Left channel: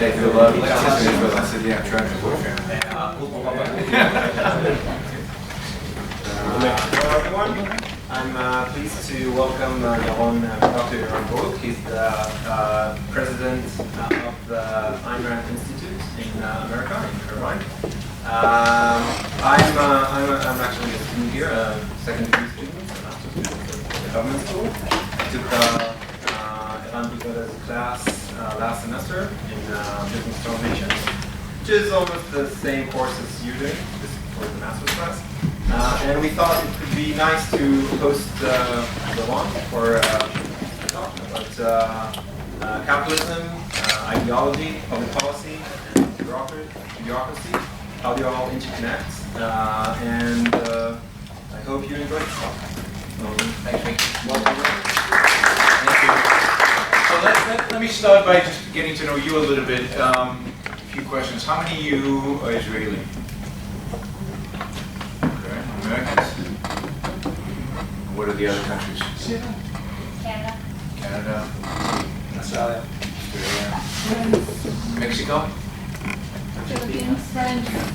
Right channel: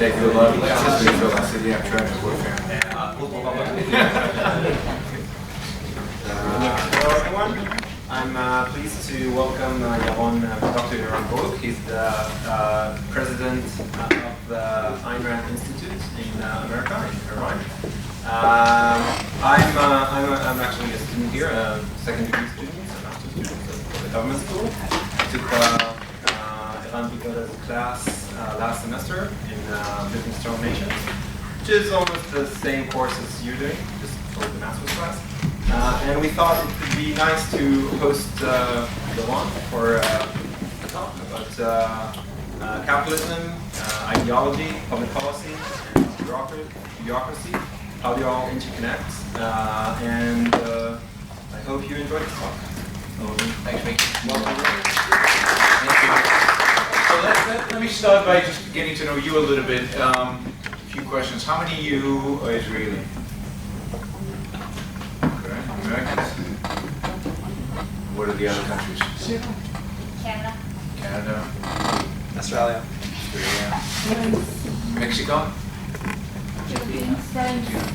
did I do a lot of lectures in Israel? I said, yeah, I'm trying to avoid family. Hello everyone. I'm pleased to welcome Dr. Yaron Brook. He's the president of the Ayn Rand Institute in America, in Iran. I'm actually a student here, a second degree student, a master's student at the government school. I took Eran Vigoda-Gadot's class last semester in Business Nations, which is almost the same course as you're doing, just for the master's class. And we thought it would be nice to host Yaron for a talk about capitalism, ideology, public policy, and bureaucracy, how they all interconnect. And I hope you enjoyed this talk. Thanks, Mickey. Welcome. Thank you. So let me start by just getting to know you a little bit. A few questions. How many of you are Israeli? Americans? What are the other countries? Canada. Canada. Australia. Mexico? Philippines.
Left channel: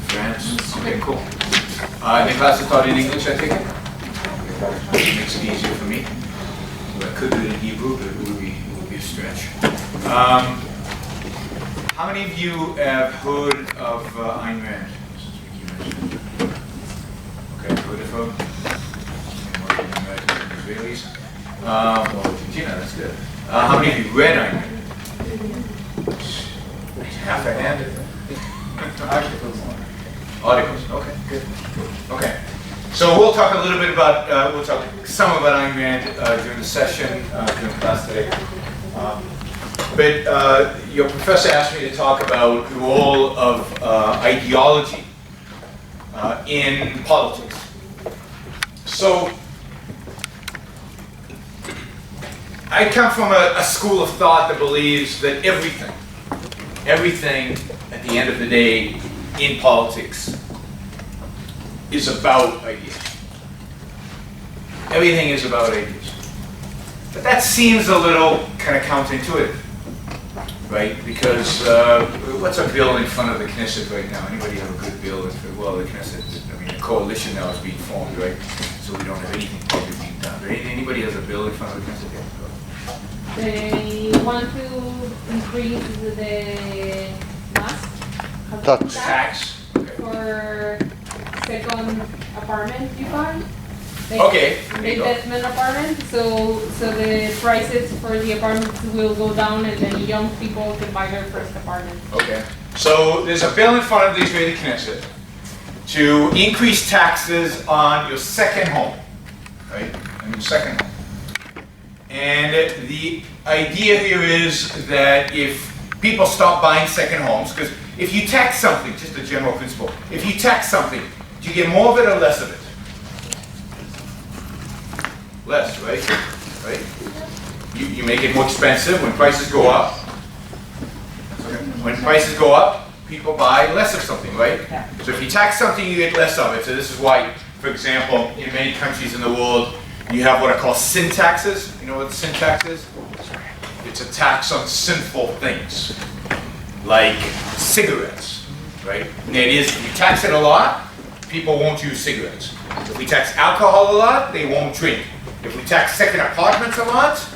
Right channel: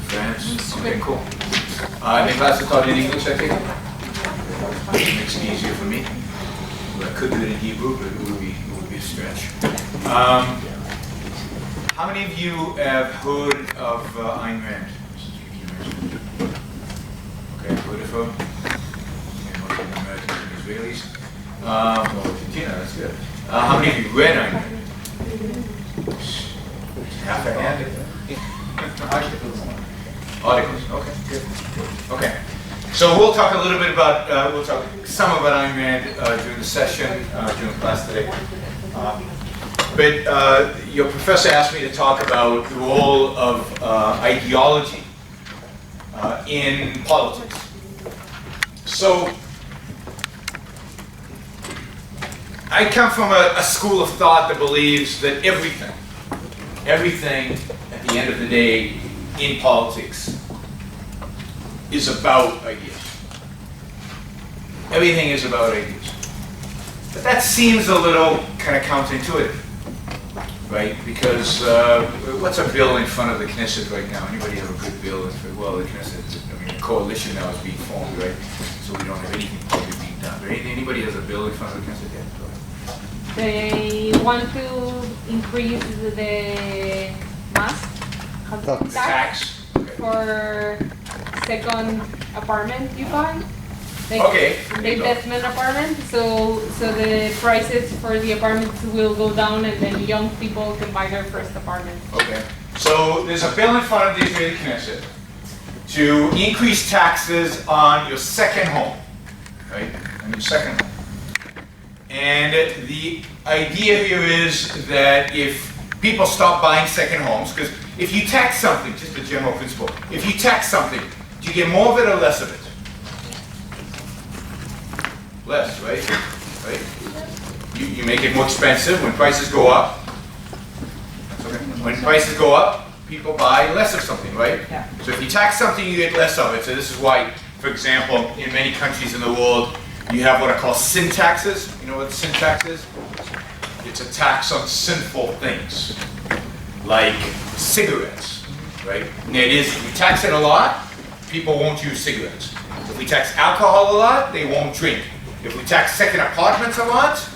France. Okay, cool. In the class I taught in English, I think. It makes it easier for me. Well, I could do it in Hebrew, but it would be a stretch. How many of you have heard of Ayn Rand? Okay, heard of her? Okay, most of the Americans and Israelis. Well, Argentina, that's good. How many of you read Ayn Rand? Half a hand. Articles, okay, good. Okay. So we'll talk a little bit about, we'll talk some about Ayn Rand during the session, during class today. But your professor asked me to talk about the role of ideology in politics. So I come from a school of thought that believes that everything at the end of the day in politics is about ideas. Everything is about ideas. But that seems a little kind of counterintuitive, right? Because what's a bill in front of the Knesset right now? Anybody have a good bill? Well, the Knesset, I mean, the coalition now is being formed, right? So we don't have anything probably being done. But anybody has a bill in front of the Knesset yet? They want to increase the Tax. Okay. for second apartment you buy. Like Okay. the investment apartment, so the prices for the apartments will go down, and then young people can buy their first apartment. Okay. So there's a bill in front of the Israeli Knesset to increase taxes on your second home, right? On your second home. And the idea here is that if people stop buying second homes, because if you tax something, just a general principle, if you tax something, do you get more of it or less of it? Less, right? Right? You make it more expensive when prices go up. Okay. When prices go up, people buy less of something, right? Yeah. So if you tax something, you get less of it. So this is why, for example, in many countries in the world, you have what are called sin taxes. You know what sin tax is? It's a tax on sinful things, like cigarettes, right? And it is, if we tax it a lot, people won't use cigarettes. If we tax alcohol a lot, they won't drink. If we tax second apartments a lot,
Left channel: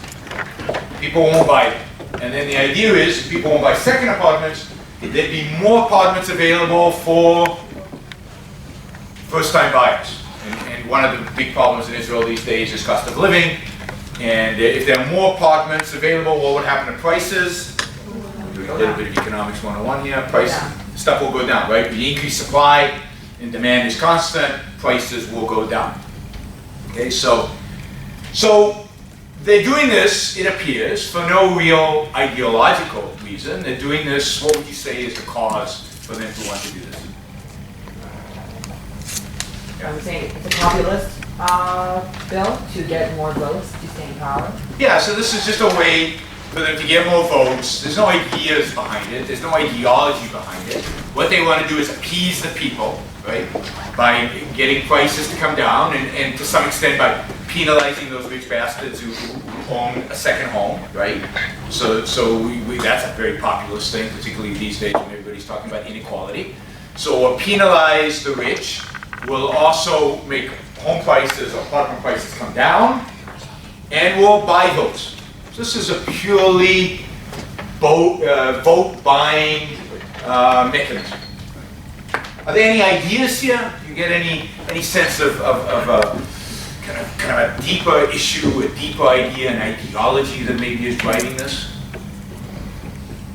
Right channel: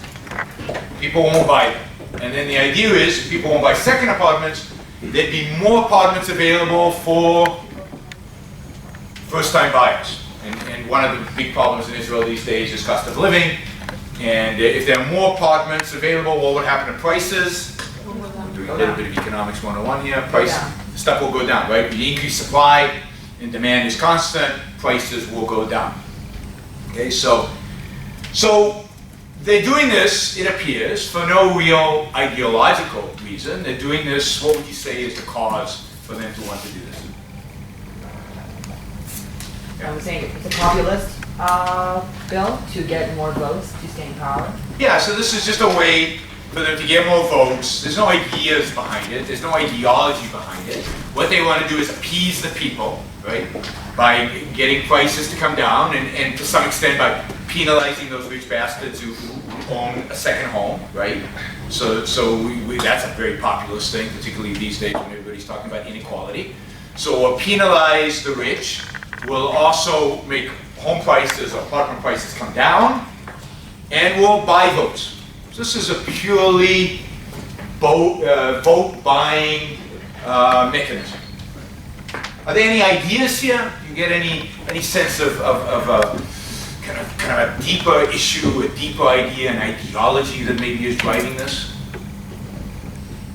people won't buy them. And then the idea is, if people won't buy second apartments, there'd be more apartments available for first-time buyers. And one of the big problems in Israel these days is cost of living. And if there are more apartments available, what would happen to prices? We're doing a little bit of economics 101 here. Stuff will go down, right? We increase supply and demand is constant, prices will go down. Okay, so they're doing this, it appears, for no real ideological reason. They're doing this, what would you say is the cause for them to want to do this? I was saying it's a populist bill to get more votes to stay in power. Yeah, so this is just a way for them to get more votes. There's no ideas behind it. There's no ideology behind it. What they want to do is appease the people, right? By getting prices to come down and to some extent by penalizing those rich bastards who own a second home, right? So that's a very populist thing, particularly these days when everybody's talking about inequality. So we'll penalize the rich. We'll also make home prices or apartment prices come down, and we'll buy votes. So this is a purely vote buying mechanism. Are there any ideas here? Do you get any sense of kind of a deeper issue, a deeper idea, an ideology that maybe is driving this?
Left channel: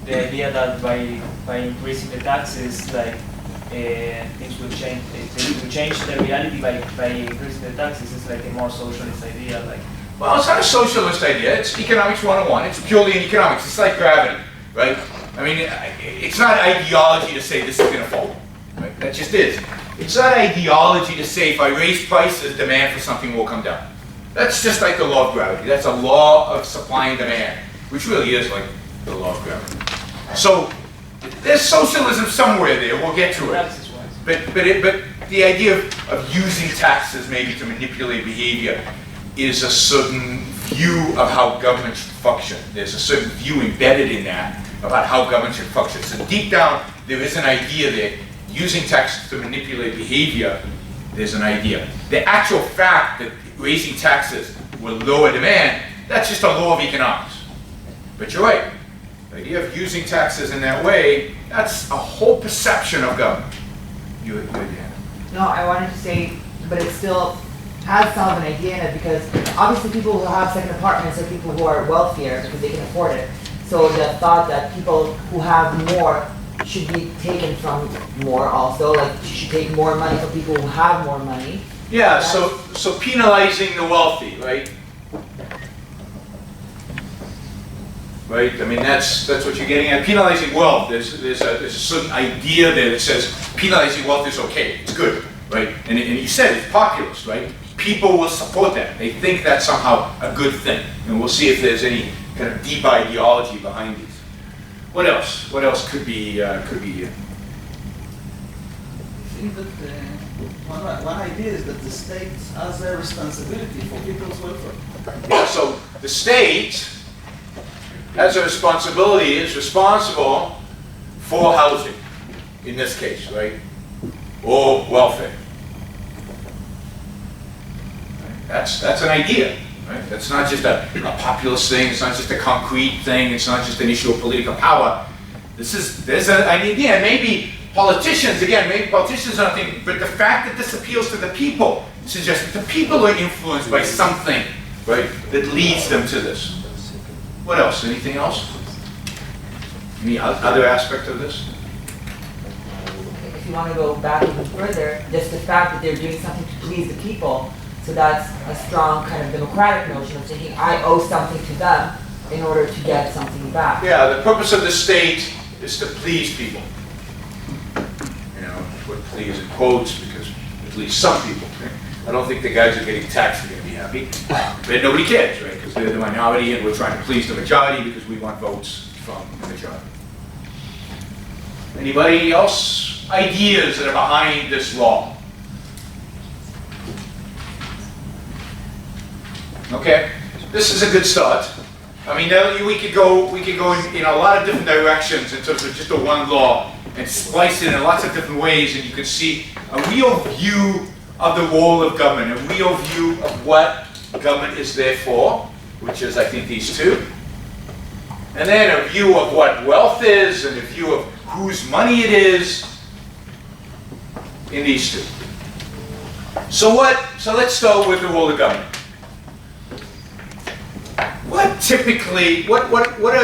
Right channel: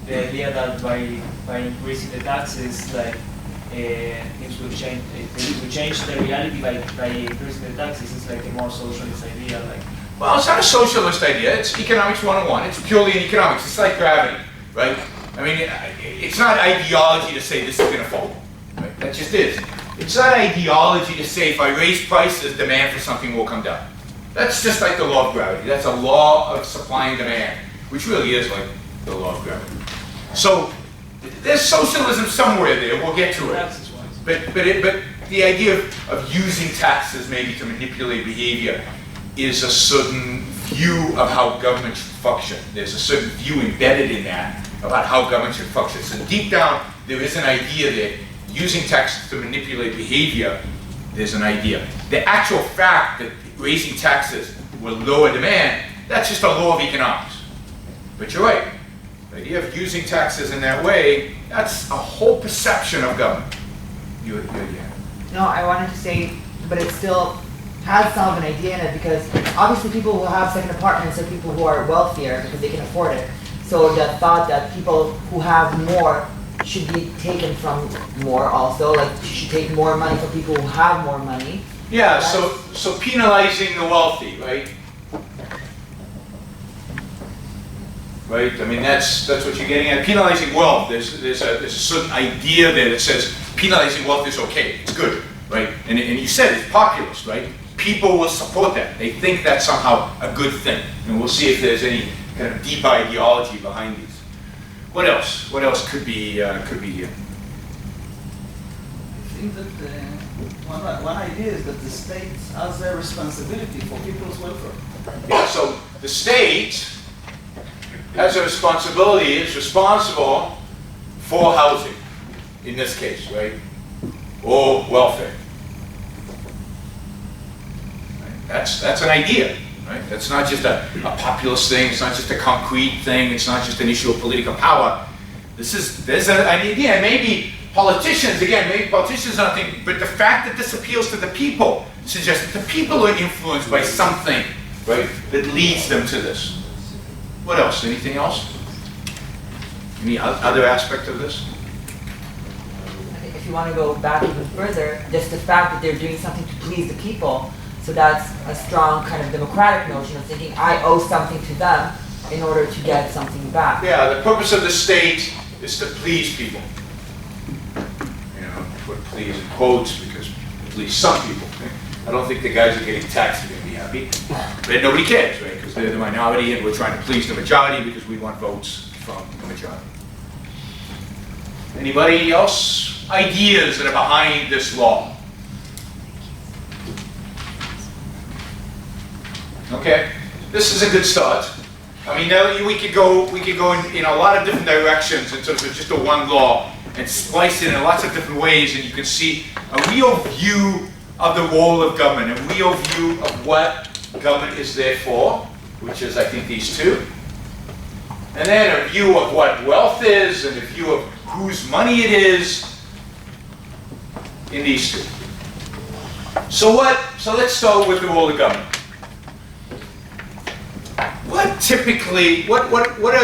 The idea that by increasing the taxes, like things will change. It will change the reality by increasing the taxes. It's like a more socialist idea, like. Well, it's not a socialist idea. It's economics 101. It's purely in economics. It's like gravity, right? I mean, it's not ideology to say this is going to fall. Right? That just is. It's not ideology to say if I raise prices, demand for something will come down. That's just like the law of gravity. That's a law of supply and demand, which really is like the law of gravity. So there's socialism somewhere there. We'll get to it. Taxes-wise. But the idea of using taxes maybe to manipulate behavior is a certain view of how government should function. There's a certain view embedded in that about how government should function. So deep down, there is an idea there. Using taxes to manipulate behavior, there's an idea. The actual fact that raising taxes will lower demand, that's just a law of economics. But you're right. The idea of using taxes in that way, that's a whole perception of government. Yeah. No, I wanted to say, but it still has some of an idea in it, because obviously people who have second apartments are people who are wealthier because they can afford it. So the thought that people who have more should be taken from more also, like you should take more money from people who have more money. Yeah, so penalizing the wealthy, right? Right? I mean, that's what you're getting at. Penalizing wealth. There's a certain idea there that says penalizing wealth is okay. It's good, right? And you said it's populist, right? People will support that. They think that's somehow a good thing. And we'll see if there's any kind of deep ideology behind these. What else? What else could be here? I think that one idea is that the state has a responsibility for people's welfare. Yeah, so the state has a responsibility, it's responsible for housing, in this case, right? Or welfare. Right? That's an idea, right? That's not just a populist thing, it's not just a concrete thing, it's not just an issue of political power. There's an idea, maybe politicians aren't thinking, but the fact that this appeals to the people suggests that the people are influenced by something, right, that leads them to this. What else? Anything else? Any other aspect of this? If you want to go back even further, just the fact that they're doing something to please the people, so that's a strong kind of democratic notion of thinking I owe something to them in order to get something back. Yeah, the purpose of the state is to please people. You know, put please in quotes because it please some people. I don't think the guys who are getting taxed are going to be happy. But nobody cares, right? Because they're the minority and we're trying to please the majority because we want votes from the majority. Anybody else? Ideas that are behind this law? Okay, this is a good start. I mean, we could go in a lot of different directions in terms of just a one law and splice it in lots of different ways, and you can see a real view of the role of government, a real view of what government is there for, which is, I think, these two. And then a view of what wealth is, and a view of whose money it is in these two. So let's start with the role of government. What are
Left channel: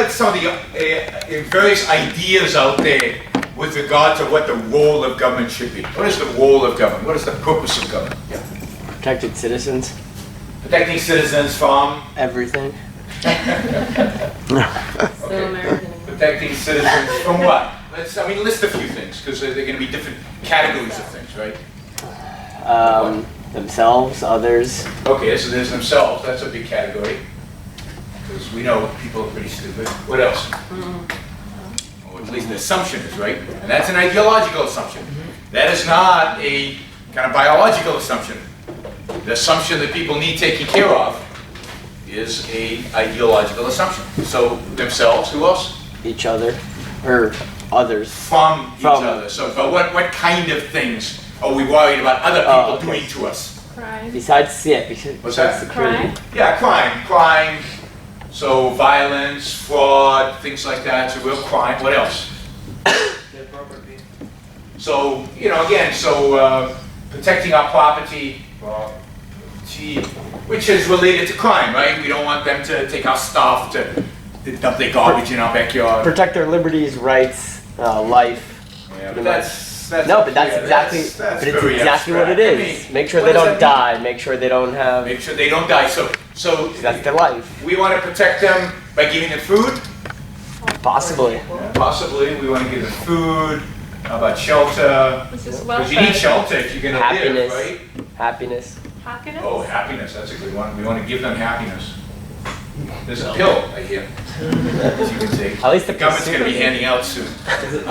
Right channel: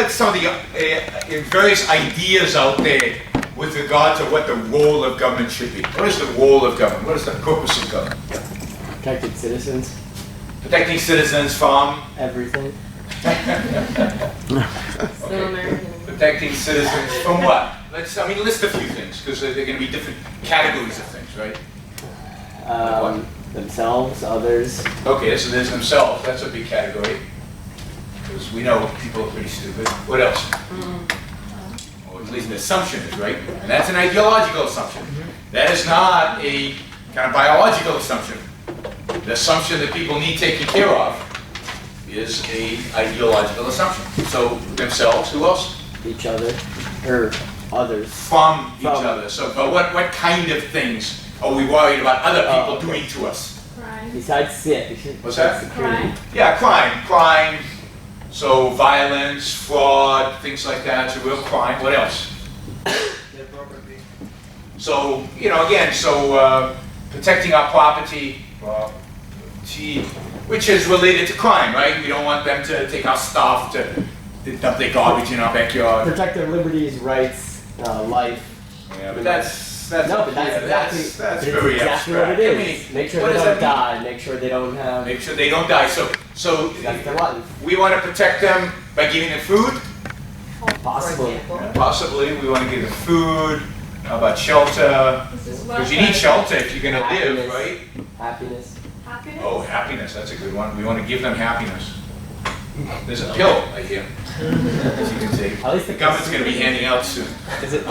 some of the various ideas out there with regard to what the role of government should be? What is the role of government? What is the purpose of government? Yeah. Protected citizens. Protecting citizens from? Everything. So American. Protecting citizens from what? List a few things, because they're going to be different categories of things, right? Themselves, others. Okay, so there's themselves. That's a big category. Because we know people are pretty stupid. What else? Or at least the assumption is, right? And that's an ideological assumption. That is not a kind of biological assumption. The assumption that people need taken care of is a ideological assumption. So themselves, who else? Each other, or others. From each From- other. So, but what kind of things are we worried about other people okay. doing to us? Crime. Besides, yeah, What's that? security. Crime. Yeah, crime. So violence, fraud, things like that. It's a real crime. What else? Their property. So, you know, again, so protecting our property, which is related to crime, right? We don't want them to take our stuff, to dump their garbage in our backyard. Protect their liberties, rights, life. Yeah, but that's No, but that's yeah, exactly, that's but it's very exactly what it abstract. I is. mean, Make sure what they does don't that die. Make sure they don't have. Make sure they don't die. So That's their life. we want to protect them by giving them food. Possibly. Yeah, possibly, we want to give them food. How about shelter? This is Because you need shelter if you're going to live, Happiness. right? Happiness. Happiness? Oh, happiness, that's a good one. We want to give them happiness. There's a pill right here that you can take. At least the government's going to be consumer- handing out soon. Is it?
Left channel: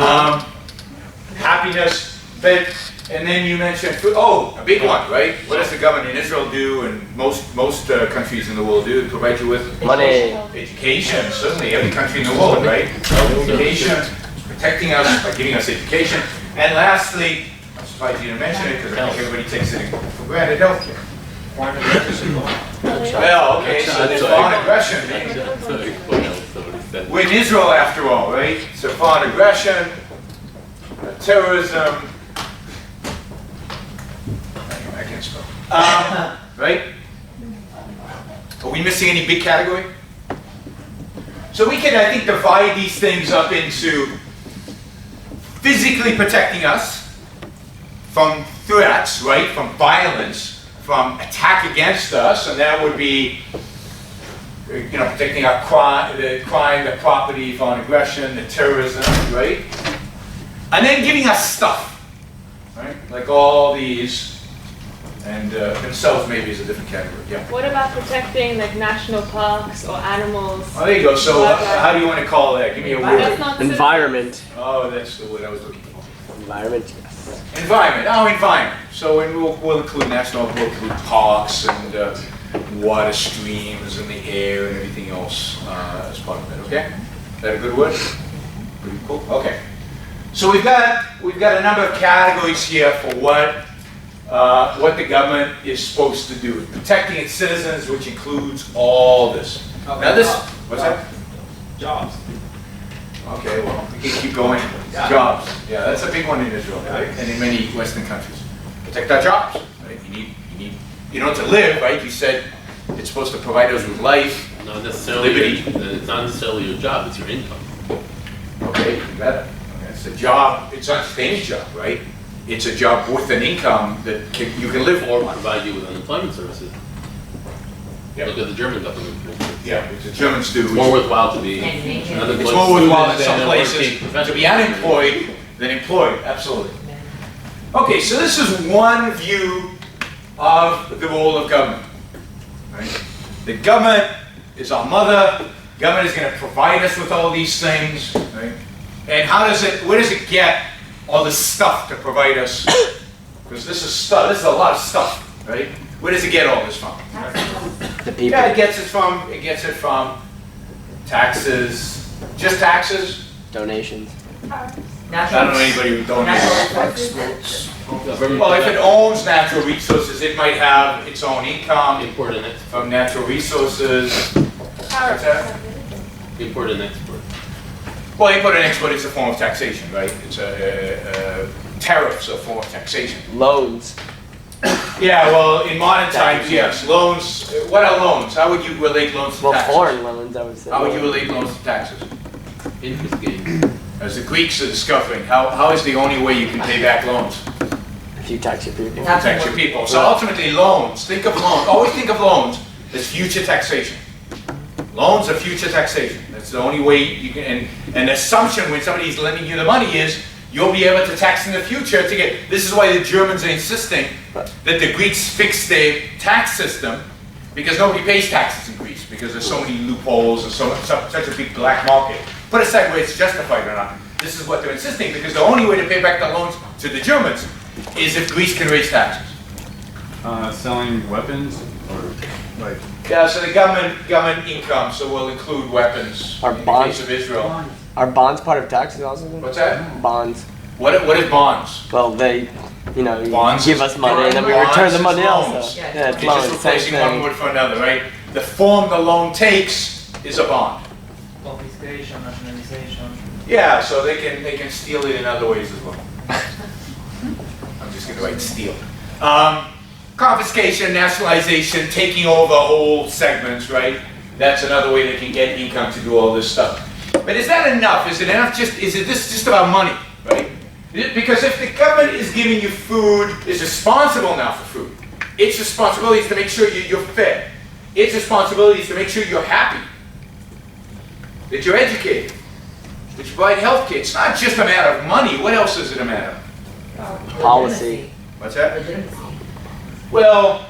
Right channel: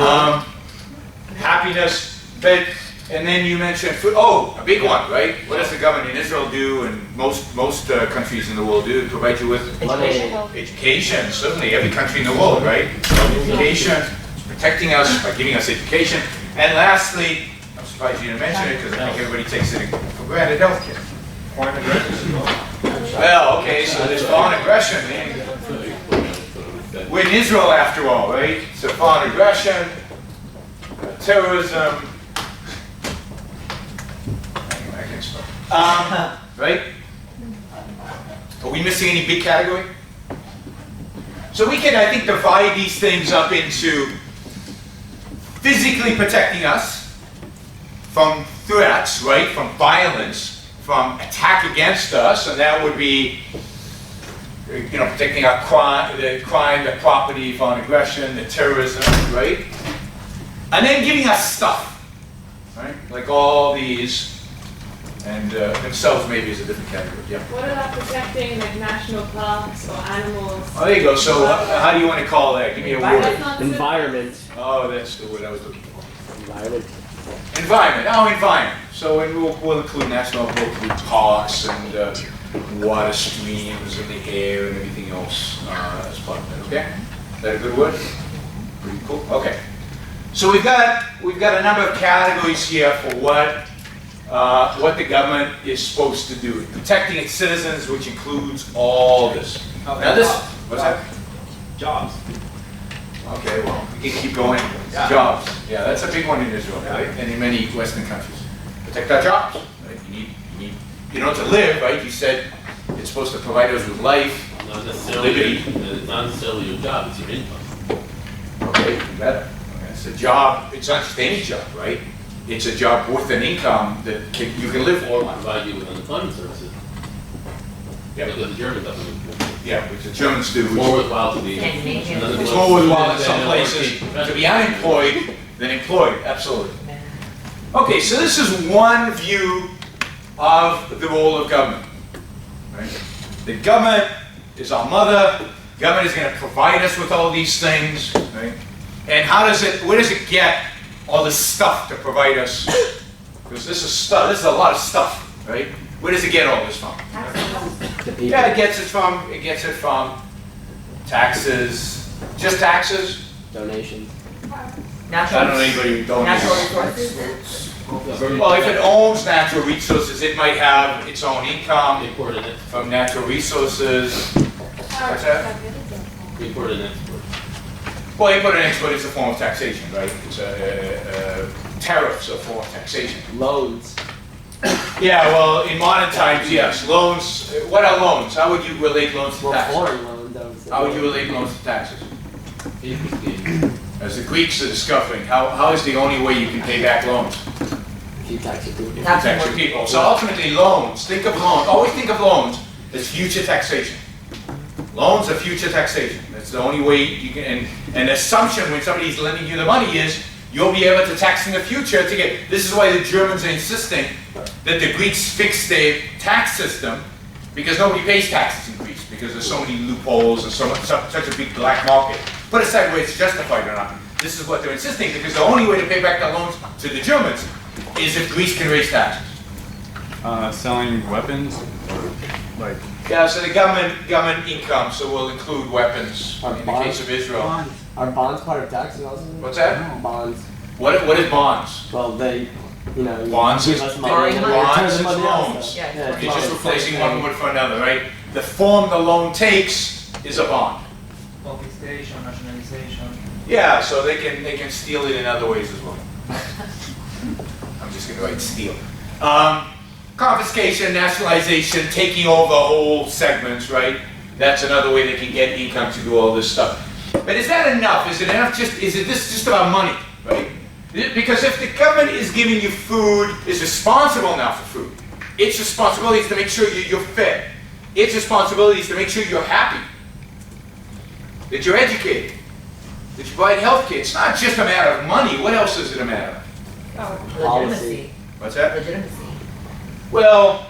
Happiness, but, and then you mentioned food. Oh, a big one, right? What does the government in Israel do, and most countries in the world do? Provide you with Money. education. Certainly, every country in the world, right? Education, protecting us by giving us education. And lastly, I'm surprised you didn't mention it because I think everybody takes it for granted, healthcare. Foreign aggression. Well, okay, so there's foreign aggression. We're in Israel after all, right? So foreign aggression, terrorism. I can't spell. Right? Are we missing any big category? So we can, I think, divide these things up into physically protecting us from threats, right? From violence, from attack against us, and that would be, you know, protecting our crime, the property, foreign aggression, the terrorism, right? And then giving us stuff, right? Like all these, and themselves maybe is a different category, yeah. What about protecting like national parks or animals? Oh, there you go. So how do you want to call that? Give me a That's word. not Environment. Oh, that's the word I was looking for. Environment. Environment. Oh, environment. So and we'll include we'll include parks and water streams and the air and everything else as part of that. Okay? Is that a good word? Pretty cool. Okay. So we've got a number of categories here for what the government is supposed to do, protecting its citizens, which includes all this. Now this, what's that? Jobs. Okay, well, we can keep going. Yeah. Jobs. Yeah, that's a big one in Israel, right? And in many Western countries. Protect our jobs, right? You know, to live, right? You said it's supposed to provide us with life. Not necessarily. Liberty. It's not necessarily your job. It's your income. Okay, you better. Okay, it's a job. It's not just any job, right? It's a job with an income that you can live Or for. provide you with unemployment services. Yeah. Look at the German government. Yeah, which the Germans do. It's more worthwhile to be. It's more worthwhile in some places to be unemployed than employed, absolutely. Okay, so this is one view of the role of government. Right? The government is our mother. Government is going to provide us with all these things, right? And where does it get all this stuff to provide us? Because this is stuff. This is a lot of stuff, right? Where does it get all this from? The people. Yeah, it gets it from taxes. Just taxes? Donations. I don't know anybody who donates. Natural resources. Well, if it owns natural resources, it might have its own income Import and export. from natural resources. What's that? Import and export. Well, import and export is a form of taxation, right? It's a tariffs are a form of taxation. Loans. Yeah, well, in modern times, yes. Loans, what are loans? How would you relate loans to Well, taxes? foreign loans, I would say. How would you relate loans to taxes? Interest gain. As the Greeks are discovering, how is the only way you can pay back loans? If you tax your people. Protect your people. So ultimately, loans, think of loans, always think of loans as future taxation. Loans are future taxation. That's the only way you can, and the assumption when somebody's lending you the money is you'll be able to tax in the future to get, this is why the Germans are insisting that the Greeks fix their tax system, because nobody pays taxes in Greece, because there's so many loopholes and such a big black market. Put aside whether it's justified or not. This is what they're insisting, because the only way to pay back the loans to the Germans is if Greece can raise taxes. Selling weapons or Right. Yeah, so the government income, so will include weapons Our in the bonds. case of Israel. Are bonds part of taxes also? What's that? Bonds. What is bonds? Well, they, you know, Bonds give is- us money and then we Bonds return the is money loans. also. Yeah, Yeah, it's You're just loans, replacing same one thing. word for another, right? The form the loan takes is a bond. Confiscation, nationalization. Yeah, so they can steal it in other ways as well. I'm just gonna write steal. Confiscation, nationalization, taking over whole segments, right? That's another way they can get income to do all this stuff. But is that enough? Is it enough is it this just about money, right? Because if the government is giving you food, is responsible now for food. Its responsibility is to make sure you're fed. Its responsibility is to make sure you're happy, that you're educated, that you provide health care. It's not just a matter of money. What else is it a matter of? Policy. What's that? Legitimacy. Well,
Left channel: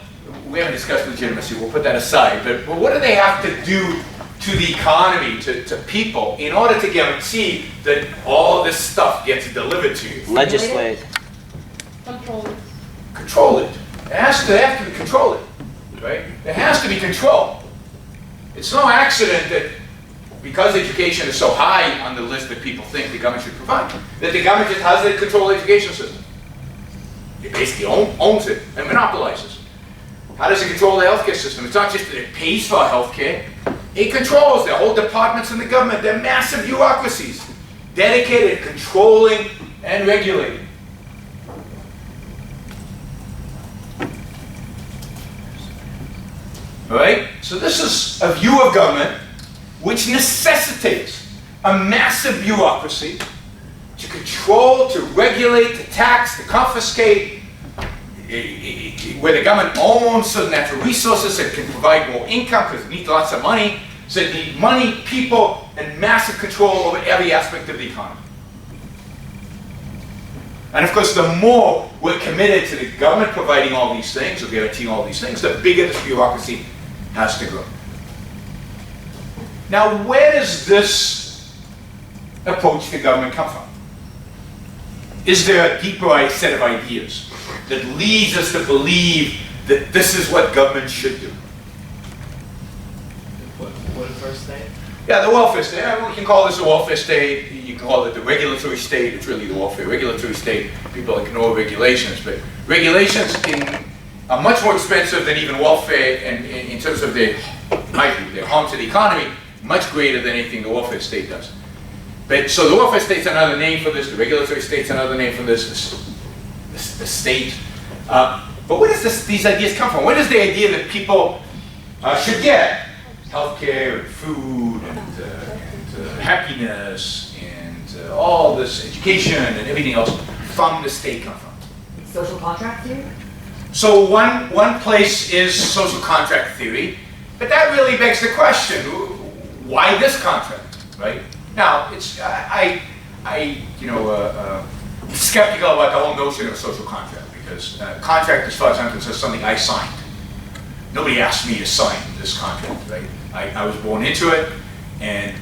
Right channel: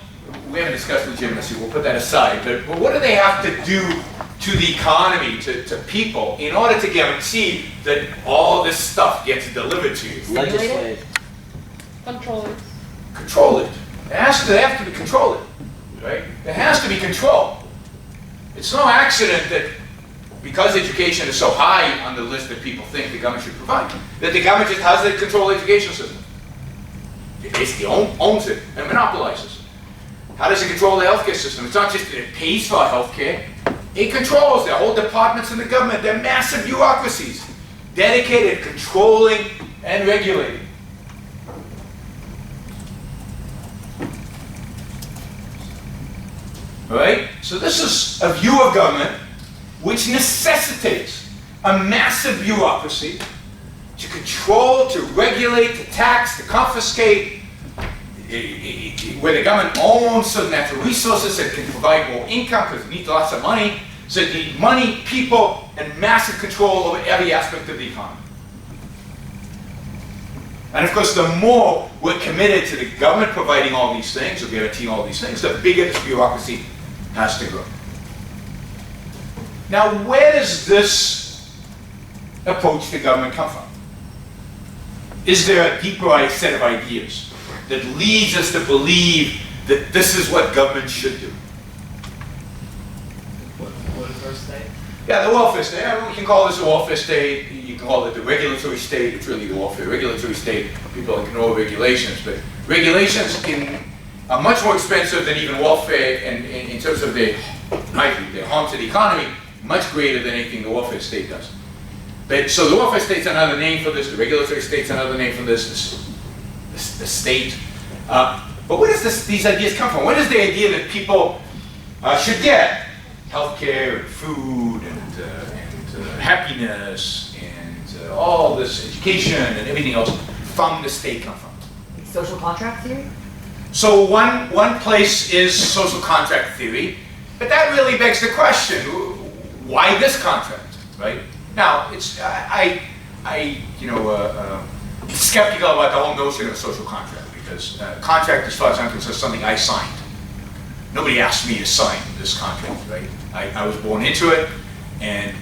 we haven't discussed legitimacy. We'll put that aside. But what do they have to do to the economy, to people, in order to guarantee that all this stuff gets delivered to you? Legislate. Control it. Control it. They have to be controlled, right? There has to be control. It's no accident that because education is so high on the list that people think the government should provide, that the government just has the control education system. It basically owns it and monopolizes it. How does it control the healthcare system? It's not just that it pays for healthcare. It controls their whole departments in the government. They're massive bureaucracies dedicated to controlling and regulating. All right? So this is a view of government which necessitates a massive bureaucracy to control, to regulate, to tax, to confiscate, where the government owns certain natural resources that can provide more income because it needs lots of money. So it needs money, people, and massive control over every aspect of the economy. And of course, the more we're committed to the government providing all these things, or guaranteeing all these things, the bigger this bureaucracy has to grow. Now, where does this approach to government come from? Is there a deeper set of ideas that leads us to believe that this is what government should do? Welfare state. Yeah, the welfare state. I mean, we can call this a welfare state. You can call it the regulatory state. It's really the welfare regulatory state. People ignore regulations, but regulations are much more expensive than even welfare, and in terms of their harm to the economy, much greater than anything the welfare state does. But so the welfare state's another name for this. The regulatory state's another name for this. The state. But where does these ideas come from? Where does the idea that people should get healthcare and food and happiness and all this education and everything else from the state come from? Social contract theory? So one place is social contract theory, but that really begs the question: why this contract, right? Now, it's skeptical about the whole notion of a social contract because contract, as far as I'm concerned, is something I signed. Nobody asked me to sign this contract, right? I was born into it, and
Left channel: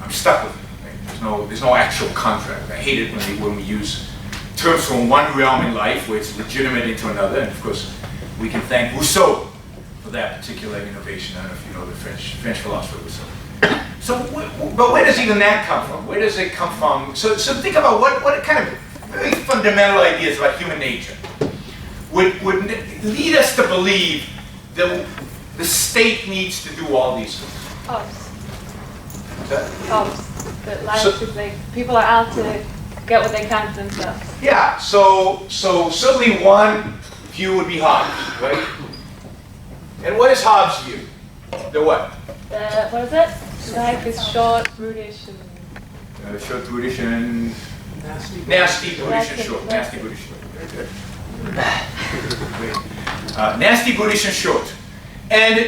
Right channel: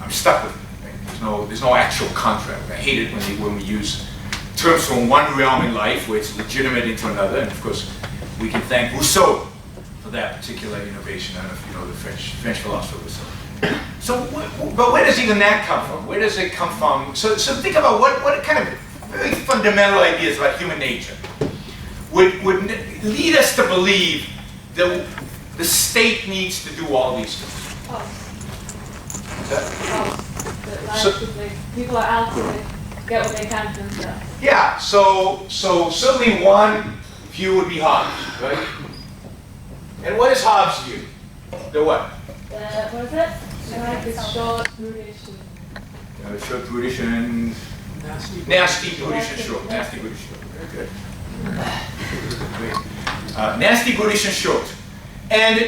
I'm stuck with it. Right? There's no actual contract. I hate it when we use terms from one realm in life where it's legitimate into another, and of course, we can thank Rousseau for that particular innovation. I don't know if you know the French philosopher Rousseau. So, but where does even that come from? Where does it come from? So think about what kind of very fundamental ideas about human nature would lead us to believe that the state needs to do all these things. That life is like people are out to get what they can for themselves. Yeah. So certainly one view would be Hobbes, right? And what is Hobbes' view? The what? What is it? Life is short, brutish, and Short, brutish, and nasty, brutish, and short. Nasty, brutish, short. Very good. Great. Nasty, brutish, and short. And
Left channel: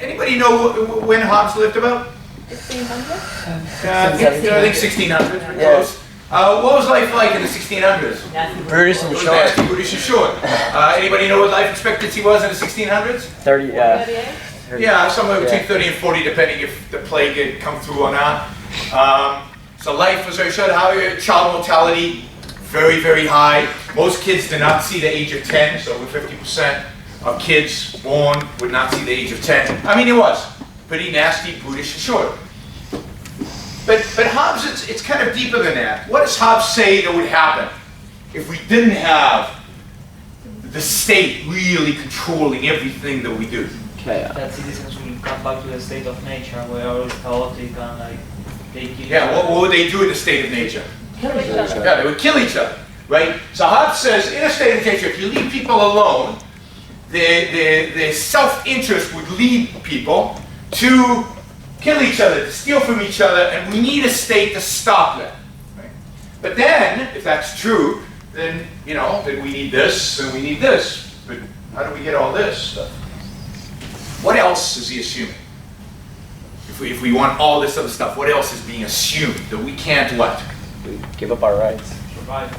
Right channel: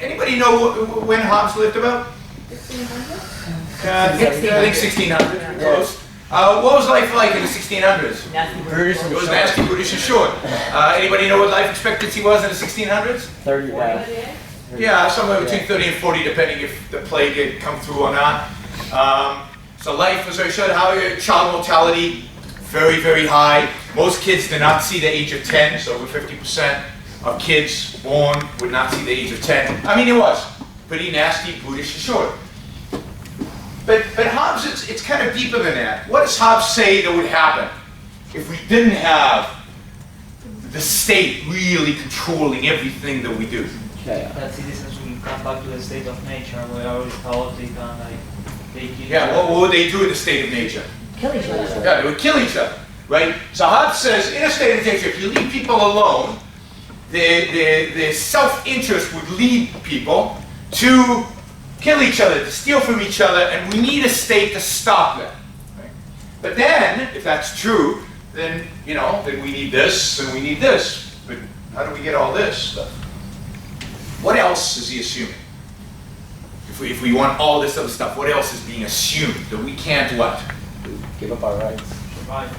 anybody know when Hobbes lived about? 1600? I think 1600, pretty close. What was life like in the 1600s? Nasty British It and was short. nasty, brutish, and short. Anybody know what life expectancy was in the 1600s? 30, yeah. 38? Yeah, somewhere between Yeah. 30 and 40, depending if the plague had come through or not. So life was very short. How child mortality, very, very high. Most kids did not see the age of 10, so over 50%. of kids born would not see the age of 10. I mean, it was pretty nasty, brutish, and short. But Hobbes, it's kind of deeper than that. What does Hobbes say that would happen if we didn't have the state really controlling everything that we do? Chaos. That citizens will come back to the state of nature where all is chaotic and like they kill Yeah, each other. what would they do in the state of nature? Kill each other. Yeah, they would kill each other, right? So Hobbes says, in a state of nature, if you leave people alone, the self-interest would lead people to kill each other, to steal from each other, and we need a state to stop that. Right? But then, if that's true, then then we need this, and we need this. But how do we get all this stuff? What else is he assuming? If we want all this other stuff, what else is being assumed? That we can't what? We give up our rights. Survive.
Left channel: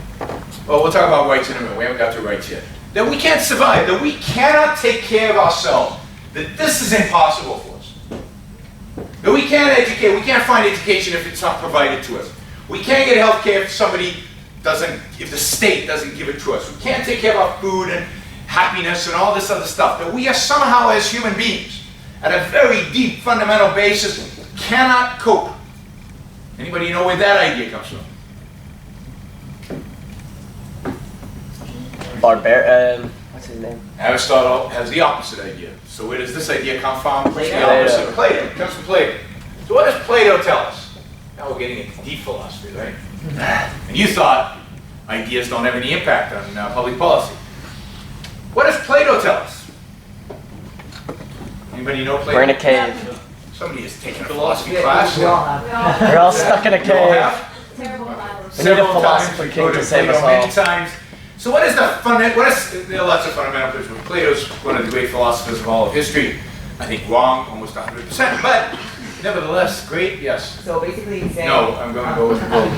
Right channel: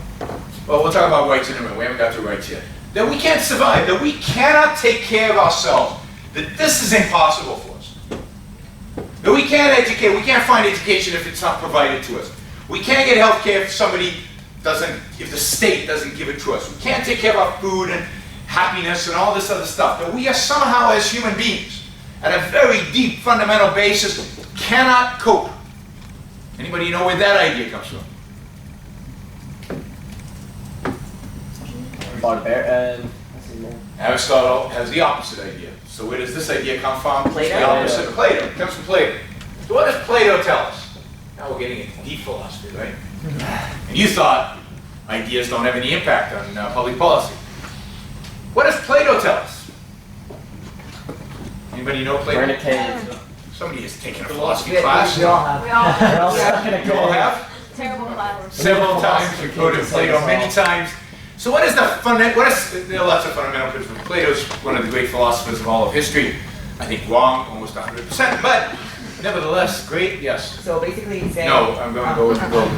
Well, we'll talk about rights in a minute. We haven't got to rights yet. That we can't survive, that we cannot take care of ourselves, that this is impossible for us. That we can't educate, we can't find education if it's not provided to us. We can't get health care if the state doesn't give it to us. We can't take care of our food and happiness and all this other stuff. That we are somehow, as human beings, at a very deep fundamental basis, cannot cope. Anybody know where that idea comes from? What's his name? Aristotle has the opposite idea. So where does this idea come from? Plato. It's the opposite of Plato. It comes from Plato. So what does Plato tell us? Now we're getting into deep philosophy, right? And you thought ideas don't have any impact on public policy. What does Plato tell us? Anybody know Plato? We're in a cave. Somebody has taken a philosophy class. We all have. We're all stuck in a You all cave. have? Terrible violence. Several times. philosopher We quoted king to save Plato us many all. times. So there are lots of fundamental principles. Plato's one of the great philosophers of all of history. I think wrong, almost 100%, but nevertheless, great, yes. So basically he's saying. No, I'm going to go with the gold.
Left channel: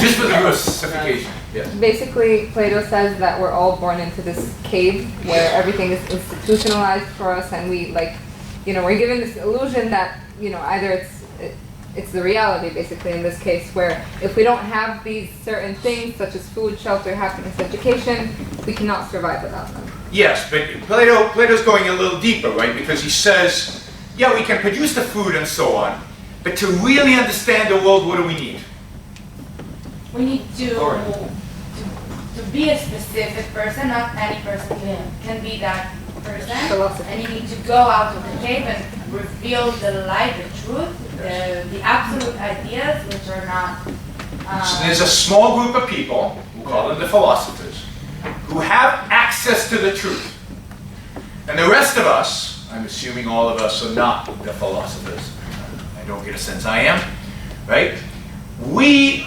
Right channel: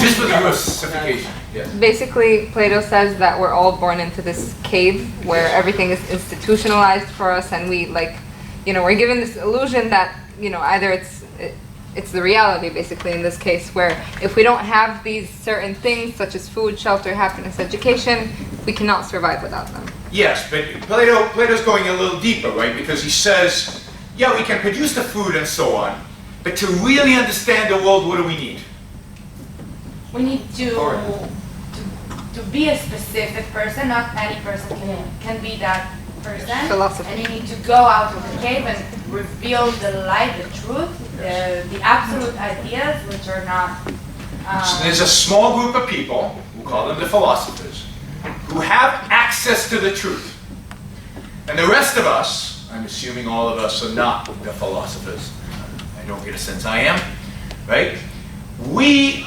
Just for the versification, yes. Basically, Plato says that we're all born into this cave where everything is institutionalized for us, and we're given this illusion that, either it's the reality, basically, in this case, where if we don't have these certain things, such as food, shelter, happiness, education, we cannot survive without them. Yes, but Plato's going a little deeper, right? Because he says, yeah, we can produce the food and so on, but to really understand the world, what do we need? We need to be a specific person. Not any person can be that person. Philosophy. And you need to go out of the cave and reveal the light, the truth, the absolute ideas, which are not. So there's a small group of people, we'll call them the philosophers, who have access to the truth. And the rest of us, I'm assuming all of us are not the philosophers. I don't get a sense I am, right? We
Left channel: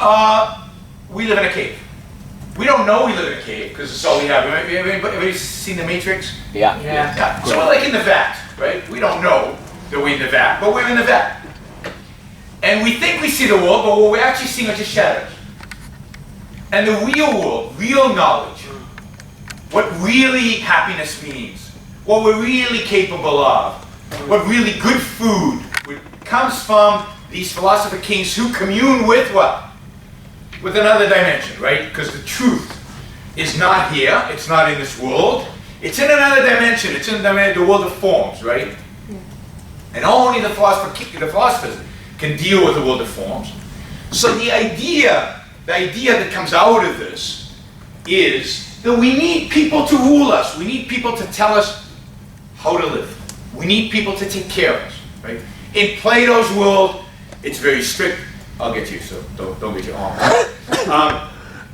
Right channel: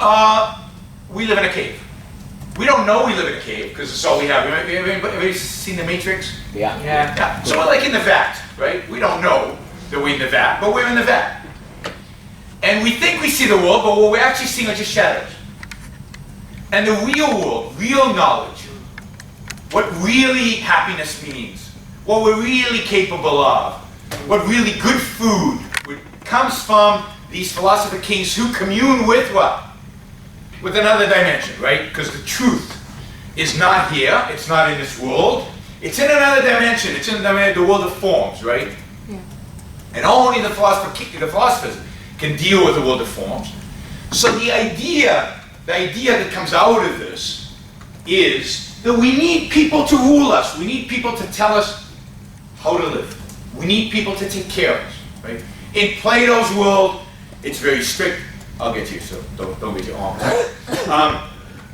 live in a cave. We don't know we live in a cave because it's all we have. Everybody seen The Matrix? Yeah. Yeah. So we're like in the vat, right? We don't know that we're in the vat, but we're in the vat. And we think we see the world, but what we're actually seeing are just shadows. And the real world, real knowledge, what really happiness means, what we're really capable of, what really good food comes from these philosopher kings who commune with what? With another dimension, right? Because the truth is not here, it's not in this world, it's in another dimension, it's in the world of forms, right? Yeah. And only the philosophers can deal with the world of forms. So the idea that comes out of this is that we need people to rule us. We need people to tell us how to live. We need people to take care of us, right? In Plato's world, it's very strict. I'll get you, so don't get your arm.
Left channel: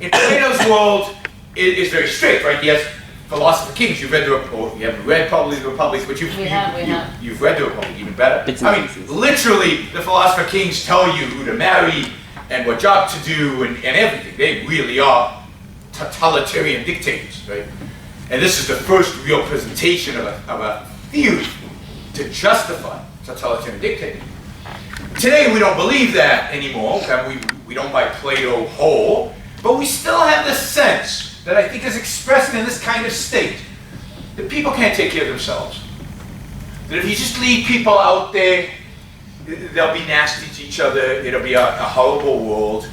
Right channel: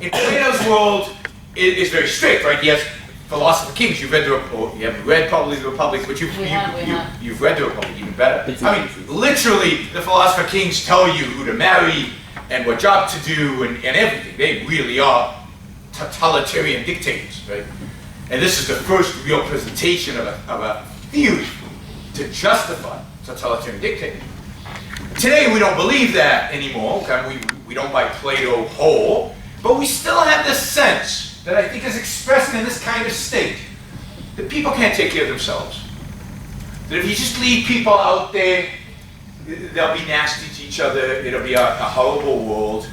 In Plato's world, it is very strict, right? He has philosopher kings. You've read you haven't read probably the Republic, but you've read the Republic even better. I mean, literally, the philosopher kings tell you who to marry and what job to do and everything. They really are totalitarian dictators, right? And this is the first real presentation of a theory to justify totalitarian dictatorship. Today we don't believe that anymore. Okay? We don't buy Plato whole, but we still have this sense that I think is expressed in this kind of state that people can't take care of themselves. That if you just leave people out there, they'll be nasty to each other. It'll be a horrible world.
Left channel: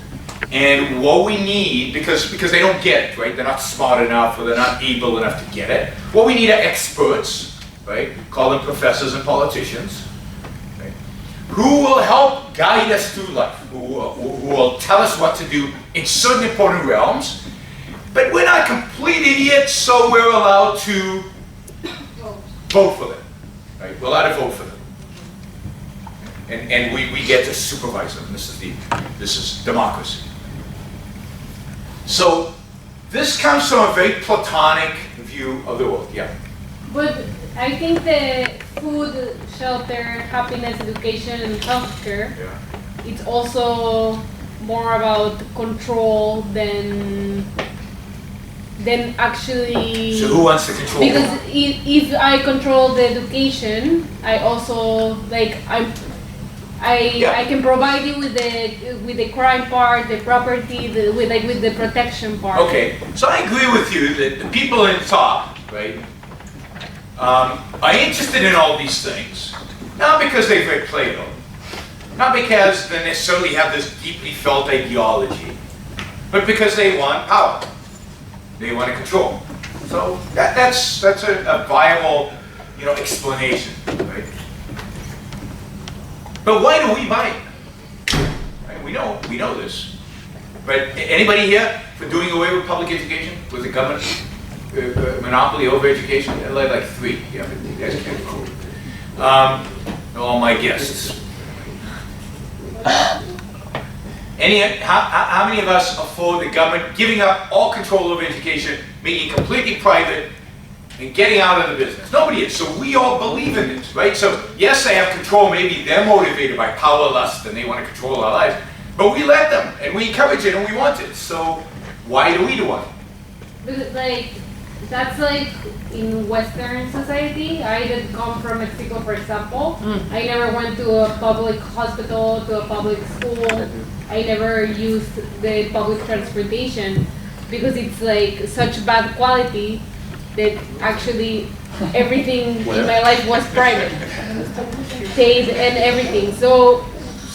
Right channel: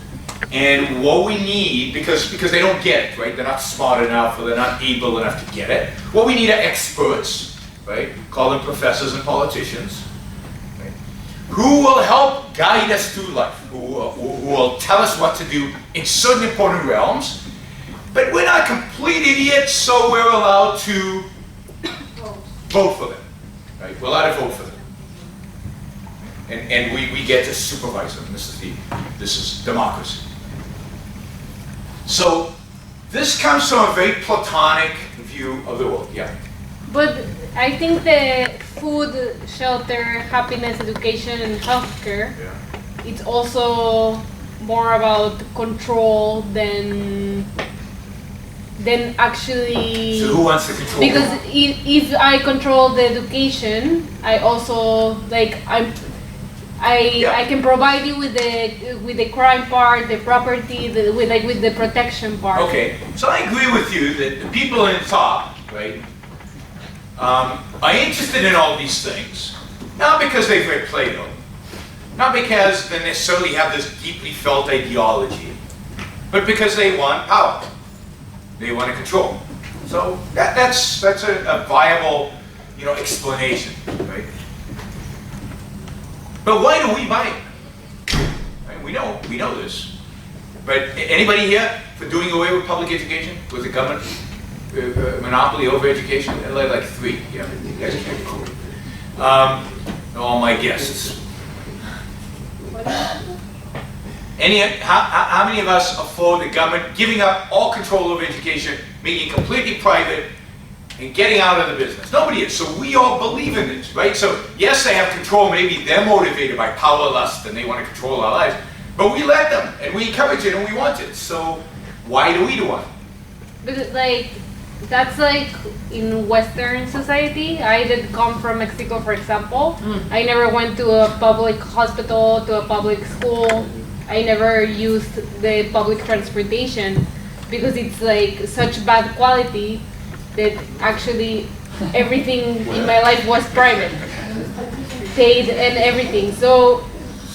And what we need, because they don't get it, right? They're not smart enough or they're not able enough to get it. What we need are experts, right? Call them professors and politicians, right? Who will help guide us through life, who will tell us what to do in certain important realms. But we're not complete idiots, so we're allowed to vote for them, right? We're allowed to vote for them. And we get to supervise them. This is democracy. So this comes from a very Platonic view of the world. Yeah. But I think the food, shelter, happiness, education, and healthcare, it's also more about control than actually. So who wants to control? Because if I control the education, I also I can provide you with the crime part, the property, with the protection part. Okay, so I agree with you that the people in top, right, are interested in all these things, not because they've read Plato, not because they necessarily have this deeply felt ideology, but because they want power, they want to control. So that's a viable, explanation, right? But why do we buy it? Right? We know this. But anybody here for doing away with public education, with the government monopoly over education? Like 3. Yeah, you guys can't vote. All my guests. How many of us afford the government giving up all control over education, making it completely private, and getting out of the business? Nobody is. So we all believe in it, right? So yes, they have control. Maybe they're motivated by power lust and they want to control our lives. But we let them, and we encourage it, and we want it. So why do we want it? Because that's in Western society. I did come from Mexico, for example. I never went to a public hospital, to a public school. I never used the public transportation because it's such bad quality that actually everything in my life was private, paid and everything. So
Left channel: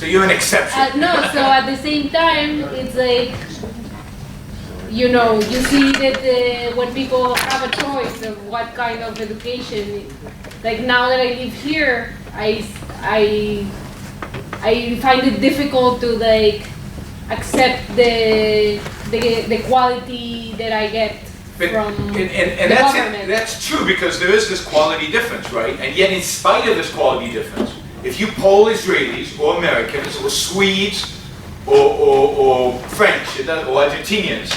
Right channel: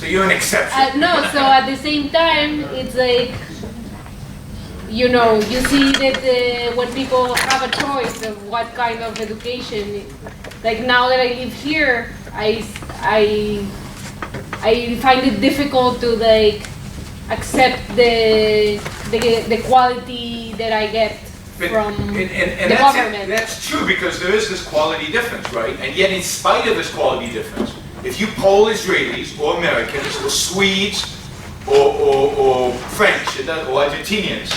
you're an exception. no, so at the same time, it's you see that when people have a choice of what kind of education, now that I live here, I find it difficult to accept the quality that I get from the government. That's true, because there is this quality difference, right? And yet in spite of this quality difference, if you poll Israelis or Americans or Swedes or French or Argentinians,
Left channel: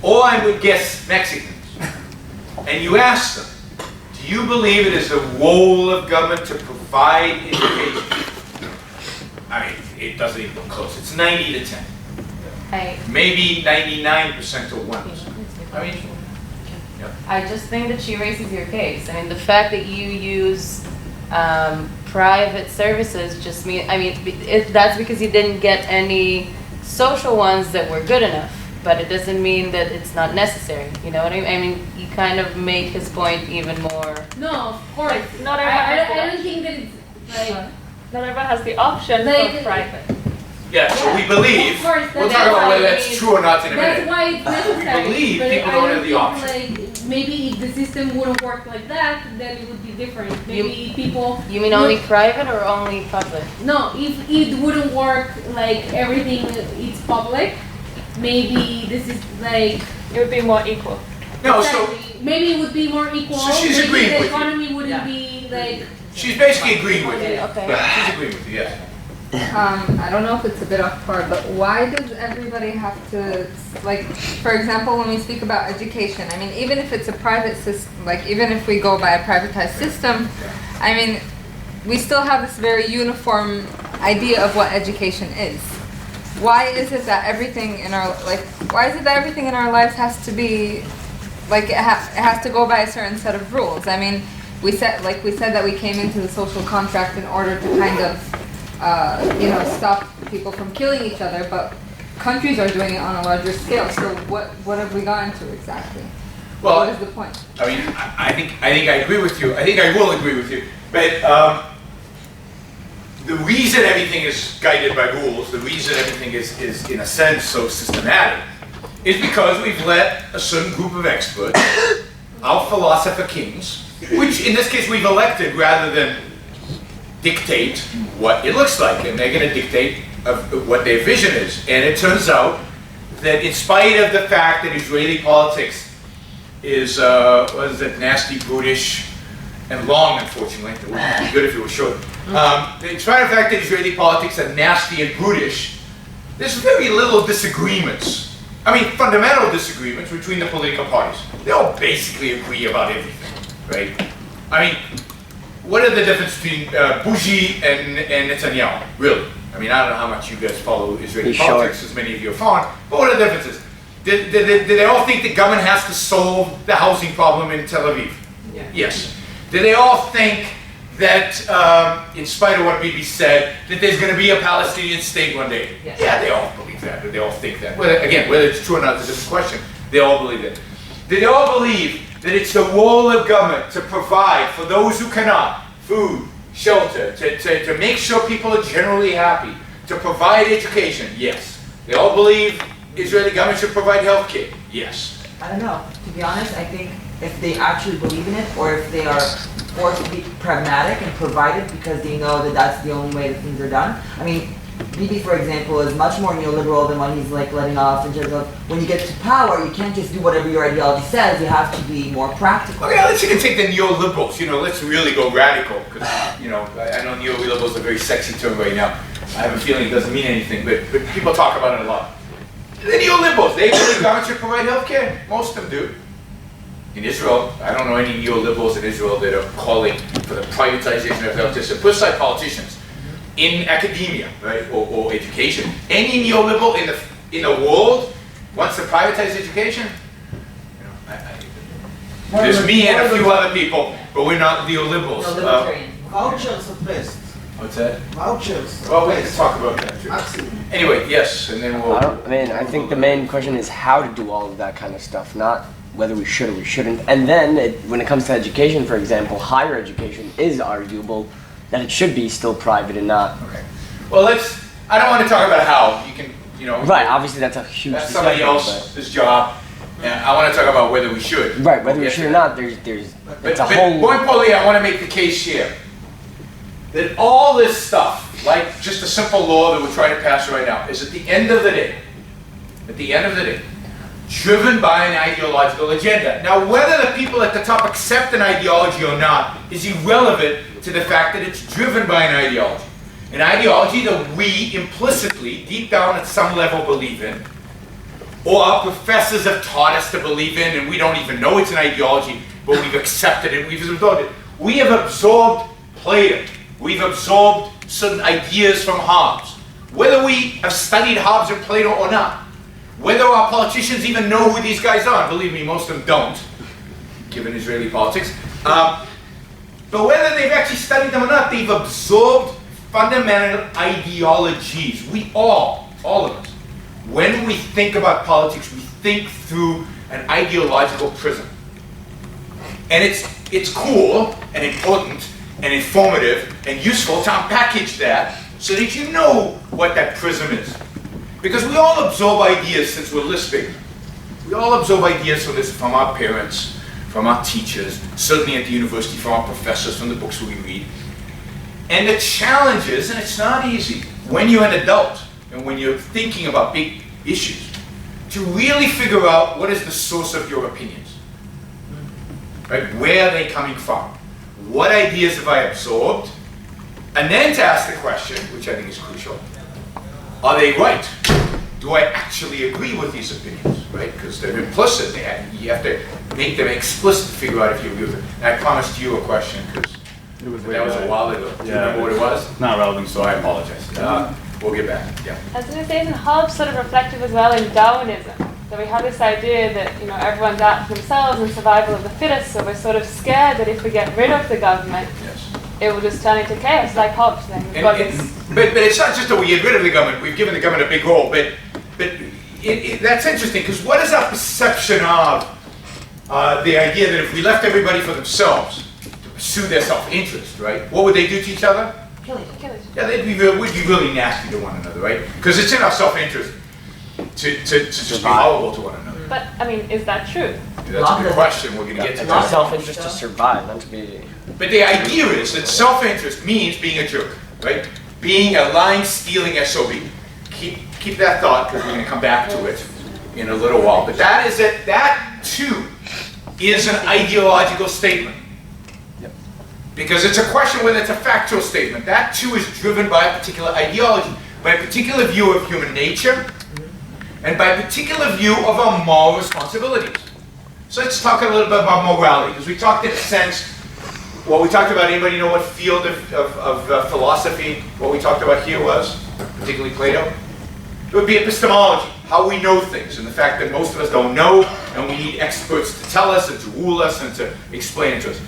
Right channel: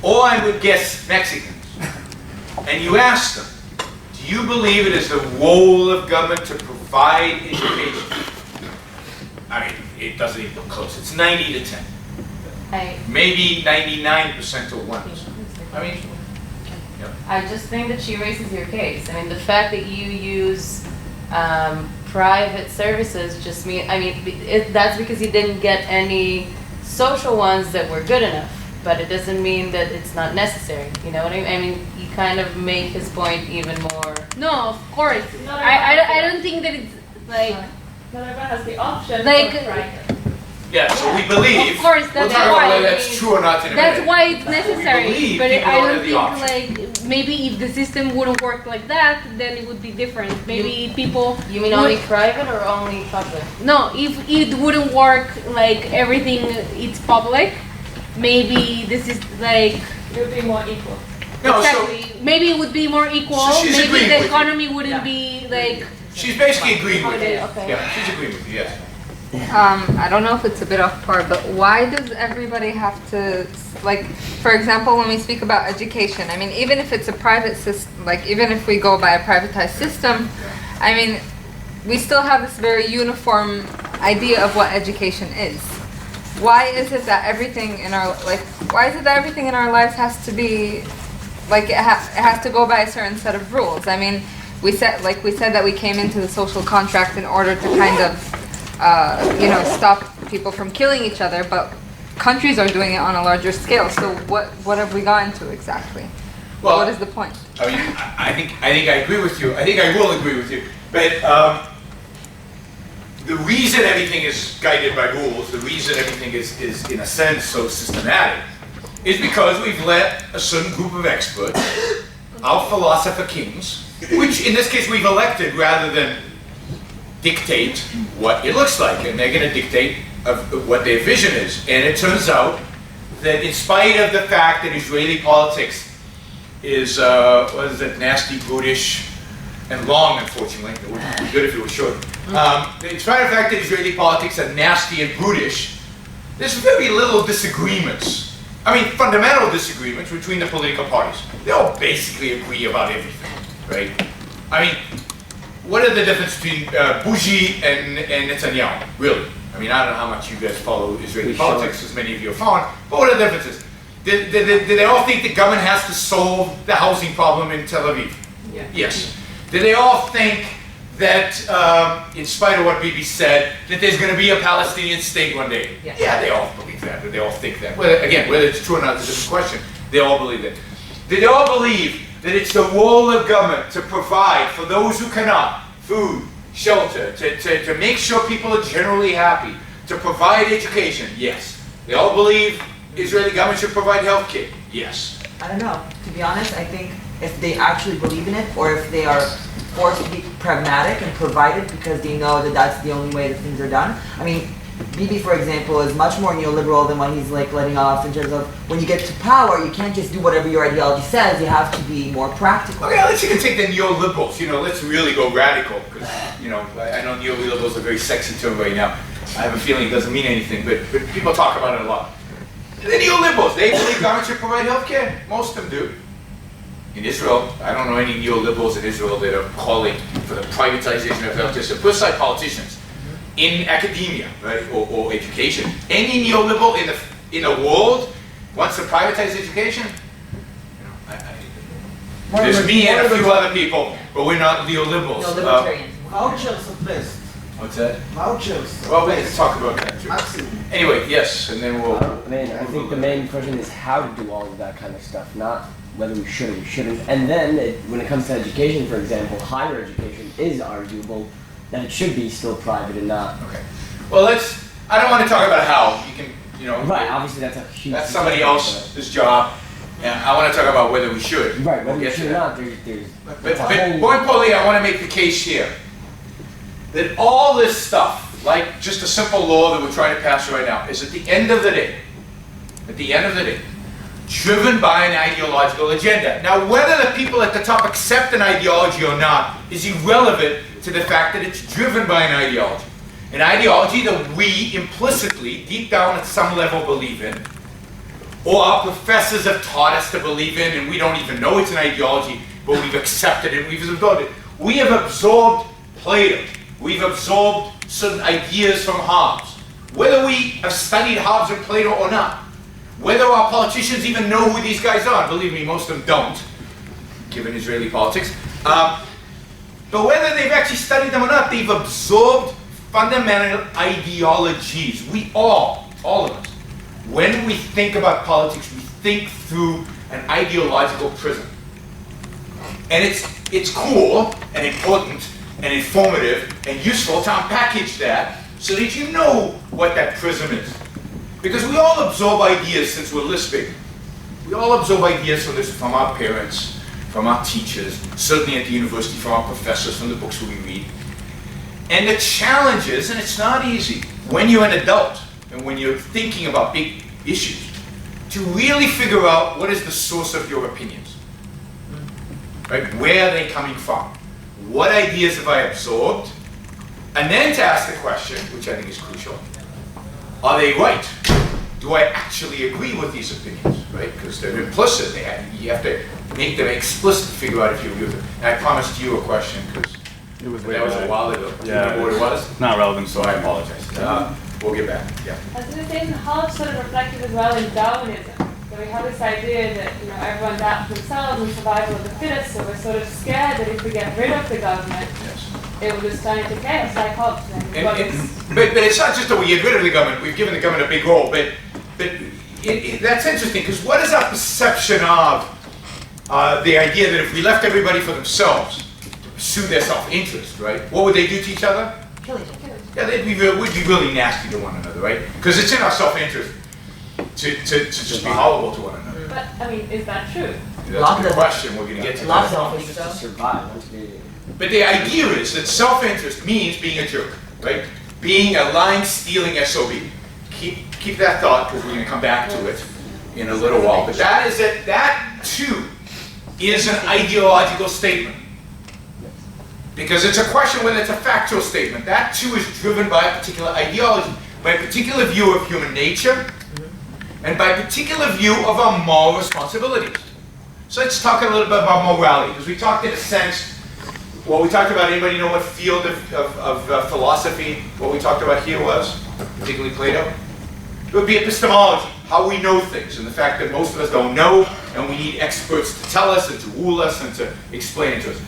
or I would guess Mexicans, and you ask them, do you believe it is the role of government to provide education? I mean, it doesn't even look close. It's 90 to 10. Maybe 99% to 1%. I mean, I just think that she raises your case. I mean, the fact that you use private services just that's because you didn't get any social ones that were good enough. But it doesn't mean that it's not necessary. You know what I mean? I mean, you kind of make his point even more. No, of course. I don't think that it's not everyone has the option for private. Yeah, so we believe. Of course, we'll talk about whether that's true or not in a minute. That's why it's necessary. We believe but people I don't don't have the option. think maybe if the system wouldn't work like that, then it would be different. Maybe people. You mean only private or only public? No, if it wouldn't work everything it's public, maybe this is it would be more equal. No, exactly. so maybe it would be more equal. So she's maybe agreeing the with you. economy wouldn't be she's basically agreeing with you. Okay. Yeah, she's agreeing with you. Yes. I don't know if it's a bit off par, but why does everybody have to, for example, when we speak about education, I mean, even if it's a private system, even if we go by a privatized system, I mean, we still have this very uniform idea of what education is. Why is it that everything in our, lives has to be, it has to go by a certain set of rules? I mean, we said that we came into the social contract in order to kind of stop people from killing each other, but countries are doing it on a larger scale. So what have we gotten to exactly? Well, what is the point? I mean, I think I agree with you. I think I will agree with you. But the reason everything is guided by rules, the reason everything is in a sense so systematic, is because we've let a certain group of experts, our philosopher kings, which in this case we've elected rather than dictate what it looks like, and they're going to dictate what their vision is. And it turns out that in spite of the fact that Israeli politics is, what is it, nasty, brutish, and long, unfortunately, it wouldn't be good if it was short. In spite of the fact that Israeli politics are nasty and brutish, there's very little disagreements. I mean, fundamental disagreements between the political parties. They all basically agree about everything, right? I mean, what are the difference between Bougie and Netanyahu, really? I mean, I don't know how much you guys follow Israeli politics, as many of you are following, but what are the differences? Did they all think the government has to solve the housing problem in Tel Aviv? Yeah. Yes. Did they all think that, in spite of what Bibi said, that there's going to be a Palestinian state one day? Yes. Yeah, they all believe that, or they all think that. Whether it's true or not is a different question. They all believe that. Did they all believe that it's the role of government to provide for those who cannot food, shelter, to make sure people are generally happy, to provide education? Yes. They all believe Israeli government should provide health care? Yes. I don't know. To be honest, I think if they actually believe in it, or if they are forced to be pragmatic and provide it because they know that that's the only way that things are done. I mean, Bibi, for example, is much more neoliberal than what he's like letting off in terms of when you get to power, you can't just do whatever your ideology says. You have to be more practical. Okay, let's you can take the neoliberals. Let's really go radical because I know neoliberals are a very sexy term right now. I have a feeling it doesn't mean anything, but people talk about it a lot. The neoliberals, they believe government should provide health care. Most of them do. In Israel, I don't know any neoliberals in Israel that are calling for the privatization of health care. So put aside politicians. In academia, right, or education, any neoliberal in the world wants to privatize education. There's me and a few other people, but we're not neoliberals. No, libertarians. Vouchers at best. What's that? Vouchers. Well, we can talk about that too. Absolutely. Anyway, yes, and then we'll. I think the main question is how to do all of that kind of stuff, not whether we should or we shouldn't. And then, when it comes to education, for example, higher education is arguable that it should be still private and not. Okay. Well, I don't want to talk about how. You can, Right, obviously that's a huge. That's somebody else's job. And I want to talk about whether we should. Right, whether we should or not, there's But a whole. more importantly, I want to make the case here that all this stuff, like just a simple law that we're trying to pass right now, is at the end of the day, driven by an ideological agenda. Now, whether the people at the top accept an ideology or not is irrelevant to the fact that it's driven by an ideology. An ideology that we implicitly, deep down at some level, believe in, or our professors have taught us to believe in, and we don't even know it's an ideology, but we've accepted it, we've absorbed it. We have absorbed Plato. We've absorbed certain ideas from Hobbes. Whether we have studied Hobbes and Plato or not, whether our politicians even know who these guys are, believe me, most of them don't, given Israeli politics, but whether they've actually studied them or not, they've absorbed fundamental ideologies. We all of us, when we think about politics, we think through an ideological prism. And it's cool and important and informative and useful to unpackage that so that you know what that prism is. Because we all absorb ideas since we're lisping. We all absorb ideas from our parents, from our teachers, certainly at the university, from our professors, from the books we read. And the challenge is, and it's not easy, when you're an adult and when you're thinking about big issues, to really figure out what is the source of your opinions. Right? Where are they coming from? What ideas have I absorbed? And then to ask the question, which I think is crucial, are they right? Do I actually agree with these opinions? Right? Because they're implicit. You have to make them explicit to figure out if you agree with them. And I promised you a question because that was a while ago. Do you remember what it was? Not relevant, So I apologize. We'll get back. Yeah. I was going to say, isn't Hobbes sort of reflective as well in Darwinism? That we have this idea that everyone's out for themselves and survival of the fittest, so we're sort of scared that if we get rid of the government, it will just turn into chaos, like Hobbes. But it's not just that we get rid of the government. We've given the government a big role, but that's interesting because what is our perception of the idea that if we left everybody for themselves to pursue their self-interest, right? What would they do to each other? Kill each other. Yeah, we'd be really nasty to one another, right? Because it's in our self-interest to just be horrible to one another. But, I mean, is that true? That's a good question, we're gonna get to Not that. self-interest to survive, not to be. But the idea is that self-interest means being a jerk, right? Being a lying, stealing SOB. Keep that thought, because we're gonna come back to it in a little while. But that too is an ideological statement. Because it's a question whether it's a factual statement. That too is driven by a particular ideology, by a particular view of human nature, and by a particular view of our moral responsibilities. So let's talk a little bit about morality, because we talked in a sense, what we talked about, anybody know what field of philosophy, what we talked about here was, particularly Plato? It would be epistemology, how we know things, and the fact that most of us don't know, and we need experts to tell us and to rule us and to explain it to us.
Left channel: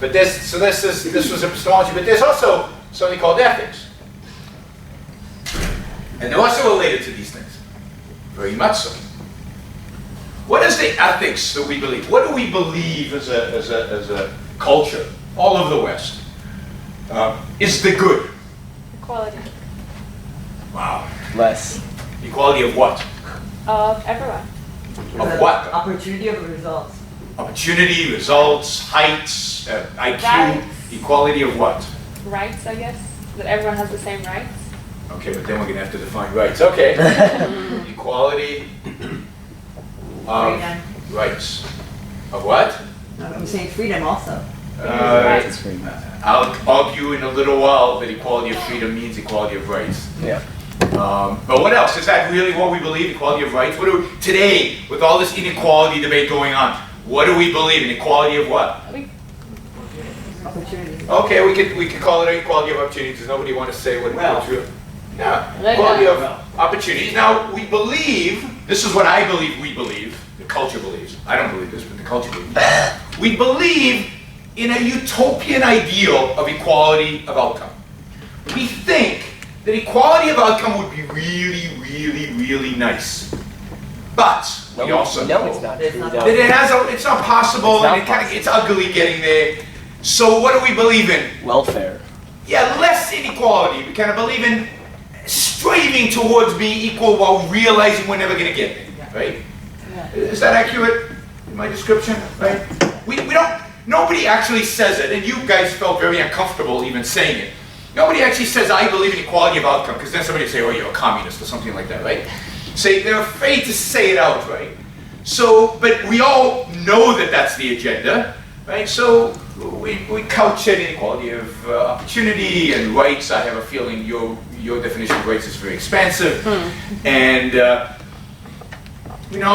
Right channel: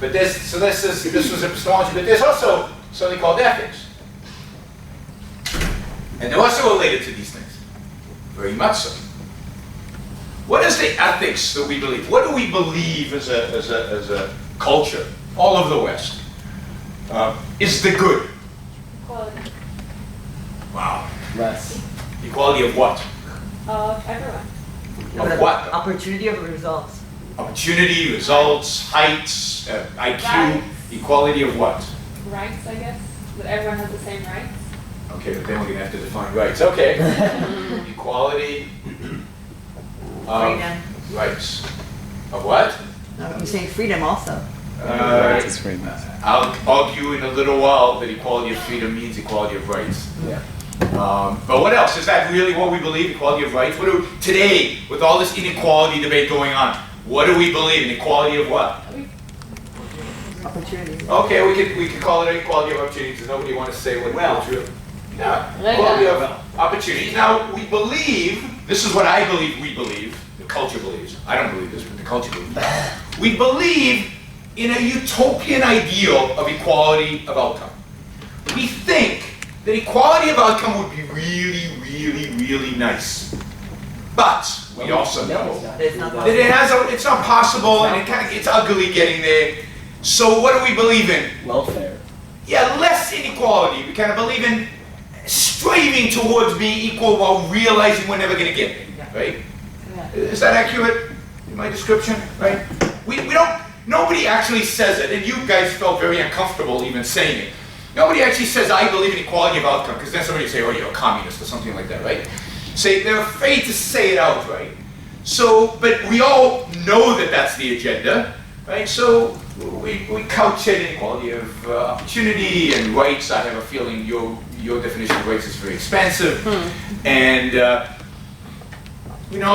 But this was epistemology, but there's also something called ethics. And they're also related to these things, very much so. What is the ethics that we believe? What do we believe as a culture, all over the West, is the good? Equality Wow. Less. Equality of what? of everyone. Of what? Opportunity of results. Opportunity, results, heights, IQ, Rights. equality of what? Rights, I guess. That everyone has the same rights. Okay, but then we're gonna have to define rights. Okay. Equality of Freedom. rights. Of what? No, I'm saying freedom also. I'll argue in a little while that equality of freedom means equality of rights. Yeah. But what else? Is that really what we believe, equality of rights? Today, with all this inequality debate going on, what do we believe in? Equality of what? Opportunity. Okay, we could call it equality of opportunities. Does nobody want to say what it's real? Yeah, Like equality that. of opportunities. Now, we believe, this is what I believe we believe, the culture believes. I don't believe this, but the culture believes. We believe in a utopian ideal of equality of outcome. We think that equality of outcome would be really, really, really nice. But we also know it's not It's true, not though. that it's not possible, It's and not it kind of gets ugly getting there. So what do we believe in? Welfare. Yeah, less inequality. We kind of believe in striving towards being equal while realizing we're never going to get there, right? Yeah. Is that accurate in my description, right? We don't, nobody actually says it, and you guys felt very uncomfortable even saying it. Nobody actually says, I believe in equality of outcome, because then somebody will say, oh, you're a communist or something like that, right? Say, they're afraid to say it out, right? So, but we all know that that's the agenda, right? So we couch it in equality of opportunity and rights. I have a feeling your definition of rights is very expansive. And,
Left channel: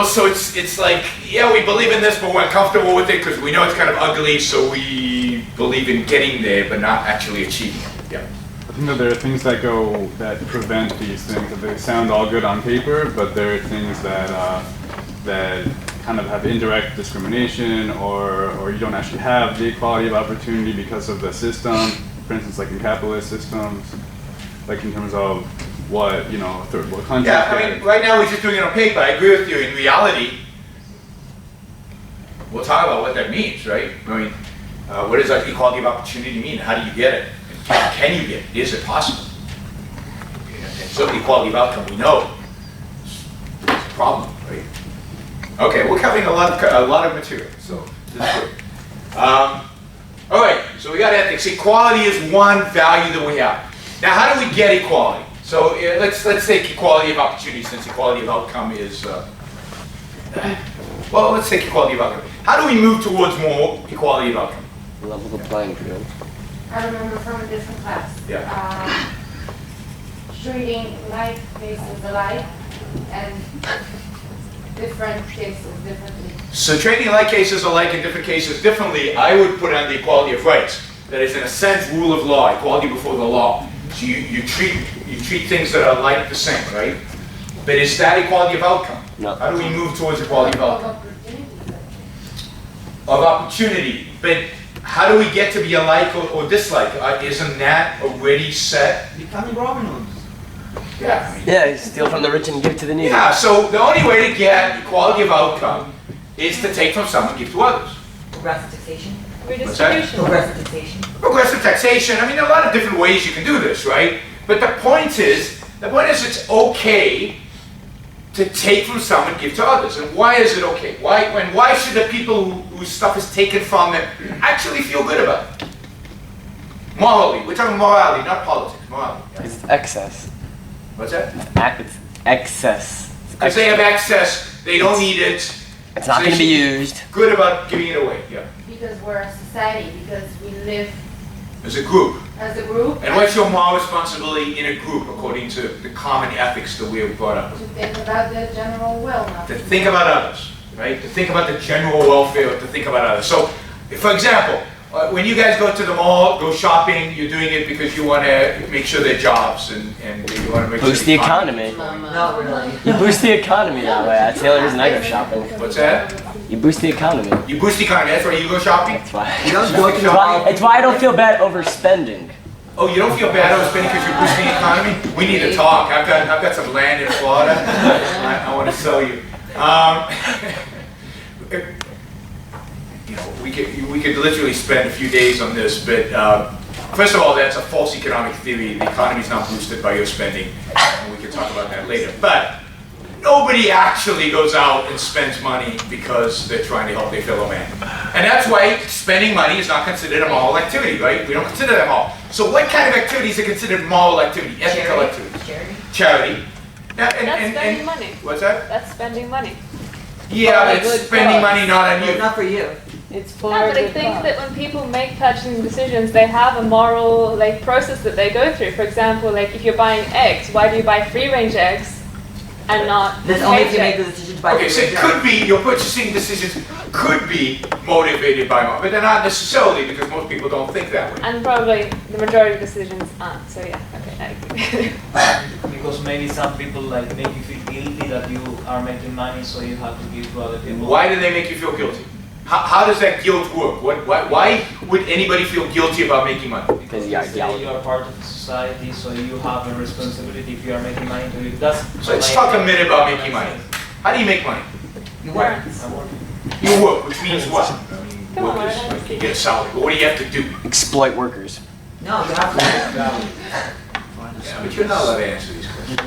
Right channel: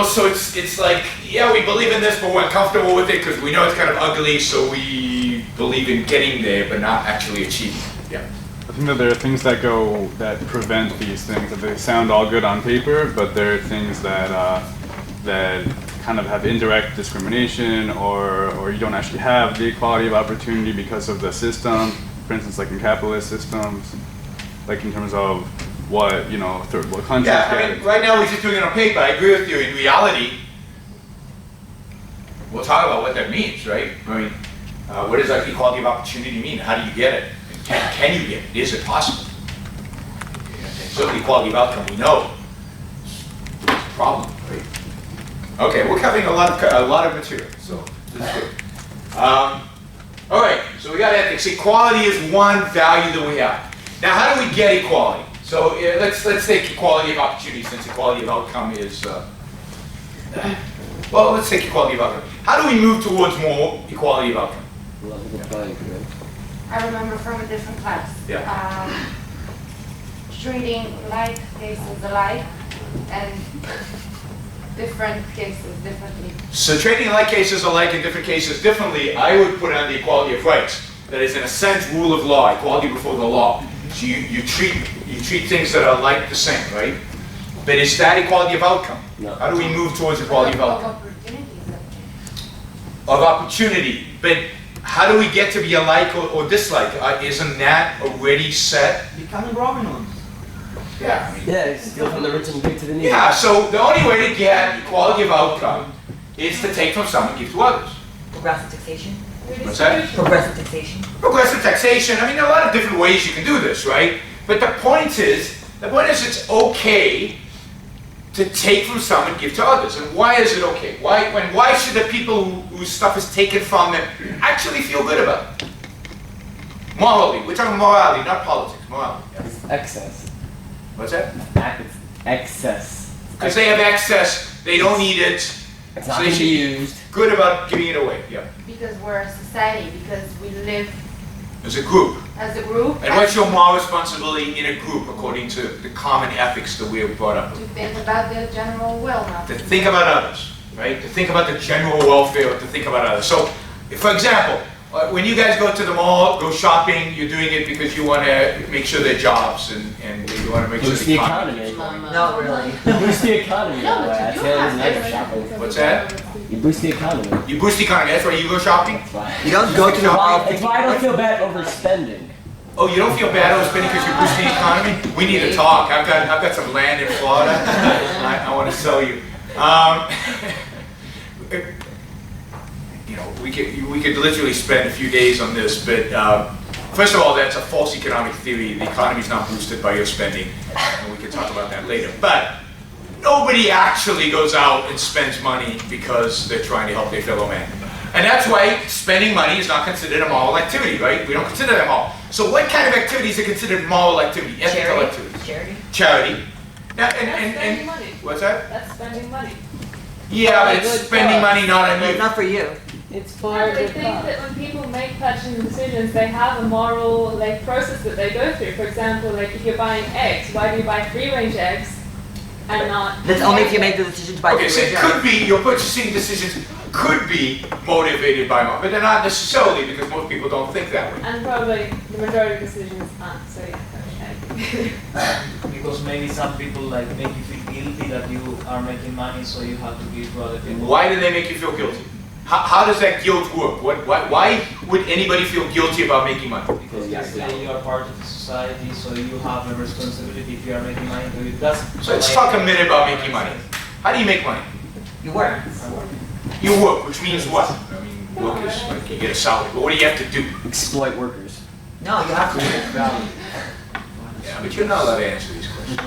so it's like, yeah, we believe in this, but we're uncomfortable with it because we know it's kind of ugly, so we believe in getting there, but not actually achieving it. Yeah. I think that there are things that prevent these things, that they sound all good on paper, but there are things that kind of have indirect discrimination, or you don't actually have the equality of opportunity because of the system. For instance, like in capitalist systems, like in terms of what, third world countries Yeah, I get. mean, right now we're just doing it on paper. I agree with you. In reality, we'll talk about what that means, right? I mean, what does like equality of opportunity mean? How do you get it? And can you get it? Is it possible? And certainly equality of outcome, we know it's a problem, right? Okay, we're covering a lot of material, so this is good. All right, so we got ethics. Equality is one value that we have. Now, how do we get equality? So let's take equality of opportunity, since equality of outcome is, well, let's take equality of outcome. How do we move towards more equality of outcome? Level the playing field. I remember from a different class. Yeah. Treating like cases alike and different cases differently. So treating like cases alike and different cases differently, I would put on the equality of rights. That is, in a sense, rule of law, equality before the law. So you treat things that are like the same, right? But is that equality of outcome? No. How do we move towards equality of outcome? Opportunities. Of opportunity. But how do we get to be alike or dislike? Isn't that already set? Becoming Robin Hood. Yeah. I mean, Yeah, you steal from the rich and give to the needy. yeah, so the only way to get equality of outcome is to take from some and give to others. Progressive taxation. What's that? Redistribution. Progressive taxation. Progressive taxation. I mean, there are a lot of different ways you can do this, right? But the point is it's okay to take from some and give to others. And why is it okay? Why should the people whose stuff is taken from them actually feel good about it? Morally. We're talking morality, not politics. Morality. Yeah. It's excess. What's that? It's excess. Because they have excess, they don't need it. It's not so they going to be should used. Good about giving it away. Yeah. Because we're a society, because we live As a group. as a group. And what's your moral responsibility in a group according to the common ethics that we have brought up? To think about the general will, not To think about others, right? To think about the general welfare, to think about others. So, for example, when you guys go to the mall, go shopping, you're doing it because you want to make sure there are jobs and you want to make Boost sure the economy. Not really. You boost the economy that way. That's the only reason I go shopping. What's that? You boost the economy. You boost the economy. That's why you go shopping? That's why. You don't go to the mall. It's why I don't feel bad overspending. Oh, you don't feel bad overspending because you're boosting the economy? We need to talk. I've got some land in Florida. I want to sell you. You know, we could literally spend a few days on this, but first of all, that's a false economic theory. The economy is not boosted by your spending, and we can talk about that later. But nobody actually goes out and spends money because they're trying to help their fellow man. And that's why spending money is not considered a moral activity, right? We don't consider that moral. So what kind of activities are considered moral activity, ethical activities? Charity. Now, That's spending money. What's that? That's spending money. Yeah, but For a it's good spending cause. money not on But you. not for you. It's for Yeah, but I the think cause. that when people make purchasing decisions, they have a moral process that they go through. For example, if you're buying eggs, why do you buy free-range eggs and not? That's only if you eggs? make the decision to buy Okay, so it could be, your purchasing decisions could be motivated by money, but they're not necessarily because most people don't think that way. And probably the majority of decisions aren't. So yeah, okay, I agree. Because maybe some people make you feel guilty that you are making money, so you have to give to other people. Why do they make you feel guilty? How does that guilt work? Why would anybody feel guilty about making money? Because you say you are part of the society, so you have a responsibility if you are making money to it. So let's talk a minute about making money. How do you make money? You work. I'm working. You work, which means what? I mean, workers, like you get a salary, but what do you have to do? Exploit workers. No, you have to. Yeah, but you're not allowed to answer these questions.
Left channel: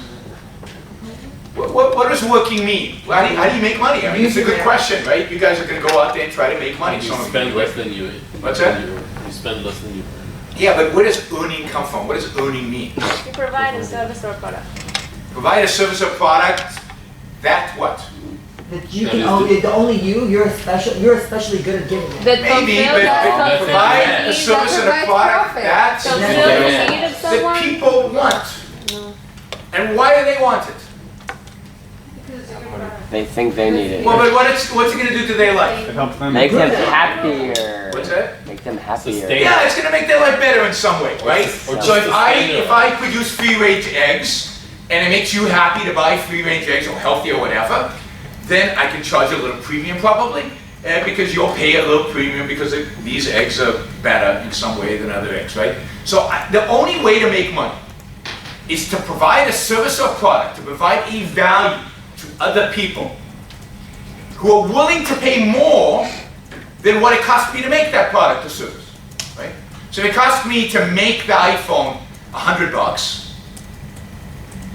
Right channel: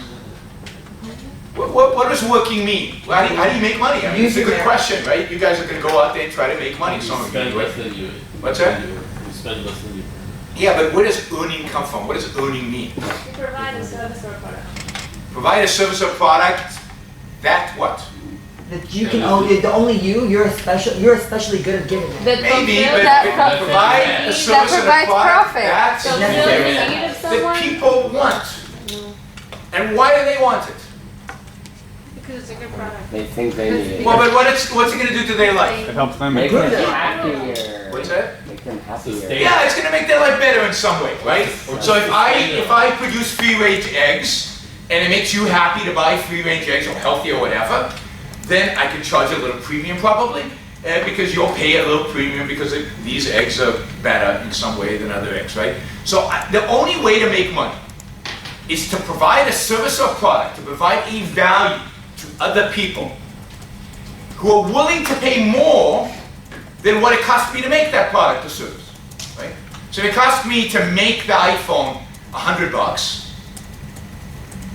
What does working mean? How do you make money? I mean, it's a good question, right? You guys are going to go out there and try to make money. You Some of you spend do less it. than you. What's that? You spend less than you. Yeah, but where does earning come from? What does earning mean? You provide a service or product. Provide a service or product, that what? That you can only you're especially good at giving it. That Maybe, fulfill but that provide a need service that and a provides product, profit. that's Fulfill that the need of someone. people want. And why do they want it? Because it's a good product. They think they need it. Well, but what's it going to do to their life? It helps them. Make them Good. happier. What's that? Make them happier. Sustain. Yeah, it's going to make their life better in some way, right? Or So if just I produce free-range eggs, and it makes you happy to buy free-range eggs or healthy or whatever, then I can charge a little premium probably, because you'll pay a little premium because these eggs are better in some way than other eggs, right? So the only way to make money is to provide a service or product, to provide a value to other people who are willing to pay more than what it costs me to make that product or service, right? So if it costs me to make the iPhone $100,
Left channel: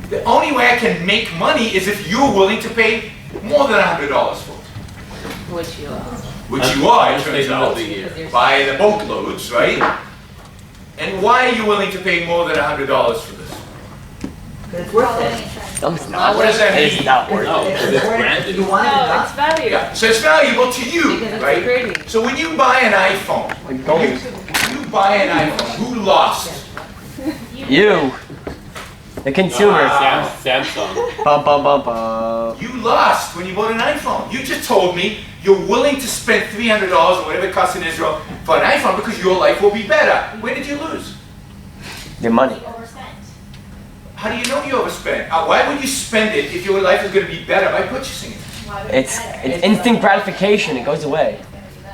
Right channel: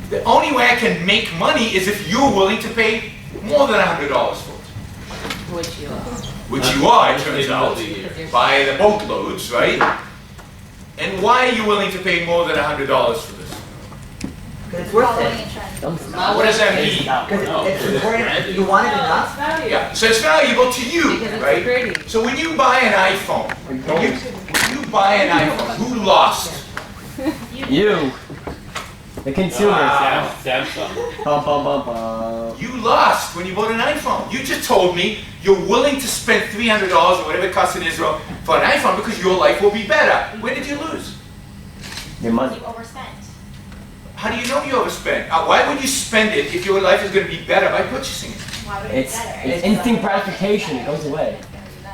the only way I can make money is if you're willing to pay more than $100 for it. Which you are. Which you are, it Most turns people out, of the year. by the boatloads, right? And why are you willing to pay more than $100 for this? Because it's worth it. No, it's not. What does that It's mean? not worth No, it. it's It's important. branded. You want it No, it's enough. value. Yeah, so it's valuable to you, Because it's right? pretty. So when you buy an iPhone, when you buy an iPhone, who lost? You. The consumer. Samsung. Bum, bum, bum, bum. You lost when you bought an iPhone. You just told me you're willing to spend $300 or whatever it costs in Israel for an iPhone because your life will be better. Where did you lose? Your money. Overspent. How do you know you overspent? Why would you spend it if your life is going to be better by purchasing it? Why would It's it matter? it's instant gratification. It goes away.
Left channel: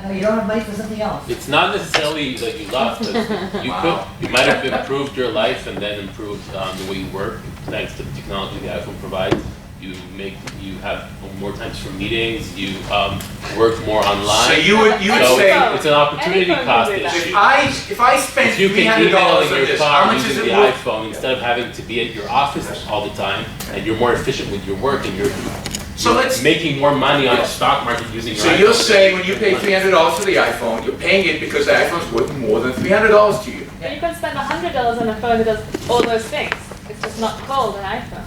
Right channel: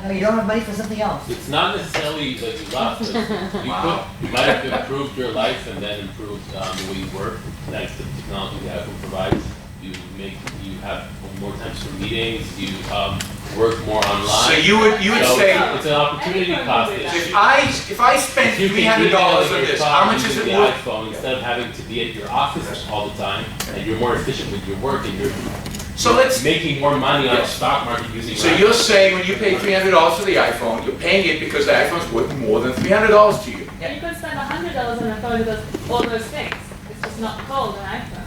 No, you don't have money for something else. It's not necessarily like you lost. You might have improved your life and then improved the way you work thanks to the technology the iPhone provides. you have more times for meetings, you work more online. So you would So say, it's an opportunity cost. if I spend You can $300 email on your this, how much is using it the worth? iPhone instead of having to be at your office all the time, and you're more efficient with your work, and So let's, making more money on the stock market using your so iPhone. you'll say when you pay $300 for the iPhone, you're paying it because the iPhone's worth more than $300 to you. And you can spend $100 on a phone that does all those things. It's just not called an iPhone.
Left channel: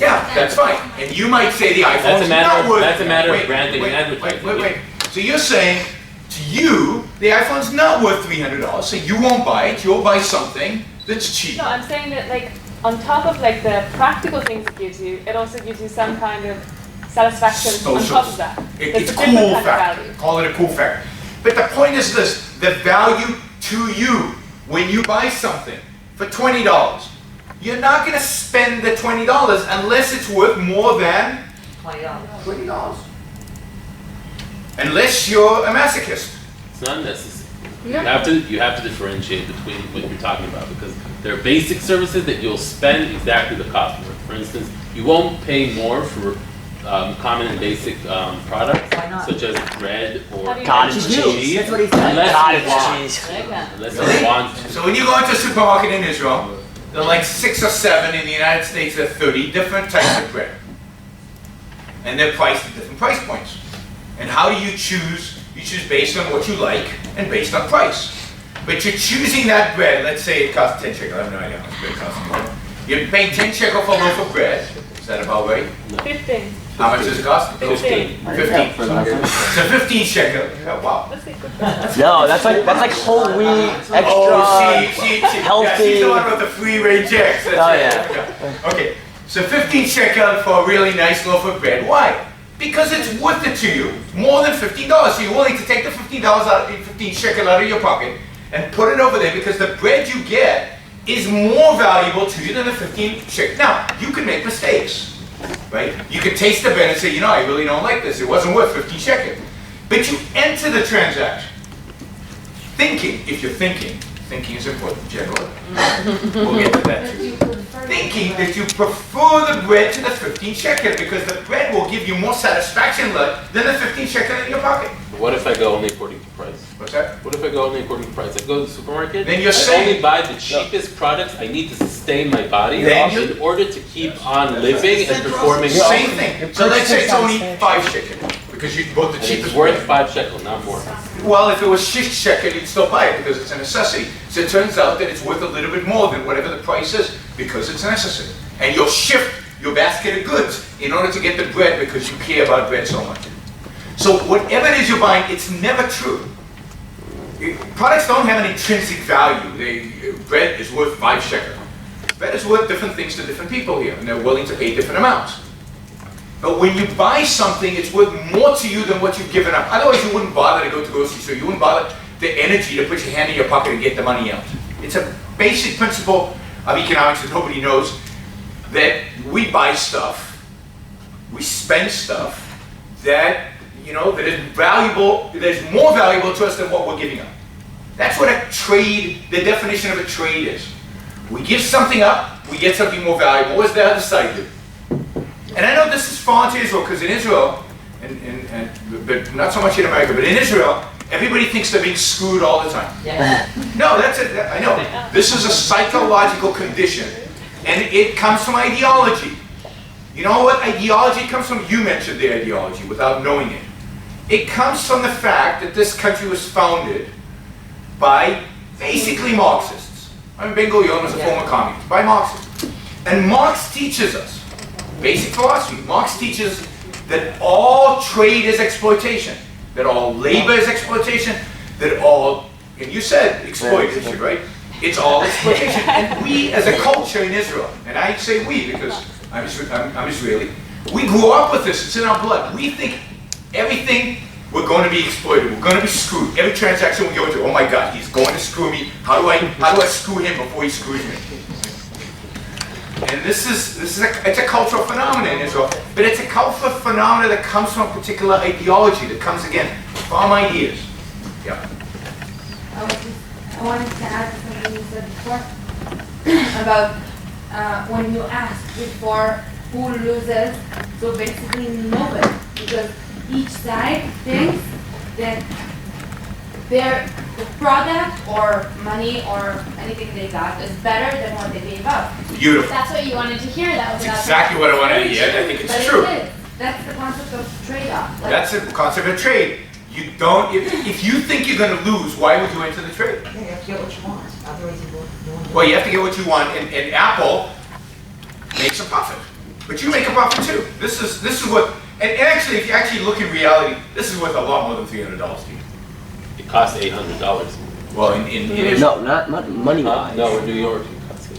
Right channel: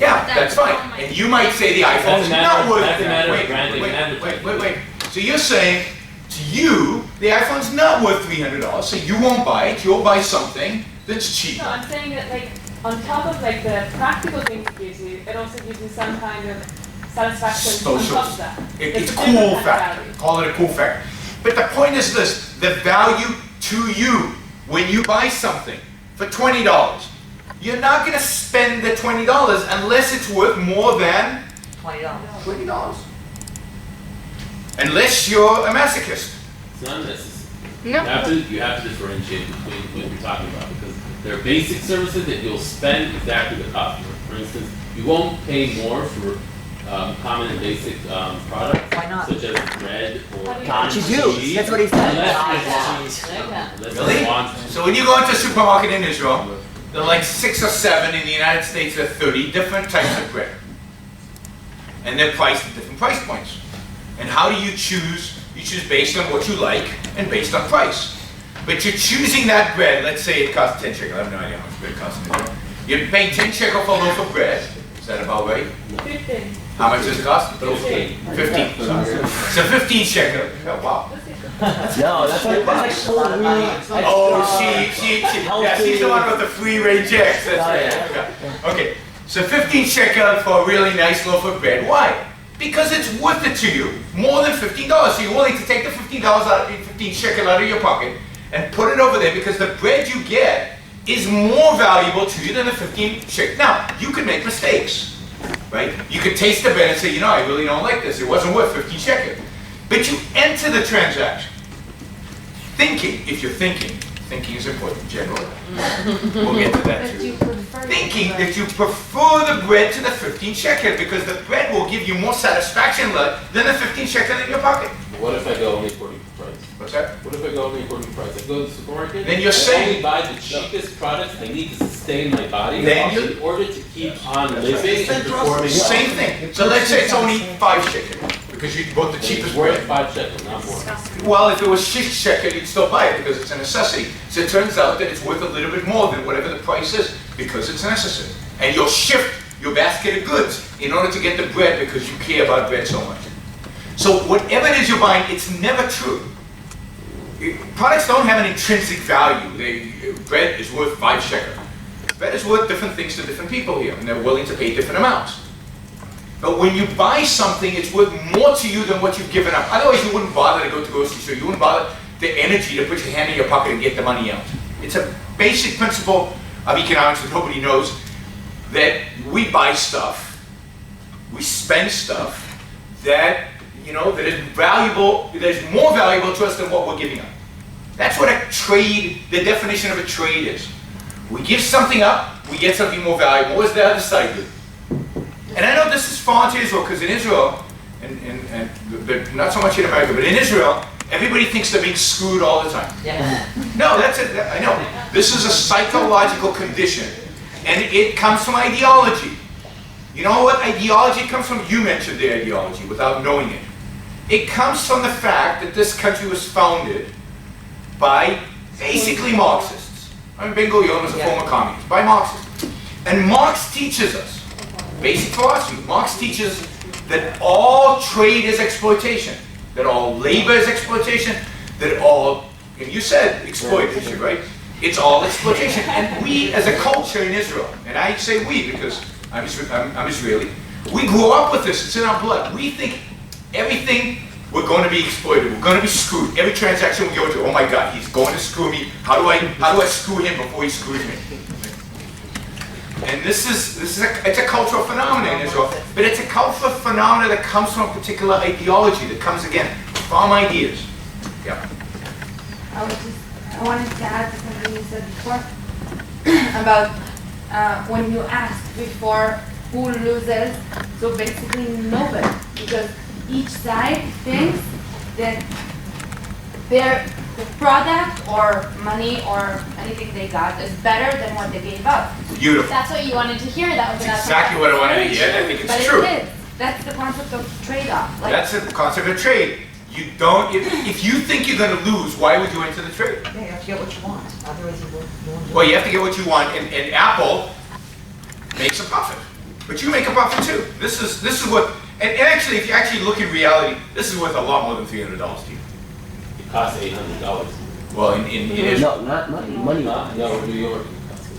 Yeah, that's fine. And you might say the iPhone's not worth. That's a matter of Wait, branding wait, and wait, advertising. wait. So you're saying, to you, the iPhone's not worth $300, so you won't buy it, you'll buy something that's cheap. No, I'm saying that like on top of like the practical things it gives you, it also gives you some kind of satisfaction on top of that. It's a a different cool kind of factor. value. Call it a cool factor. But the point is this, the value to you when you buy something for $20, you're not gonna spend the $20 unless it's worth more than $20. Unless you're a masochist. It's not necessary. No. You have to differentiate between what you're talking about, because there are basic services that you'll spend exactly the cost for. For instance, you won't pay more for common and basic products, Why not? such as bread or God, you do. cheese. That's what he said. Unless God, you want. cheese. Unless Really? you want. So when you go into a supermarket in Israel, there are like 6 or 7, in the United States there are 30 different types of bread. And they're priced at different price points. And how do you choose? You choose based on what you like and based on price. But you're choosing that bread, let's say it costs 10 shekel, I have no idea how much bread costs. You're paying 10 shekel for a loaf of bread, is that about right? 15. How much does it cost? 15. 15. So 15 shekel, oh, wow. No, that's like whole wheat, extra. Oh, she, yeah, healthy. she's the one with the free range eggs. That's Oh, right. yeah. Okay, so 15 shekel for a really nice loaf of bread. Why? Because it's worth it to you, more than $15. So you're willing to take the $15 shekel out of your pocket and put it over there because the bread you get is more valuable to you than the 15 shekel. Now, you can make mistakes, right? You could taste the bread and say, you know, I really don't like this. It wasn't worth 15 shekel. But you enter the transaction thinking, if you're thinking is important, generally. We'll get to that too. Thinking that you prefer the bread to the 15 shekel because the bread will give you more satisfaction than the 15 shekel in your pocket. What if I go only according to price? What's that? What if I go only according to price? I go to the supermarket. Then you're I saying- only buy the cheapest products. I need to sustain my body Then you- in order to keep on living and performing. Same thing. So let's say it's only 5 shekel because you bought the It's cheapest worth bread. 5 shekel, not more. Well, if it was 6 shekel, you'd still buy it because it's a necessity. So it turns out that it's worth a little bit more than whatever the price is because it's necessary. And you'll shift your basket of goods in order to get the bread because you care about bread so much. So whatever it is you're buying, it's never true. Products don't have an intrinsic value. Bread is worth 5 shekel. Bread is worth different things to different people here, and they're willing to pay different amounts. But when you buy something, it's worth more to you than what you've given up. Otherwise, you wouldn't bother to go to the grocery store. You wouldn't bother the energy to put your hand in your pocket and get the money out. It's a basic principle of economics that nobody knows, that we buy stuff, we spend stuff that, that is valuable, that is more valuable to us than what we're giving up. That's what a trade, the definition of a trade is. We give something up, we get something more valuable. What does the other side do? And I know this is foreign to Israel, because in Israel, but not so much in America, but in Israel, everybody thinks they're being screwed all the time. Yeah. No, that's it. I know. This is a psychological condition, and it comes from ideology. You know what ideology comes from? You mentioned the ideology without knowing it. It comes from the fact that this country was founded by basically Marxists. I mean, Ben Gurion was a former communist, by Marxists. And Marx teaches us, basic philosophy, Marx teaches that all trade is exploitation, that all labor is exploitation, that all, and you said exploitation, right? It's all exploitation. And we as a culture in Israel, and I say we because I'm Israeli, we grew up with this, it's in our blood. We think everything, we're going to be exploited, we're going to be screwed. Every transaction we go to, oh my God, he's going to screw me. How do I screw him before he screws me? And it's a cultural phenomenon in Israel, but it's a cultural phenomenon that comes from a particular ideology, that comes again from ideas. Yeah. I wanted to add to something you said before about when you asked before who loses So basically nobody, because each side thinks that the product or money or anything they got is better than what they gave up. Beautiful. That's what you wanted to hear. That was That's exactly what I wanted to hear, and I think it's But true. it is. That's the concept of trade-off. Like, That's the concept of trade. You don't, if you think you're gonna lose, why would you enter the trade? Yeah, you have to get what you want, otherwise you won't do it. Well, you have to get what you want, and Apple makes a profit. But you make a profit too. This is what, and actually, if you actually look in reality, this is worth a lot more than $300 to you. It costs $800. Well, in Israel. No, not money. No, in New York.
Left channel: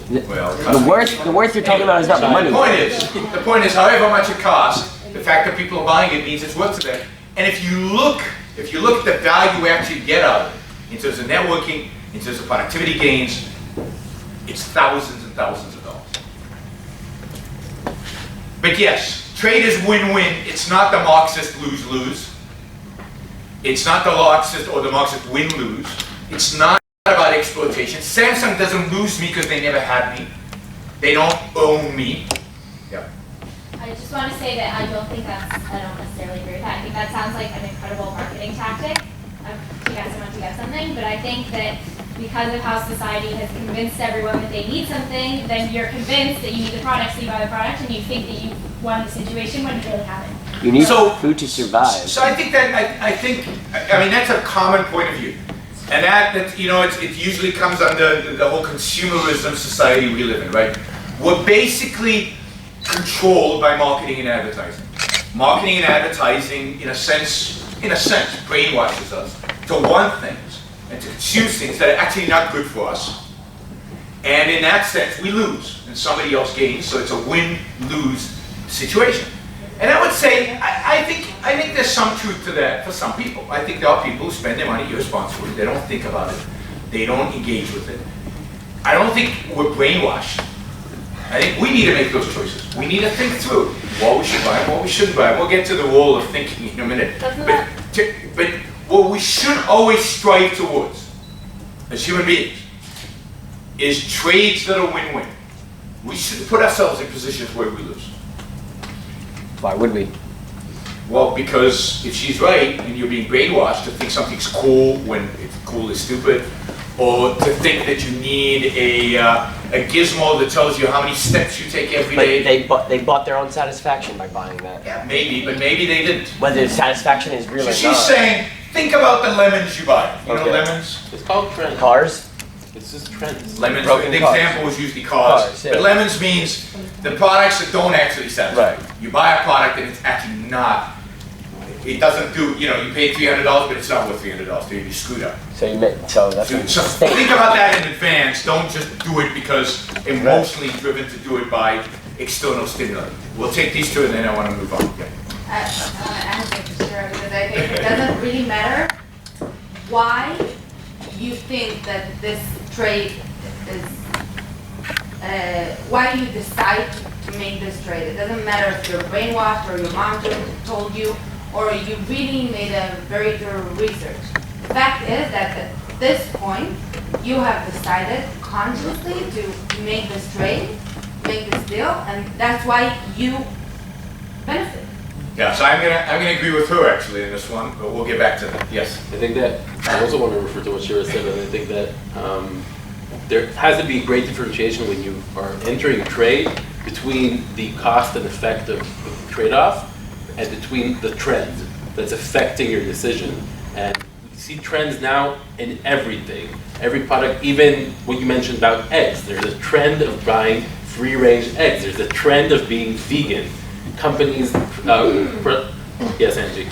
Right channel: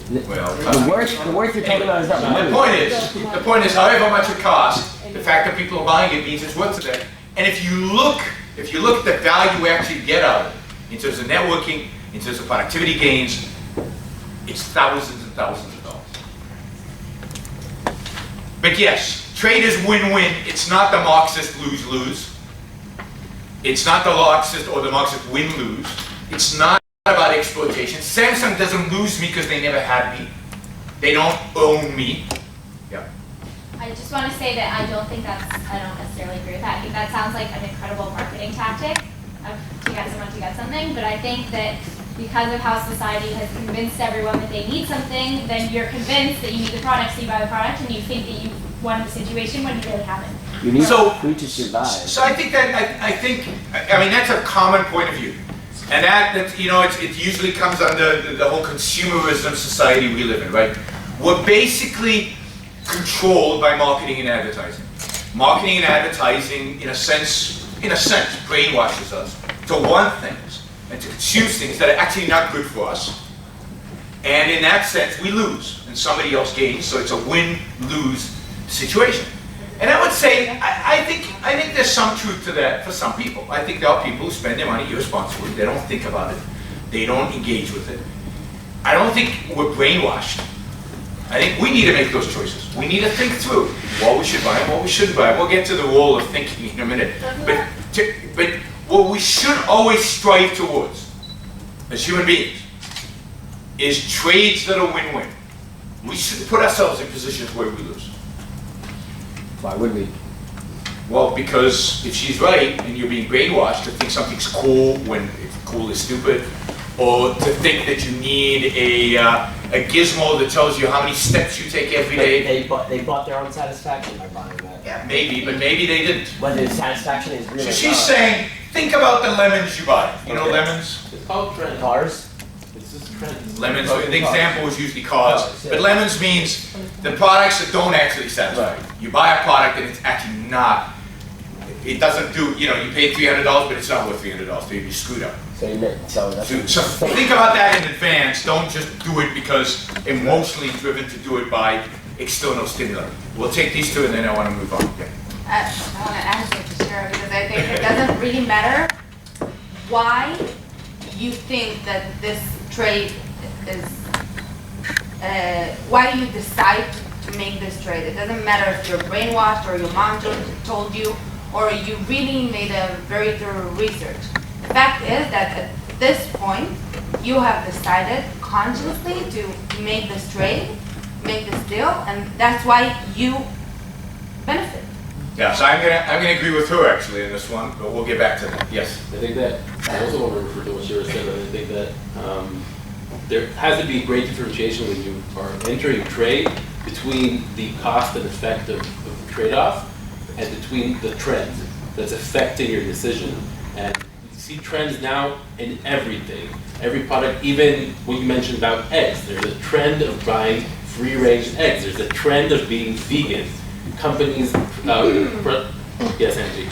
Well, The worth you're talking about is not the money. The point is, however much it costs, the fact that people are buying it means it's worth it. And if you look at the value we actually get out of it, in terms of networking, in terms of productivity gains, it's thousands and thousands of dollars. But yes, trade is win-win. It's not the Marxist lose-lose. It's not the Marxist or the Marxist win-lose. It's not about exploitation. Samsung doesn't lose me because they never had me. They don't own me. Yeah. I just want to say that I don't necessarily agree with that. I think that sounds like an incredible marketing tactic to get someone to get something, but I think that because of how society has convinced everyone that they need something, then you're convinced that you need the product, so you buy the product, and you think that you won the situation when you really haven't. You need food to survive. So I think that's a common point of view. And that it usually comes under the whole consumerism society we live in, right? We're basically controlled by marketing and advertising. Marketing and advertising, in a sense, brainwashes us to want things and to consume things that are actually not good for us. And in that sense, we lose and somebody else gains, so it's a win-lose situation. And I would say, I think there's some truth to that for some people. I think there are people who spend their money irresponsibly. They don't think about it. They don't engage with it. I don't think we're brainwashed. I think we need to make those choices. We need to think through what we should buy and what we shouldn't buy. We'll get to the role of thinking in a minute. But what we should always strive towards, as human beings, is trades that are win-win. We shouldn't put ourselves in positions where we lose. Why would we? Well, because if she's right and you're being brainwashed to think something's cool when it's cool is stupid, or to think that you need a gizmo that tells you how many steps you take every day. They bought their own satisfaction by buying that. Yeah, maybe, but maybe they didn't. Whether the satisfaction is real or So not. she's saying, think about the lemons you buy. You know lemons? It's called trends. Cars? It's just trends. Lemons, Broken the cars. example is usually cars. But lemons means the products that don't actually satisfy. Right. You buy a product and it's actually not, it doesn't do, you paid $300, but it's not worth $300, so you'd be screwed up. So that's So think about that in advance. Don't just do it because emotionally driven to do it by external stimuli. We'll take these two and then I want to move on. Yeah. I want to answer to Shira because I think it doesn't really matter why you think that this trade is, why do you decide to make this trade? It doesn't matter if you're brainwashed or your mom told you or you really made a very thorough research. The fact is that at this point, you have decided consciously to make this trade, make this deal, and that's why you benefit. Yeah, so I'm gonna agree with her actually in this one, but we'll get back to that. Yes. I think that I also want to refer to what Shira said, and I think that there has to be great differentiation when you are entering a trade between the cost and effect of the trade-off and between the trend that's affecting your decision. And we see trends now in everything, every product, even what you mentioned about eggs. There's a trend of buying free-range eggs. There's a trend of being vegan. Companies, yes, Angie.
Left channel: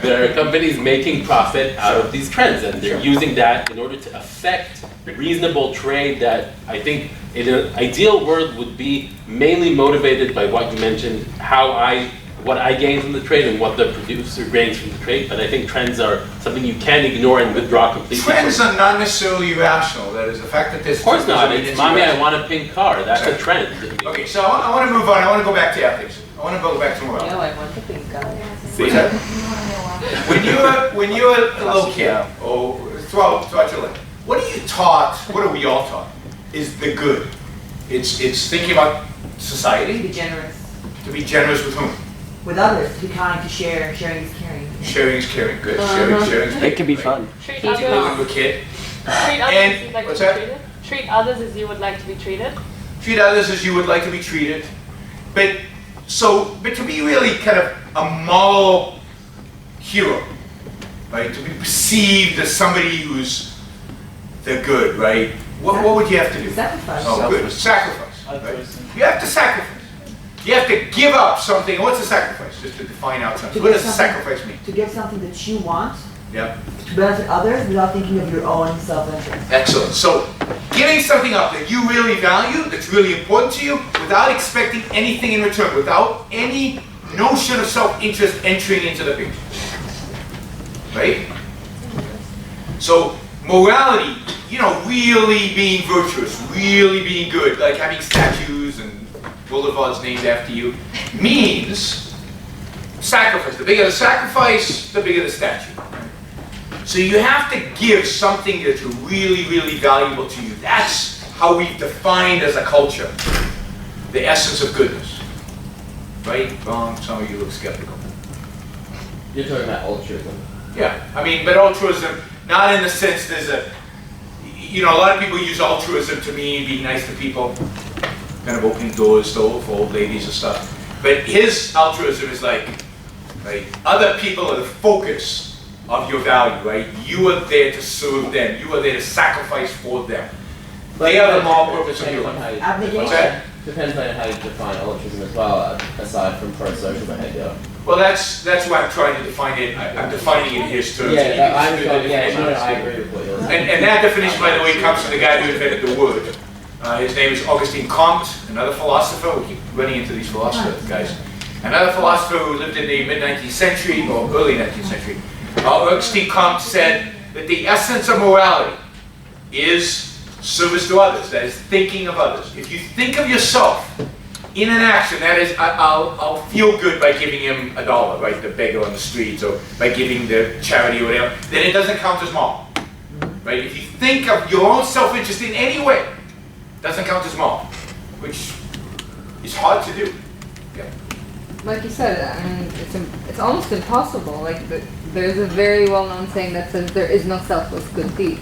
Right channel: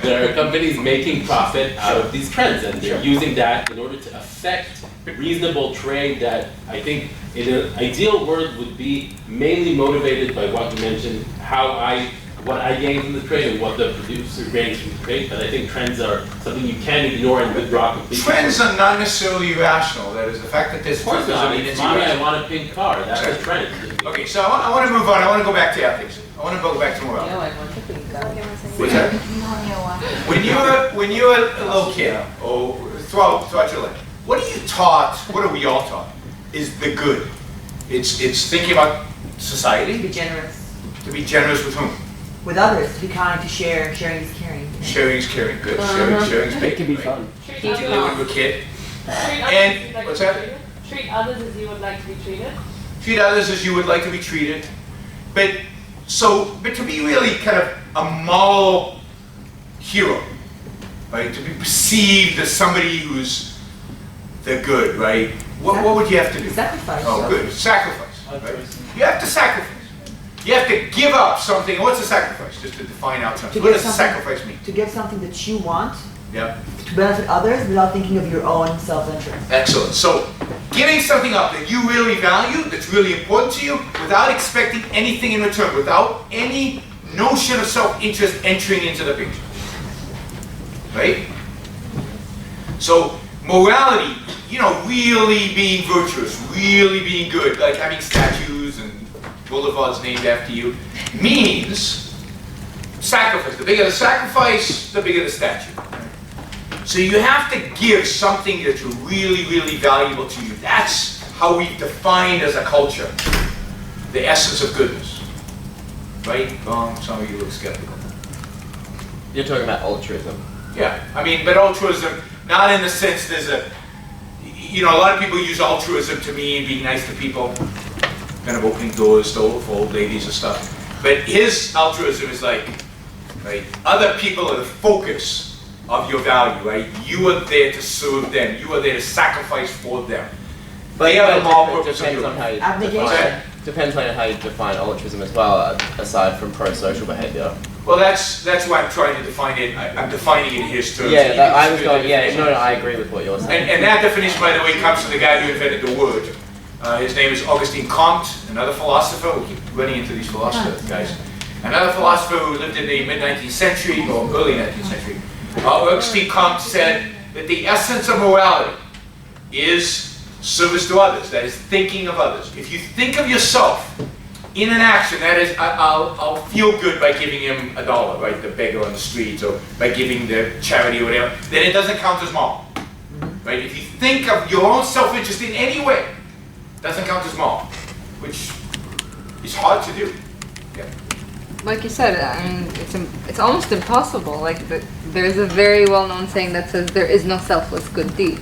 There are companies making profit out of these trends, and they're using that in order to affect reasonable trade that I think in an ideal world would be mainly motivated by what you mentioned, what I gain from the trade and what the producer gains from the trade. But I think trends are something you can't ignore and withdraw completely. Trends are not necessarily irrational. That is the fact that this. Of course not. It's mommy, I want a pink car. That's a trend. Okay, so I want to move on. I want to go back to ethics. I want to go back to morality. No, I want the pink car. What's that? When you're a little kid, or throughout your life, what are you taught? What are we all taught? Is the good? It's thinking about society. Be generous. To be generous with whom? With others, to be kind, to share. Sharing is caring. Sharing is caring. Good. Sharing is It big. can be right? fun. Treat Particularly when others, you're a kid. treat others And- as you'd like what's to be that? treated. Treat others as you would like to be treated. Treat others as you would like to be treated. But to be really kind of a moral hero, right? To be perceived as somebody who's the good, right? What would you have to do? Sacrifice. Oh, good. Sacrifice. Right? You have to sacrifice. You have to give up something. What's a sacrifice? Just to define out something. What does a sacrifice mean? To give something that you want Yeah. to benefit others without thinking of your own self-interest. Excellent. So, giving something up that you really value, that's really important to you, without expecting anything in return, without any notion of self-interest entering into the picture. Right? So, morality, really being virtuous, really being good, like having statues and boulevards named after you, means sacrifice. The bigger the sacrifice, the bigger the statue. So you have to give something that's really, really valuable to you. That's how we've defined as a culture the essence of goodness. Right? Wrong? Some of you look skeptical. You're talking about altruism. Yeah, but altruism, not in the sense there's a lot of people use altruism to mean being nice to people, kind of opening doors for old ladies and stuff. But his altruism is like, right, other people are the focus of your value, right? You are there to serve them. You are there to sacrifice for them. They are the moral purpose of your life. Abnegation. Depends on how you define altruism as well, aside from pro-social behavior. Well, that's why I'm trying to define it. I'm defining it in his terms. Yeah, and you that, can I was just do going, the yeah, definition. I agree with what you're saying. And that definition, by the way, comes from the guy who invented the word. His name is Auguste Comte, another philosopher. We keep running into these philosophers, guys. Another philosopher who lived in the mid-19th century, or early 19th century. Auguste Comte said that the essence of morality is service to others, that is thinking of others. If you think of yourself in an action, that is, I'll feel good by giving him $1, right, the beggar on the streets, or by giving the charity or whatever, then it doesn't count as moral. Right? If you think of your own self-interest in any way, it doesn't count as moral, which is hard to do. Yeah. Like you said, it's almost impossible. Like there's a very well-known saying that says there is no selfless good deed,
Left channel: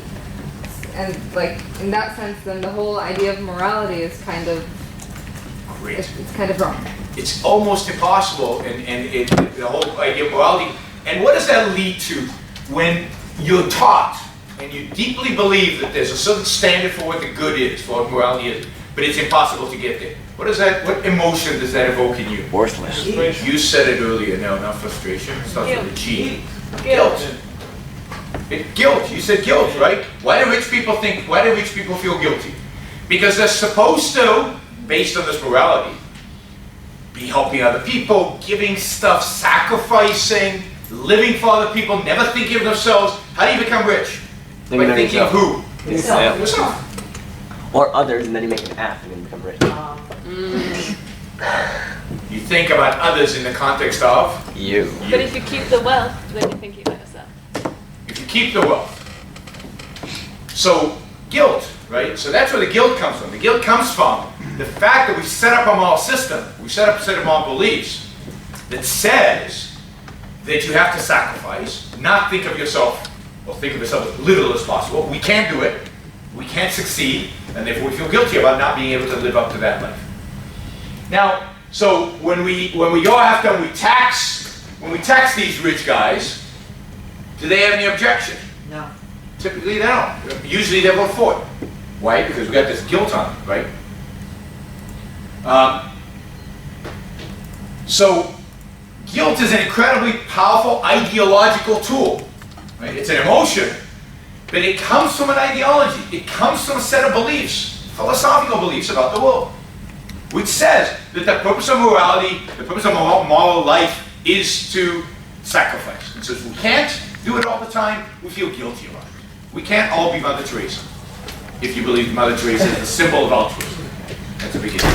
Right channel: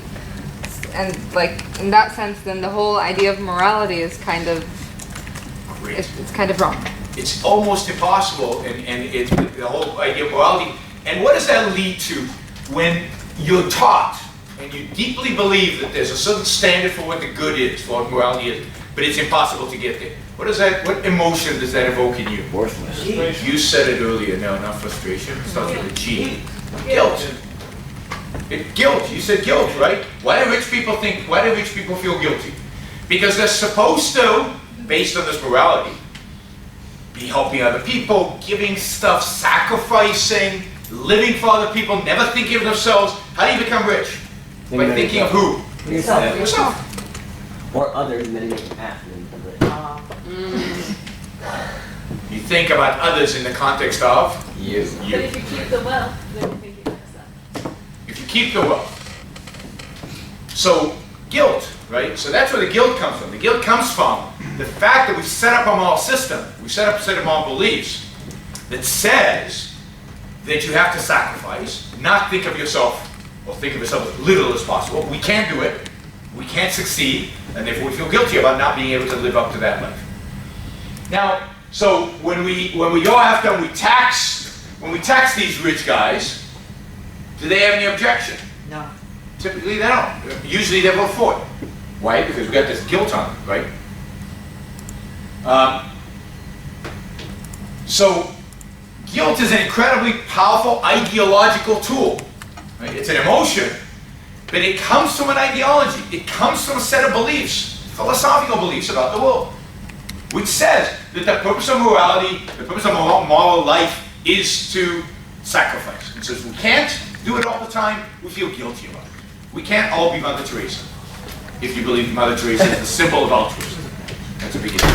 and like in that sense, then the whole idea of morality is kind of it's kind of wrong. It's almost impossible, and it's the whole idea of morality. And what does that lead to when you're taught and you deeply believe that there's a certain standard for what the good is, for what morality is, but it's impossible to get there? What emotion does that evoke in you? Worthless. You said it earlier, no, not frustration. It starts with a G. Guilt. Guilt. You said guilt, right? Why do rich people feel guilty? Because they're supposed to, based on this morality, be helping other people, giving stuff, sacrificing, living for other people, never thinking of themselves. How do you become rich? By thinking of who? Yourself. Or others, and then you make an F and then become rich. You think about others in the context of you. But if you keep the wealth, then you're thinking about yourself. If you keep the wealth. So, guilt, right? So that's where the guilt comes from. The guilt comes from the fact that we set up a moral system, we set up a set of moral beliefs that says that you have to sacrifice, not think of yourself, or think of yourself as little as possible. We can't do it. We can't succeed, and therefore we feel guilty about not being able to live up to that life. Now, so when we go after and we tax these rich guys, do they have any objection? No. Typically they don't. Usually they vote for it. Why? Because we got this guilt on them, right? So guilt is an incredibly powerful ideological tool. Right? It's an emotion, but it comes from an ideology. It comes from a set of beliefs, philosophical beliefs about the world, which says that the purpose of morality, the purpose of moral life is to sacrifice. And since we can't do it all the time, we feel guilty about it. We can't all be Mother Teresa, if you believe Mother Teresa is the symbol of altruism. That's a big issue.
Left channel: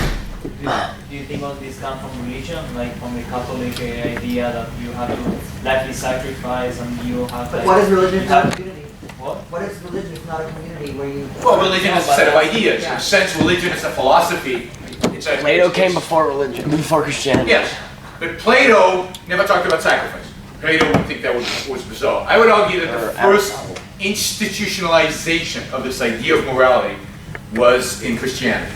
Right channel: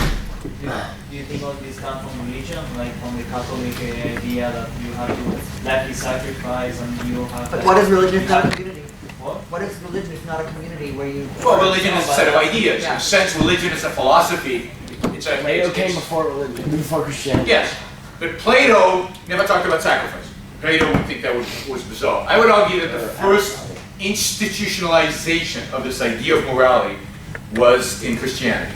Do you think all this comes from religion, like from the Catholic idea that you have to likely sacrifice and you have? But what is religion if not a community? What? What is religion if not a community where you? Well, religion is a set of ideas. Yeah. In a sense, religion is a philosophy. Plato came before religion, before Christianity. Yes, but Plato never talked about sacrifice. Plato would think that was bizarre. I would argue that the first institutionalization of this idea of morality was in Christianity.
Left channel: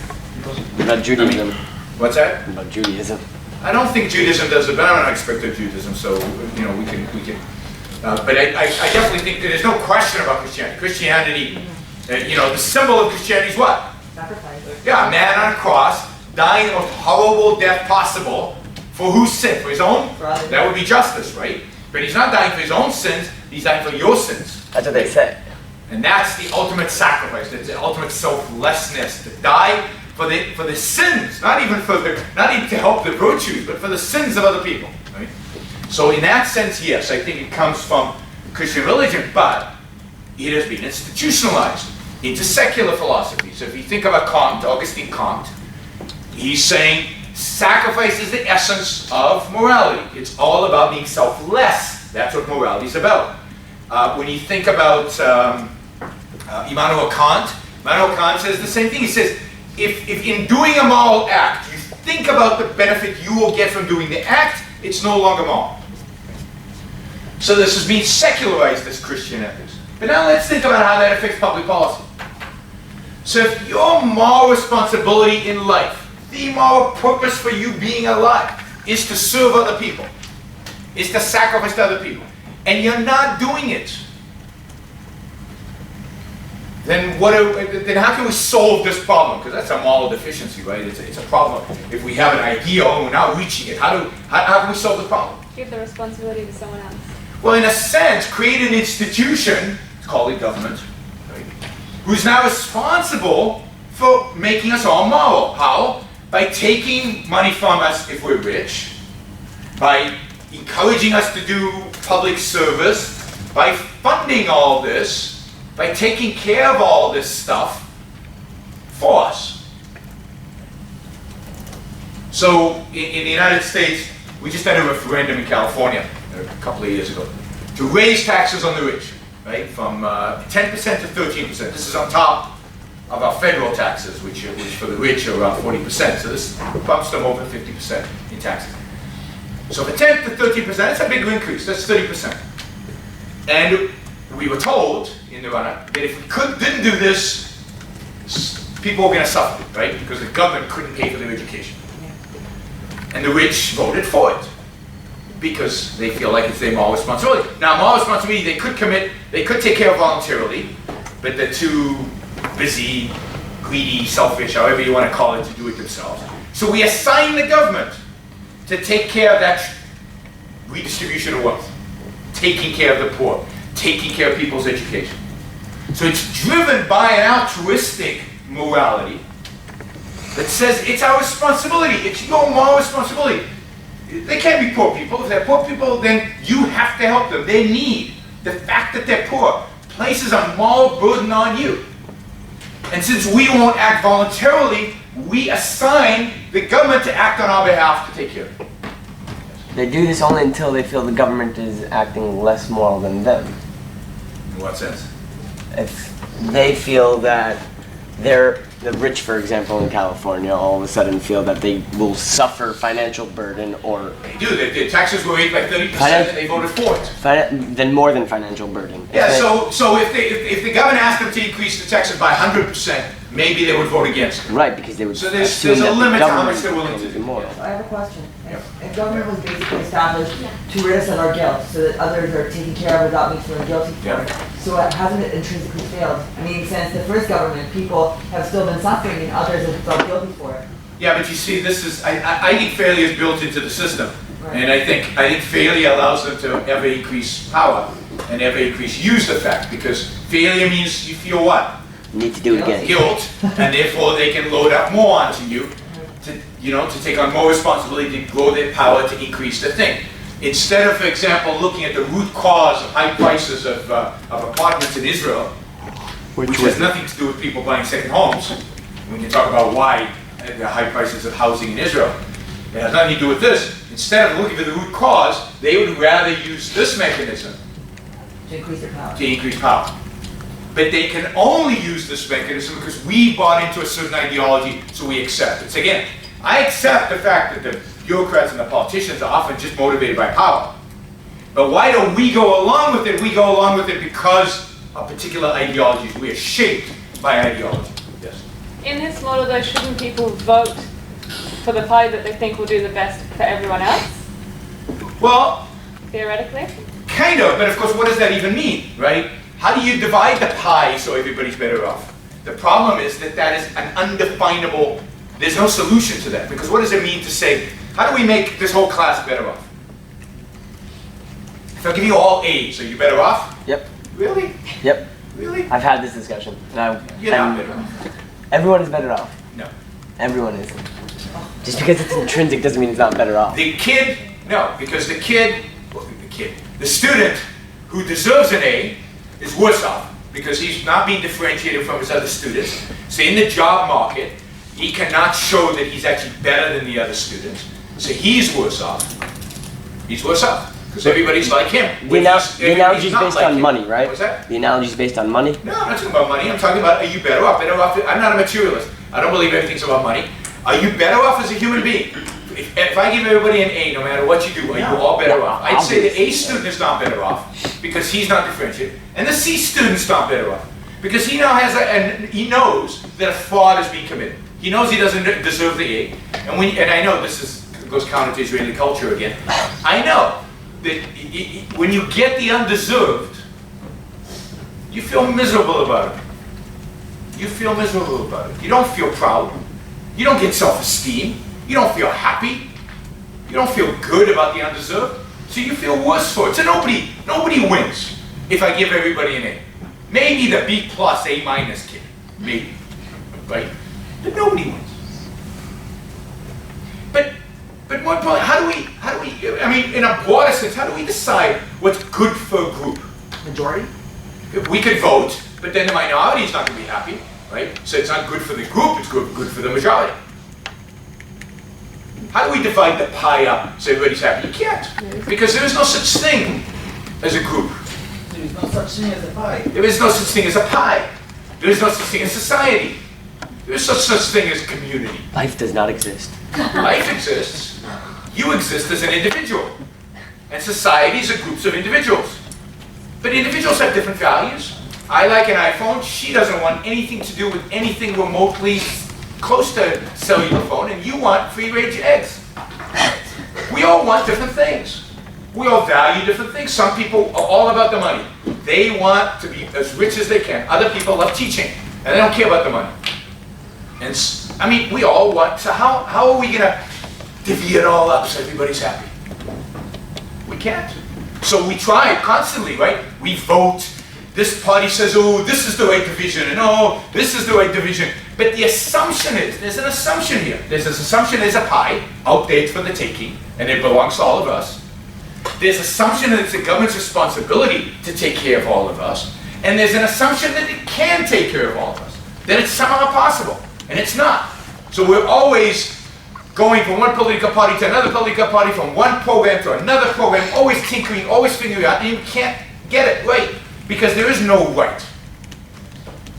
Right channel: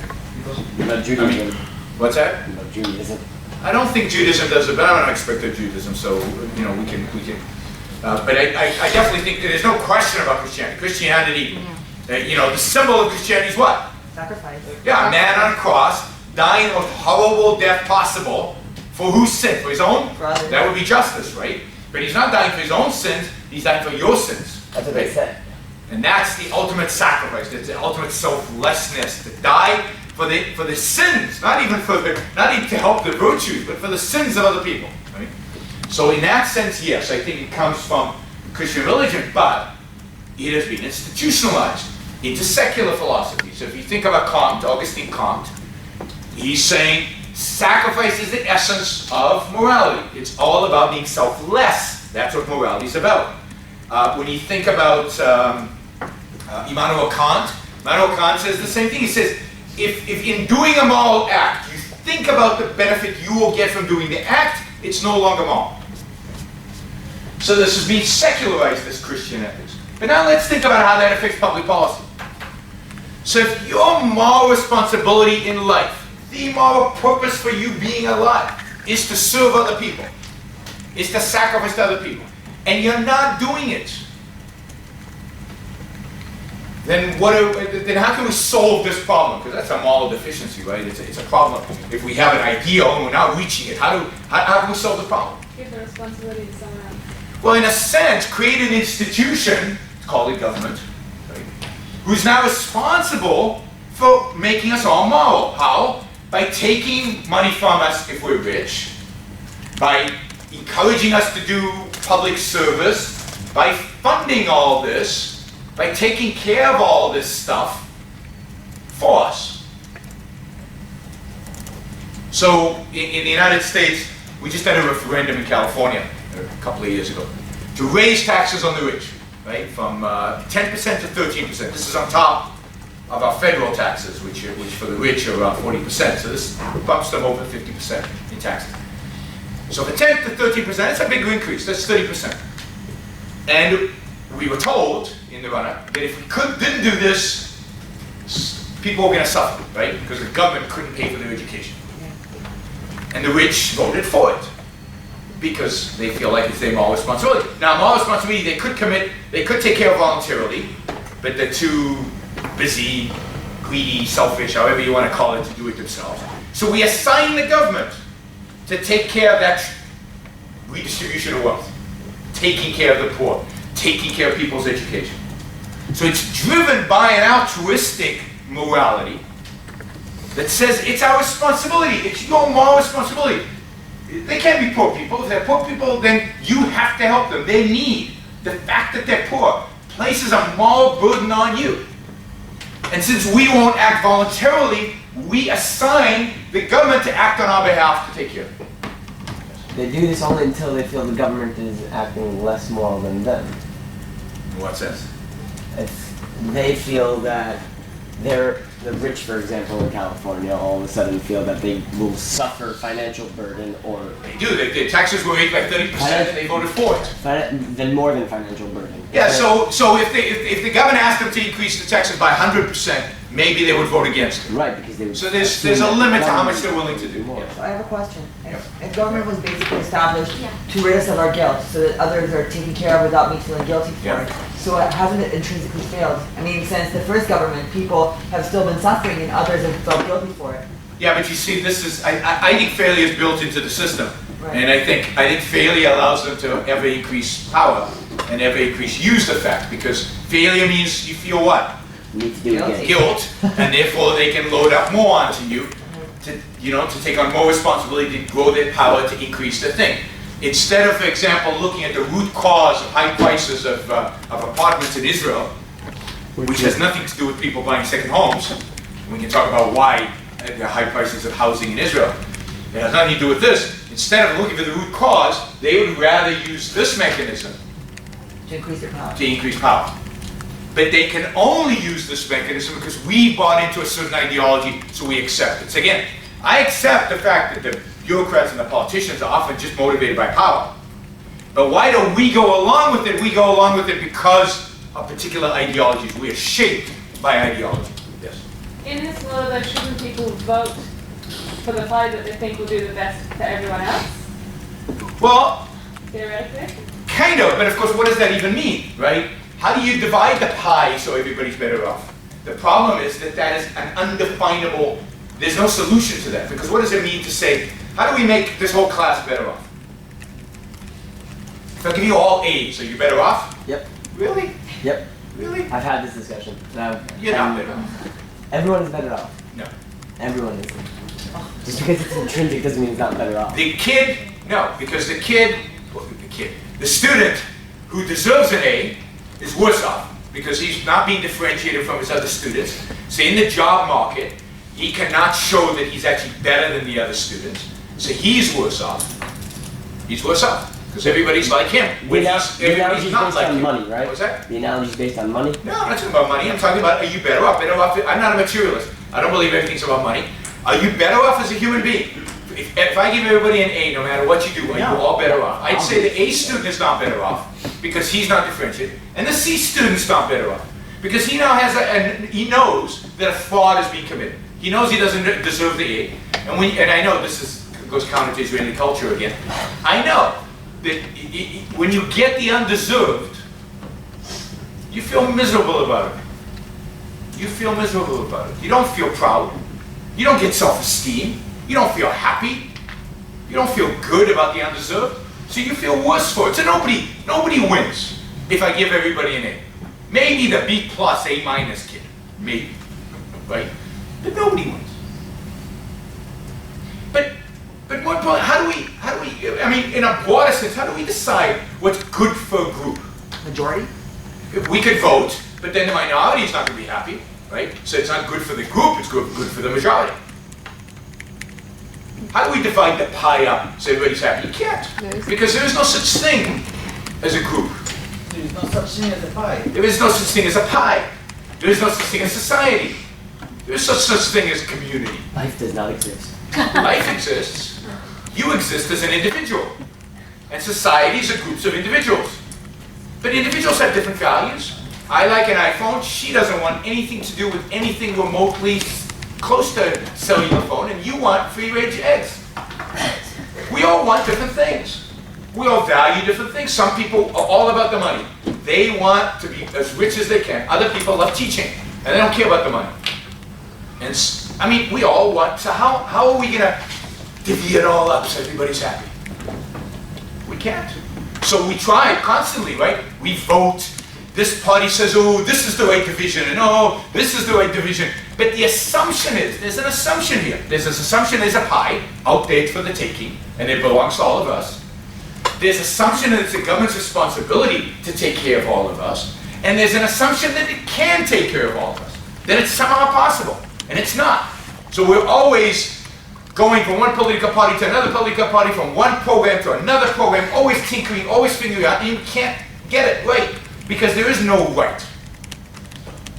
About Judaism. What's that? About Judaism. I don't think Judaism does it, but I'm an expert of Judaism, so we can. But I definitely think that there's no question about Christianity. Christianity, the symbol of Christianity is what? Sacrifice. Yeah, a man on a cross, dying the most horrible death possible. For whose sin? For his own? That would be justice, right? But he's not dying for his own sins, he's dying for your sins. That's what they say. And that's the ultimate sacrifice, that's the ultimate selflessness, to die for the sins, not even to help the virtues, but for the sins of other people. Right? So in that sense, yes, I think it comes from Christian religion, but it has been institutionalized into secular philosophy. So if you think about Augustine Comte, he's saying sacrifice is the essence of morality. It's all about being selfless. That's what morality is about. When you think about Immanuel Kant says the same thing. He says, if in doing a moral act, you think about the benefit you will get from doing the act, it's no longer moral. So this has been secularized as Christian ethics. But now let's think about how that affects public policy. So if your moral responsibility in life, the moral purpose for you being alive, is to serve other people, is to sacrifice to other people, and you're not doing it, then how can we solve this problem? Because that's a moral deficiency, right? It's a problem. If we have an ideal and we're not reaching it, how can we solve the problem? Give the responsibility to someone else. Well, in a sense, create an institution, called a government, right, who's now responsible for making us all moral. How? By taking money from us if we're rich, by encouraging us to do public service, by funding all this, by taking care of all this stuff for us. So in the United States, we just had a referendum in California a couple of years ago to raise taxes on the rich, right, from 10% to 13%. This is on top of our federal taxes, which for the rich are around 40%. So this bumps them over 50% in taxes. So for 10 to 13%, that's a bigger increase. That's 30%. And we were told in the run-up that if we didn't do this, people were going to suffer, right? Because the government couldn't pay for their education. And the rich voted for it because they feel like it's their moral responsibility. Now, moral responsibility they could take care of voluntarily, but they're too busy, greedy, selfish, however you want to call it, to do it themselves. So we assign the government to take care of that redistribution of wealth, taking care of the poor, taking care of people's education. So it's driven by an altruistic morality that says it's our responsibility, it's your moral responsibility. They can't be poor people. If they're poor people, then you have to help them. Their need, the fact that they're poor, places a moral burden on you. And since we won't act voluntarily, we assign the government to act on our behalf to take care of it. They do this only until they feel the government is acting less moral than them. In what sense? If they feel that the rich, for example, in California, all of a sudden feel that they will suffer financial burden or... They do. Their taxes were raised by 30% and they voted for it. Then more than financial burden. Yeah, so if the government asked them to increase the taxes by 100%, maybe they would vote against it. Right, because they would... So there's a limit to how much they're willing to do. More. So I have a question. If government was basically established to rid us of our guilt, so that others are taken care of without me feeling guilty for it, so hasn't it intrinsically failed? I mean, since the first government, people have still been suffering and others have felt guilty for it. Yeah, but you see, I think failure is built into the system. Right. And I think failure allows them to ever increase power and ever increase use the fact, because failure means you feel what? Need to do it again. Guilt, and therefore they can load up more onto you to take on more responsibility, to grow their power, to increase the thing. Instead of, for example, looking at the root cause of high prices of apartments in Israel, which has nothing to do with people buying second homes. We can talk about why the high prices of housing in Israel. It has nothing to do with this. Instead of looking for the root cause, they would rather use this mechanism to increase their power. To increase power. But they can only use this mechanism because we bought into a certain ideology, so we accept it. So again, I accept the fact that the bureaucrats and the politicians are often just motivated by power. But why do we go along with it? We go along with it because of particular ideologies. We are shaped by ideology. Yes. In this model, though, shouldn't people vote for the pie that they think will do the best for everyone else? Well, theoretically? Kind of, but of course, what does that even mean, right? How do you divide the pie so everybody's better off? The problem is that that is an undefinable, there's no solution to that, because what does it mean to say, how do we make this whole class better off? If I give you all A's, are you better off? Yep. Really? Yep. Really? I've had this discussion. No. You're not better off. Everyone is better off. No. Everyone is. Just because it's intrinsic doesn't mean it's not better off. The kid, no, because the student who deserves an A is worse off because he's not being differentiated from his other students. So in the job market, he cannot show that he's actually better than the other students. So he's worse off. He's worse off because everybody's like him. The analogy is based on money, right? What's that? The analogy is based on money? No, I'm not talking about money. I'm talking about, are you better off? I'm not a materialist. I don't believe everything's about money. Are you better off as a human being? If I give everybody an A, no matter what you do, are you all better off? I'd say the A student is not better off because he's not differentiated, and the C student's not better off because he now has he knows that a fraud is being committed. He knows he doesn't deserve the A, and I know goes counter to Israeli culture again. I know that when you get the undeserved, you feel miserable about it. You feel miserable about it. You don't feel proud. You don't get self-esteem. You don't feel happy. You don't feel good about the undeserved. So you feel worse for it. So nobody wins if I give everybody an A. Maybe the B+, A- kid. Maybe. Right? But nobody wins. But more importantly, how do we, I mean, in a broader sense, how do we decide what's good for a group? Majority? We could vote, but then the minority is not going to be happy, right? So it's not good for the group, it's good for the majority. How do we divide the pie up so everybody's happy? You can't, because there is no such thing as a group. There is no such thing as a pie. There is no such thing as a pie. There is no such thing as society. There is no such thing as community. Life does not exist. Life exists. You exist as an individual. And societies are groups of individuals. But individuals have different values. I like an iPhone. She doesn't want anything to do with anything remotely close to cellular phone, and you want free-range eggs. We all want different things. We all value different things. Some people are all about the money. They want to be as rich as they can. Other people love teaching, and they don't care about the money. And I mean, we all want, so how are we gonna divvy it all up so everybody's happy? We can't. So we try constantly, right? We vote. This party says, oh, this is the right division, and oh, this is the right division. But the assumption is, there's an assumption here. There's this assumption there's a pie out there for the taking, and it belongs to all of us. There's assumption that it's the government's responsibility to take care of all of us. And there's an assumption that it can take care of all of us. That it's somehow possible, and it's not. So we're always going from one political party to another political party, from one program to another program, always tinkering, always figuring out, and you can't get it right. Because there is no right.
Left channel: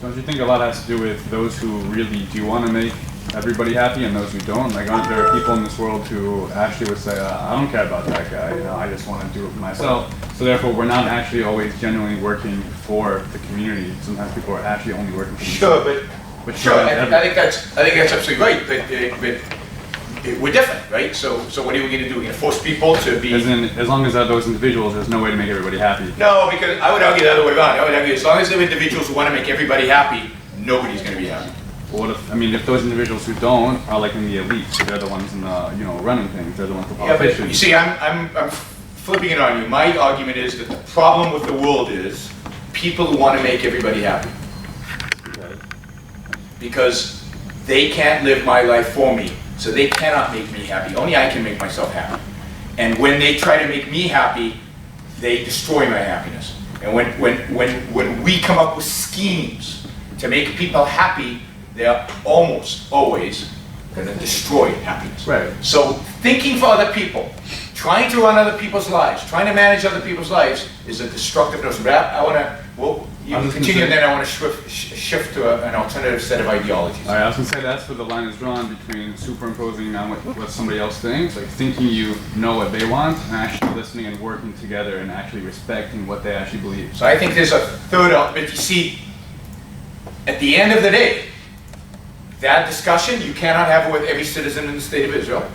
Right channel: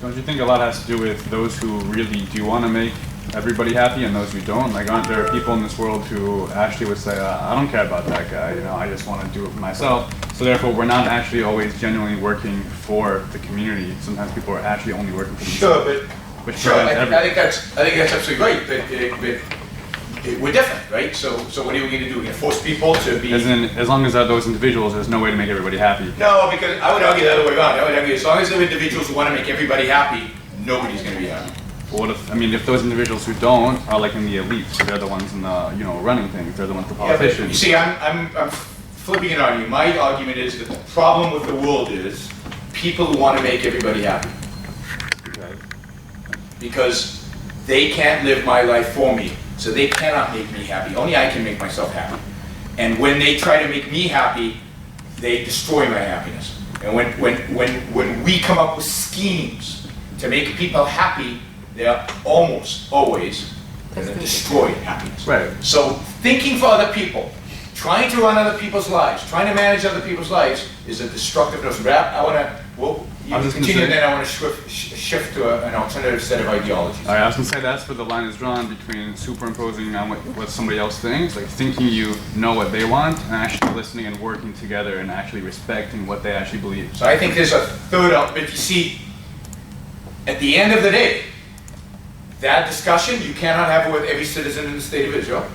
Don't you think a lot has to do with those who really do want to make everybody happy and those who don't? Like, aren't there people in this world who actually would say, I don't care about that guy, you know, I just want to do it for myself. So therefore, we're not actually always genuinely working for the community. Sometimes people are actually only working for themselves. Sure, I think that's absolutely right. But we're different, right? So what are we going to do? We're going to force people to be... As long as those individuals, there's no way to make everybody happy. No, because I would argue the other way around. I would argue as long as there are individuals who want to make everybody happy, nobody's going to be happy. Well, if those individuals who don't are like in the elite, so they're the ones in the, running things, they're the ones, the politicians. Yeah, but you see, I'm flipping it on you. My argument is that the problem with the world is people who want to make everybody happy. Because they can't live my life for me. So they cannot make me happy. Only I can make myself happy. And when they try to make me happy, they destroy my happiness. And when we come up with schemes to make people happy, they're almost always going to destroy happiness. Right. So thinking for other people, Trying to run other people's lives, trying to manage other people's lives is a destructive notion. But I want to, well, you continue, and then I want to shift to an alternative set of ideologies. All right, I was going to say that's where the line is drawn between superimposing on what somebody else thinks, like thinking you know what they want, and actually listening and working together and actually respecting what they actually believe. So I think there's a third element. You see, at the end of the day, that discussion you cannot have it with every citizen in the state of Israel.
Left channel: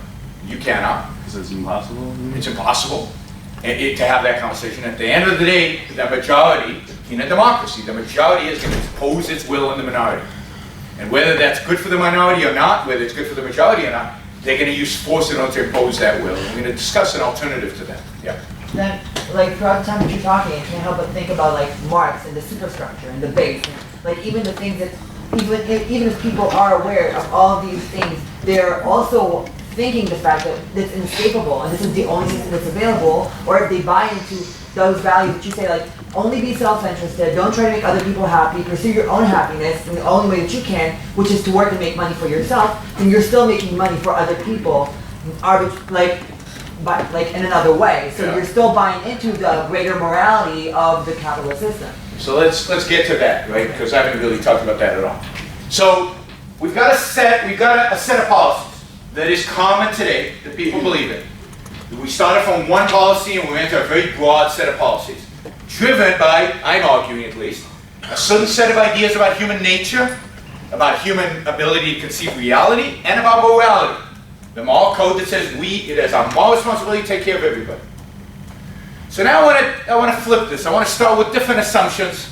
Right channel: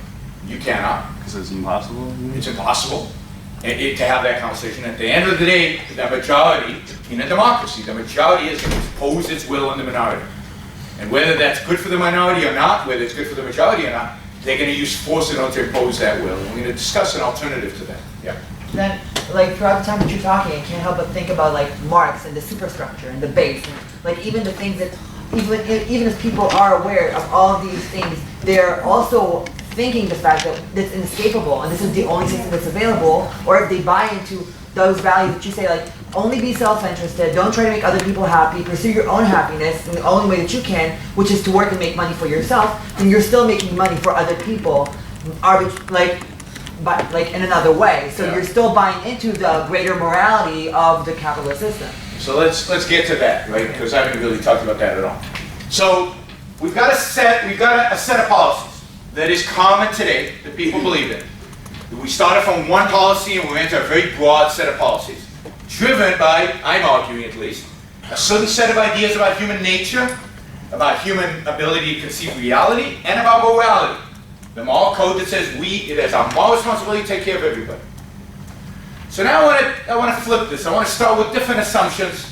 You cannot. Because it's impossible? It's impossible to have that conversation. At the end of the day, the majority, in a democracy, the majority is going to impose its will on the minority. And whether that's good for the minority or not, whether it's good for the majority or not, they're going to use force in order to impose that will. We're going to discuss an alternative to that. Yeah. Then, like, throughout the time that you're talking, I can't help but think about, like, Marx and the superstructure and the base. And, like, even the things that, even if people are aware of all of these things, they're also thinking the fact that it's inescapable and this is the only system that's available, or if they buy into those values that you say, like, only be self-interested, don't try to make other people happy, pursue your own happiness in the only way that you can, which is to work and make money for yourself, then you're still making money for other people, in another way. So you're still buying into the greater morality of the capitalist system. So let's get to that, right? Because I haven't really talked about that at all. So we've got a set of policies that is common today that people believe in. We started from one policy and we went to a very broad set of policies, driven by, I'm arguing at least, a certain set of ideas about human nature, about human ability to conceive reality, and about morality. The moral code that says it is our moral responsibility to take care of everybody. So now I want to flip this. I want to start with different assumptions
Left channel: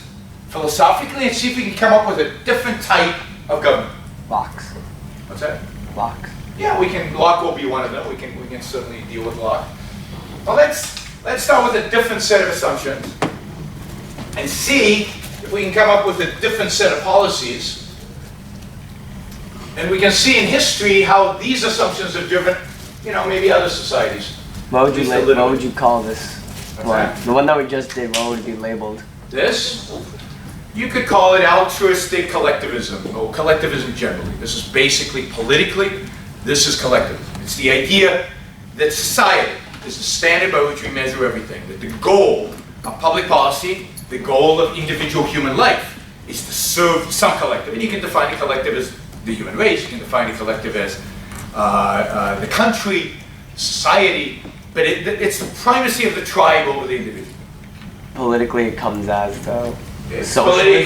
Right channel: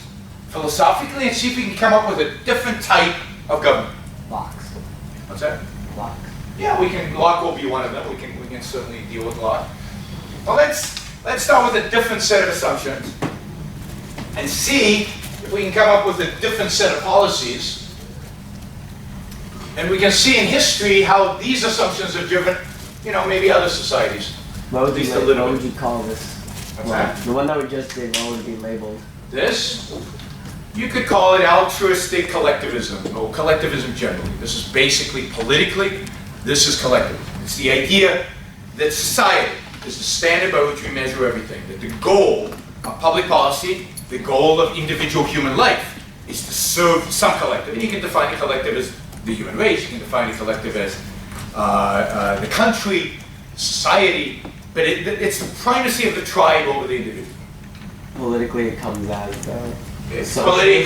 philosophically and see if we can come up with a different type of government. Locks. What's that? Locks. Yeah, Locke will be one of them. We can certainly deal with Locke. Well, let's start with a different set of assumptions and see if we can come up with a different set of policies. And we can see in history how these assumptions are driven, maybe other societies. What would you call this? That? The one that we just did, what would it be labeled? This? You could call it altruistic collectivism, or collectivism generally. This is basically politically, this is collectivism. It's the idea that society is the standard by which we measure everything, that the goal of public policy, the goal of individual human life, is to serve some collective. And you can define the collective as the human race, you can define the collective as the country, society, but it's the primacy of the tribe over the individual. Politically, it comes as Politically, it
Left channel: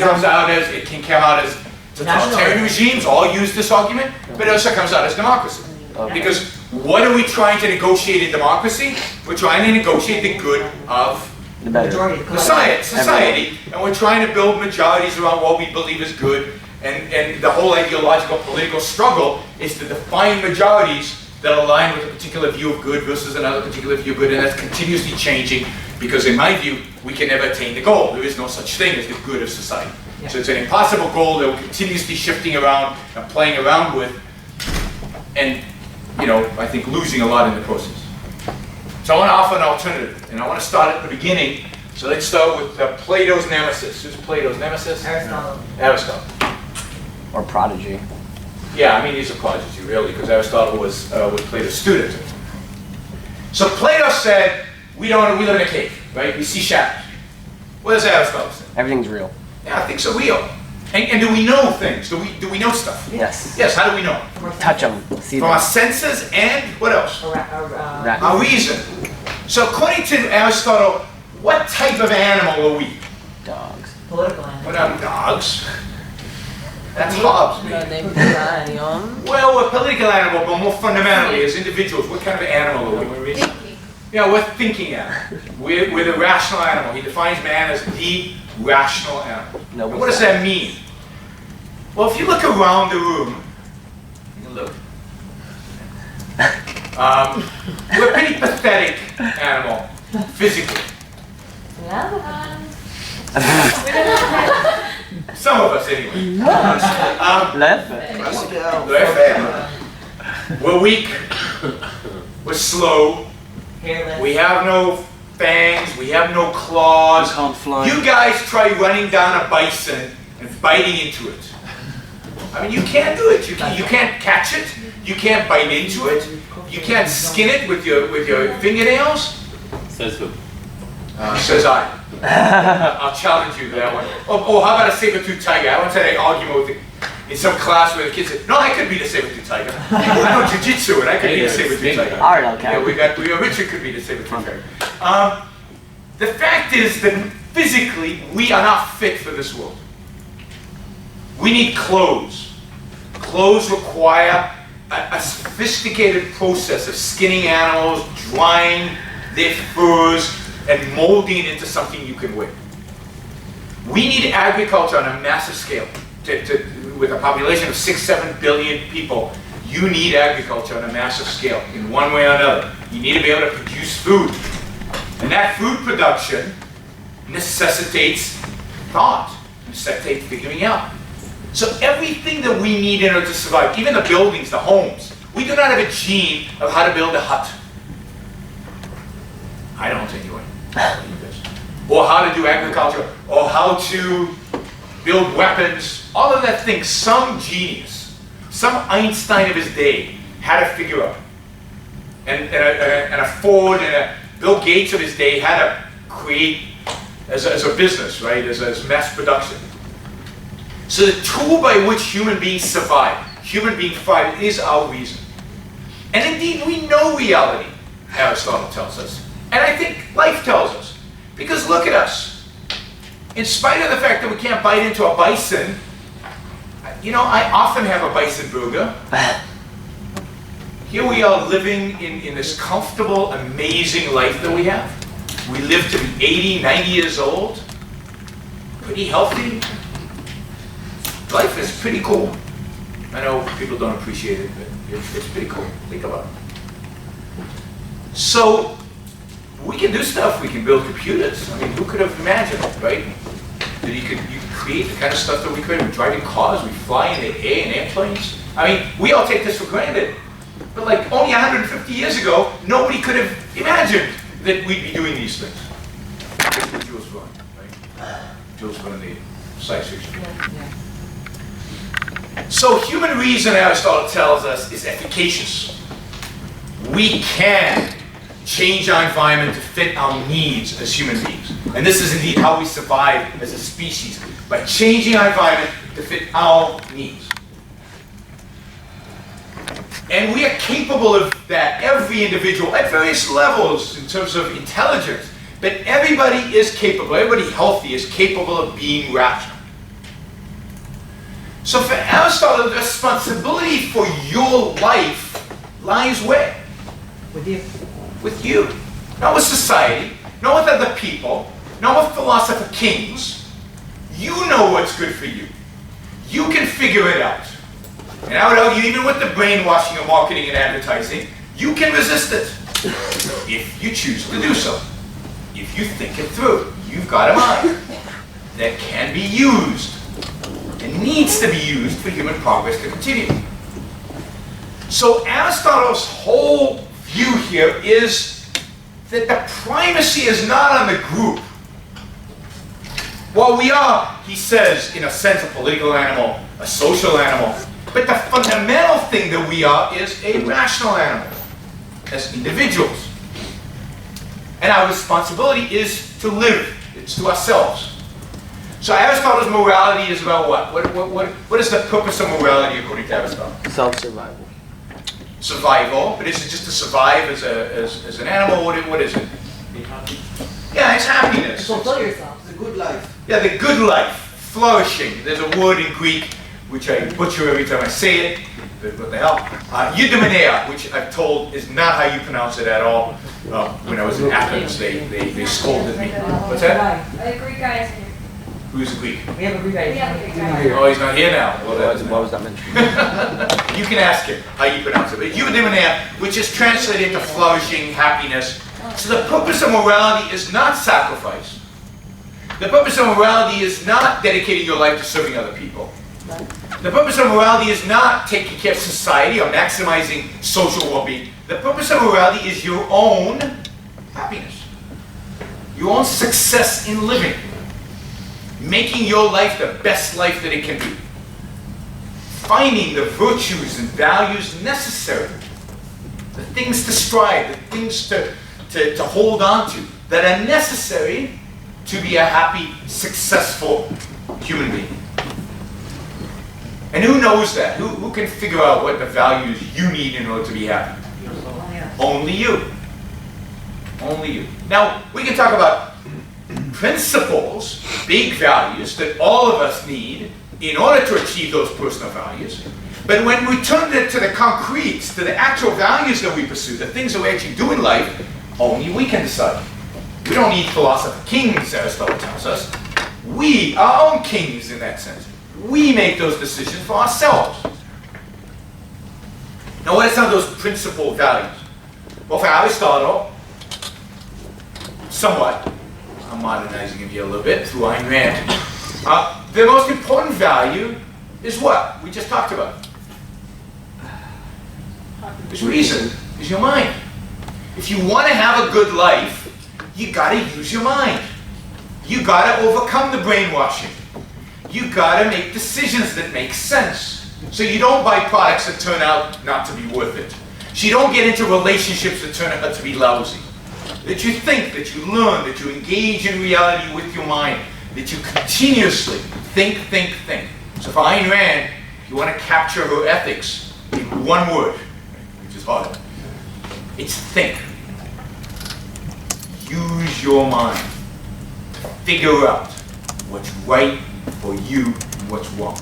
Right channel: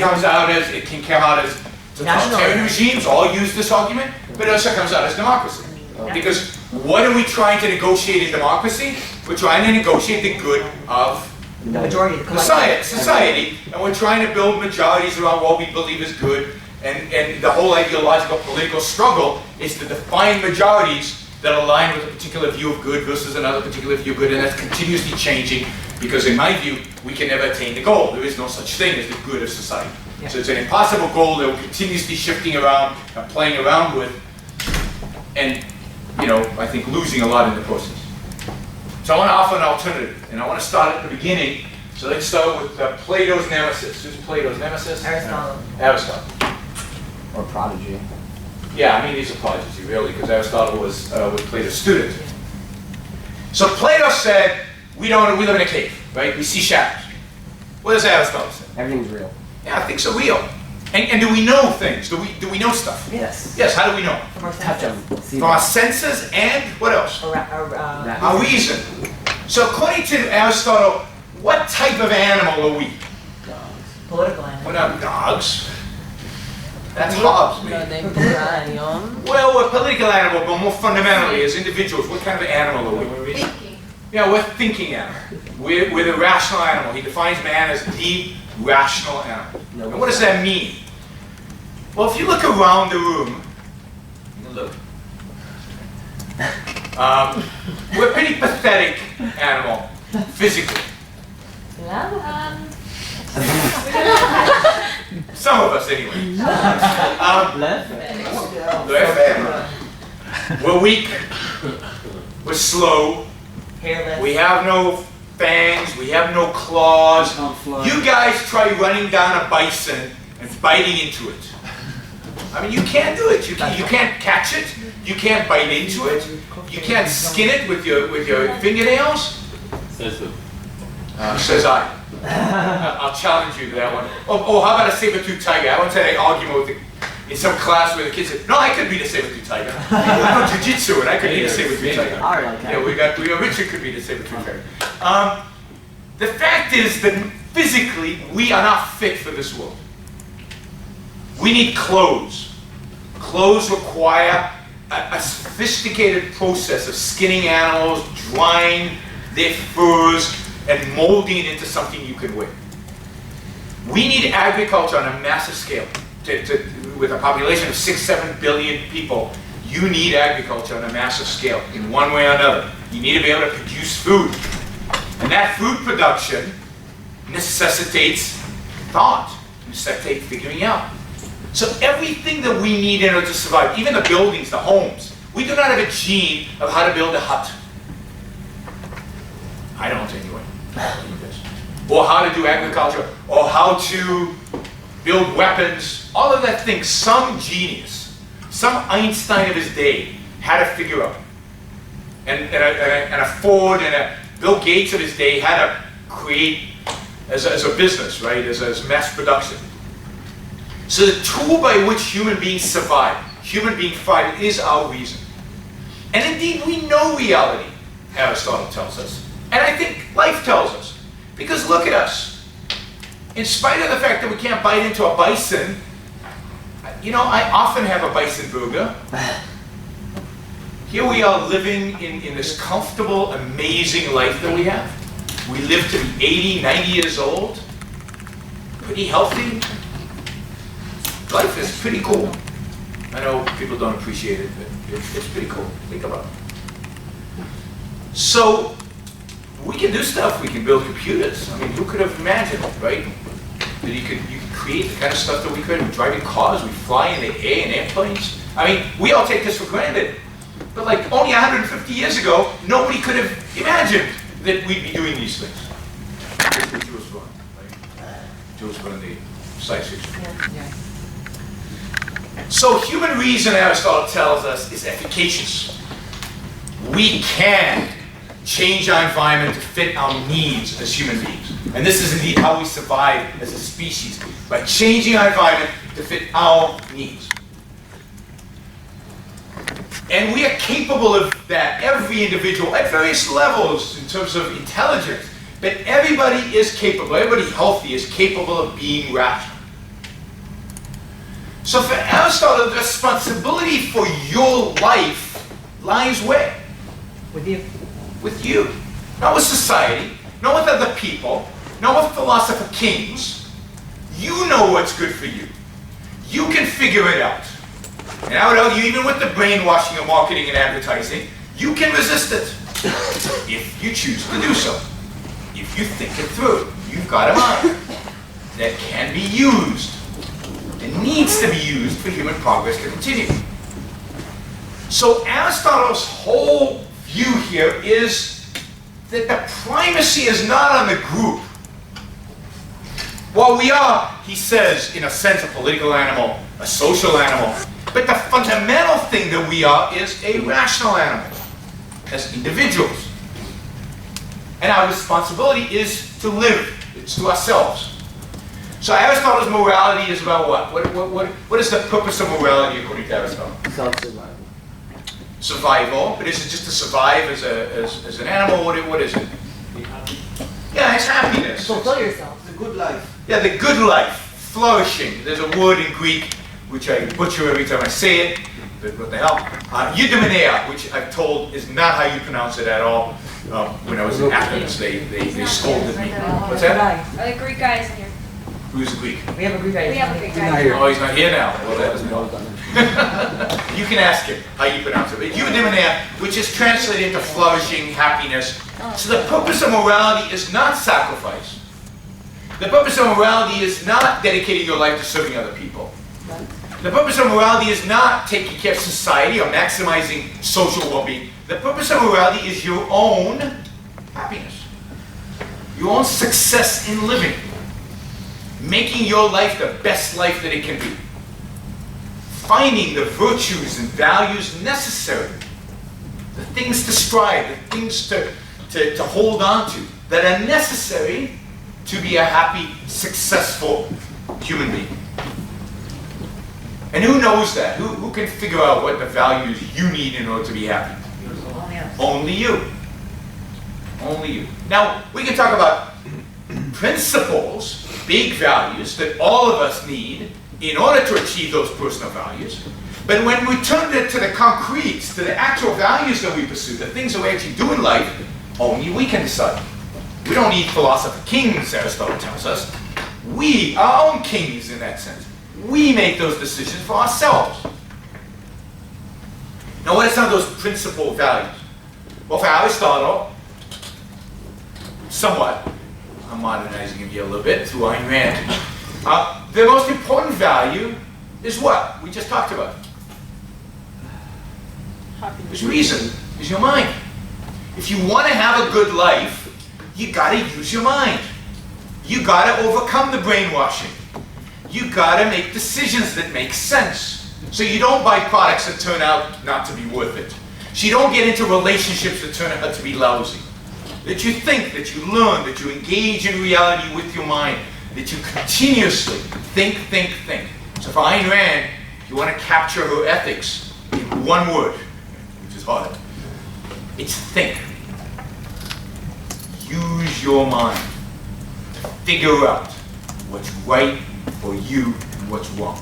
can come out as totalitarian regimes all use this argument, but it also comes out as democracy. Because what are we trying to negotiate in democracy? We're trying to negotiate the good of the majority, society, and we're trying to build majorities around what we believe is good. And the whole ideological political struggle is to define majorities that align with a particular view of good versus another particular view of good, and that's continuously changing because, in my view, we can never attain the goal. There is no such thing as the good of society. Yeah. So it's an impossible goal that we're continuously shifting around and playing around with, and I think losing a lot in the process. So I want to offer an alternative, and I want to start at the beginning. So let's start with Plato's nemesis. Who's Plato's nemesis? Aristotle. Or prodigy. Yeah, I mean he's a prodigy really, because Aristotle was Plato's student. So Plato said, we live in a cave, right? We see shadows. What does Aristotle say? Everything's real. Yeah, I think so, real. And do we know things? Do we know stuff? Yes. Yes, how do we know? Touch them. See From our senses and what else? Our reason. So according to Aristotle, what type of animal are we? Dogs. Political animal. We're not dogs. That's Hobbes. Well, we're a political animal, but more fundamentally, as individuals, what kind of animal are we? Thinking. Yeah, we're thinking animal. We're the rational animal. He defines man as the rational animal. And what does that mean? Well, if you look around the room, look. We're a pretty pathetic animal, physically. Some of us, anyway. We're weak. We're slow. Hairless. We have no fangs. We have no claws. You guys try running down a bison and biting into it. I mean, you can't do it. You can't catch it. You can't bite into it. You can't skin it with your fingernails? Says who? Says I. I'll challenge you to that one. Oh, how about a saber-toothed tiger? I once had an argument in some class where the kids said, no, I could beat a saber-toothed tiger. I know jiu-jitsu and I could beat a saber-toothed tiger. All right, okay. Yeah, Richard could beat a saber-toothed tiger. The fact is that physically, we are not fit for this world. We need clothes. Clothes require a sophisticated process of skinning animals, drying their furs, and molding it into something you can wear. We need agriculture on a massive scale. With a population of 6-7 billion people, you need agriculture on a massive scale in one way or another. You need to be able to produce food. And that food production necessitates thought, necessitates figuring out. So everything that we need in order to survive, even the buildings, the homes, we do not have a gene of how to build a hut. I don't anyway. Or how to do agriculture, or how to build weapons, all of that thing, some genius, some Einstein of his day had to figure out. And a Ford and a Bill Gates of his day had to create as a business, right, as mass production. So the tool by which human beings survive, human being thrive, is our reason. And indeed, we know reality, Aristotle tells us. And I think life tells us. Because look at us. In spite of the fact that we can't bite into a bison, you know, I often have a bison burger. Here we are living in this comfortable, amazing life that we have. We live to be 80, 90 years old. Pretty healthy. Life is pretty cool. I know people don't appreciate it, but it's pretty cool. Think about it. So, we can do stuff. We can build computers. I mean, who could have imagined, right? That you could create the kind of stuff that we could. Driving cars, we fly in the air in airplanes. I mean, we all take this for granted. But like only 150 years ago, nobody could have imagined that we'd be doing these things. That's what Jules Verne, right? Jules Verne, the science fiction. Yeah. So human reason, Aristotle tells us, is efficacious. We can change our environment to fit our needs as human beings. And this is indeed how we survive as a species, by changing our environment to fit our needs. And we are capable of that, every individual, at various levels in terms of intelligence. But everybody is capable, everybody healthy is capable of being rational. So for Aristotle, the responsibility for your life lies where? With you. With you. Not with society, not with other people, not with philosopher kings. You know what's good for you. You can figure it out. And I would argue, even with the brainwashing of marketing and advertising, you can resist it if you choose to do so. If you think it through, you've got a mind that can be used and needs to be used for human progress to continue. So Aristotle's whole view here is that the primacy is not on the group. While we are, he says, in a sense, a political animal, a social animal, but the fundamental thing that we are is a rational animal, as individuals. And our responsibility is to live. It's to ourselves. So Aristotle's morality is about what? What is the purpose of morality according to Aristotle? Self-survival. Survival, but is it just to survive as an animal? What is it? Yeah, it's happiness. Fulfill yourself. The good life. Yeah, the good life, flourishing. There's a word in Greek which I butcher every time I say it, but what the hell? Eudaimonia, which I'm told is not how you pronounce it at all. When I was in Athens, they scolded me. What's that? A Greek guy is here. Who's the Greek? We have a Greek guy. We have a Greek guy. Oh, he's not here now. Well, that was that mentioned? You can ask him how you pronounce it. But eudaimonia, which is translated into flourishing, happiness. So the purpose of morality is not sacrifice. The purpose of morality is not dedicating your life to serving other people. The purpose of morality is not taking care of society or maximizing social well-being. The purpose of morality is your own happiness, your own success in living, making your life the best life that it can be, finding the virtues and values necessary the things to strive, the things to hold on to that are necessary to be a happy, successful human being. And who knows that? Who can figure out what the values you need in order to be happy? Only you. Only you. Now, we can talk about principles, big values that all of us need in order to achieve those personal values. But when we turn it to the concretes, to the actual values that we pursue, the things that we actually do in life, only we can decide. We don't need philosopher kings, Aristotle tells us. We are our own kings in that sense. We make those decisions for ourselves. Now, what are some of those principal values? Well, for Aristotle, somewhat, I'm modernizing him here a little bit through Ayn Rand. The most important value is what? We just talked about. Is reason, is your mind. If you want to have a good life, you got to use your mind. You got to overcome the brainwashing. You got to make decisions that make sense. So you don't buy products that turn out not to be worth it. So you don't get into relationships that turn out to be lousy. That you think, that you learn, that you engage in reality with your mind, that you continuously think. So for Ayn Rand, if you want to capture her ethics in one word, which is hard, it's think. Use your mind to figure out what's right for you and what's wrong.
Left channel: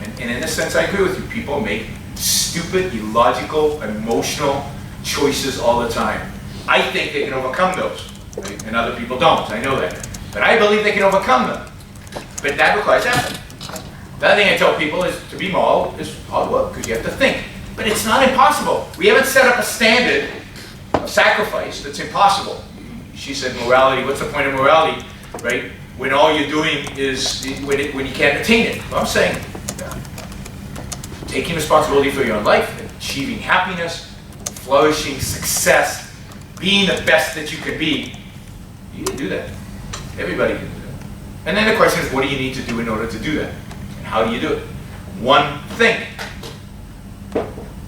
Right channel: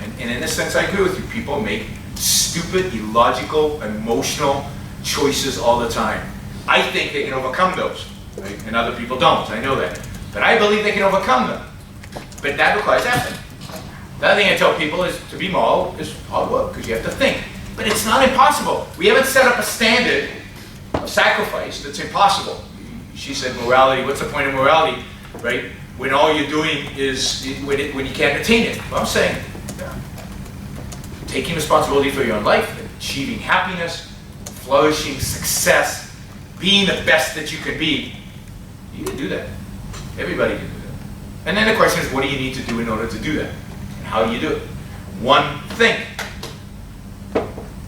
And in a sense, I agree with you. People make stupid, illogical, emotional choices all the time. I think they can overcome those, right? And other people don't. I know that. But I believe they can overcome them. But that requires effort. The other thing I tell people is to be moral is hard work, because you have to think. But it's not impossible. We haven't set up a standard of sacrifice that's impossible. She said morality, what's the point of morality, right? When all you're doing is, when you can't attain it. Well, I'm saying, taking responsibility for your own life, achieving happiness, flourishing, success, being the best that you can be, you can do that. Everybody can do that. And then the question is, what do you need to do in order to do that? And how do you do it? One, think.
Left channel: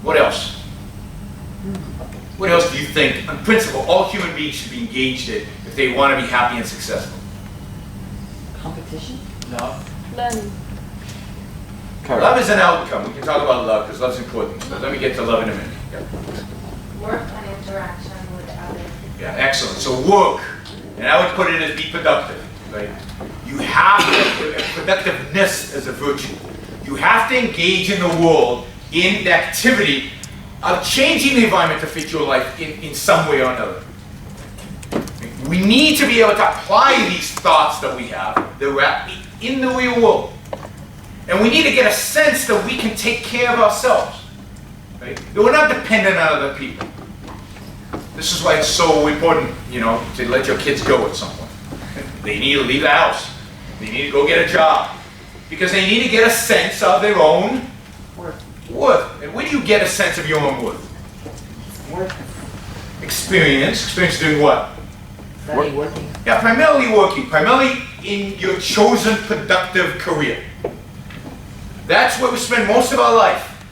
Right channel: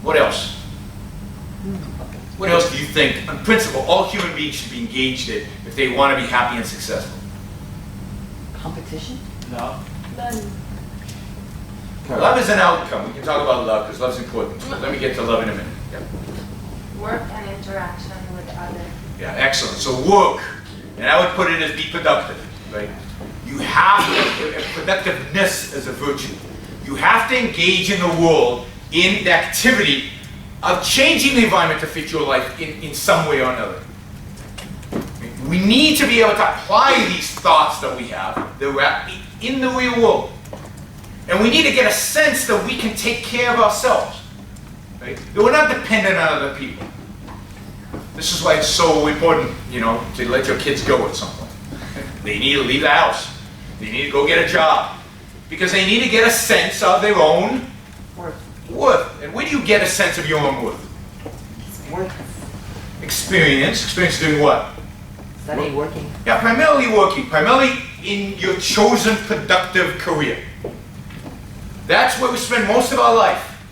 What else? What else do you think, on principle, all human beings should be engaged in if they want to be happy and successful? Competition? Love. Love is an outcome. We can talk about love because love's important. So let me get to love in a minute. Yeah. Work and interaction with others. Yeah, excellent. So work, and I would put it as be productive, right? You have to, productiveness as a virtue. You have to engage in the world in the activity of changing the environment to fit your life in some way or another. We need to be able to apply these thoughts that we have in the real world. And we need to get a sense that we can take care of ourselves. Right? That we're not dependent on other people. This is why it's so important, to let your kids go at some point. They need to leave the house. They need to go get a job. Because they need to get a sense of their own worth. And where do you get a sense of your own worth? Experience. Experience doing what? Studying, working. Yeah, primarily working. Primarily in your chosen productive career. That's where we spend most of our life.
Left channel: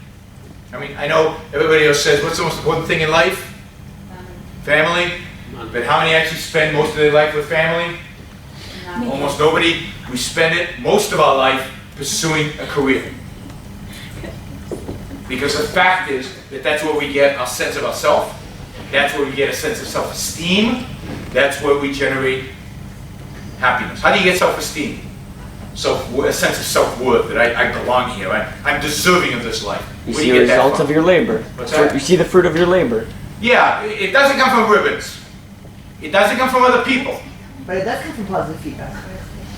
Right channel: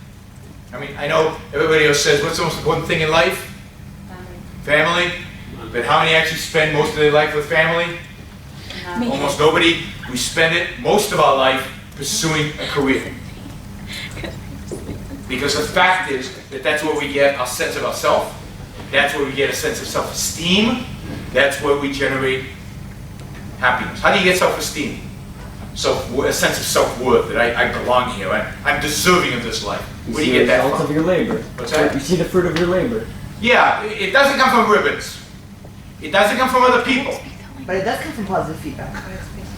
I mean, I know everybody else says, what's the most important thing in life? Family. But how many actually spend most of their life with family? Almost nobody. We spend most of our life pursuing a career. Because the fact is that that's where we get our sense of ourself. That's where we get a sense of self-esteem. That's where we generate happiness. How do you get self-esteem? A sense of self-worth, that I belong here. I'm deserving of this life. Where do you get that from? You see the results of your labor. What's that? You see the fruit of your labor. Yeah, it doesn't come from ribbons. It doesn't come from other people. But it does come from positive feedback.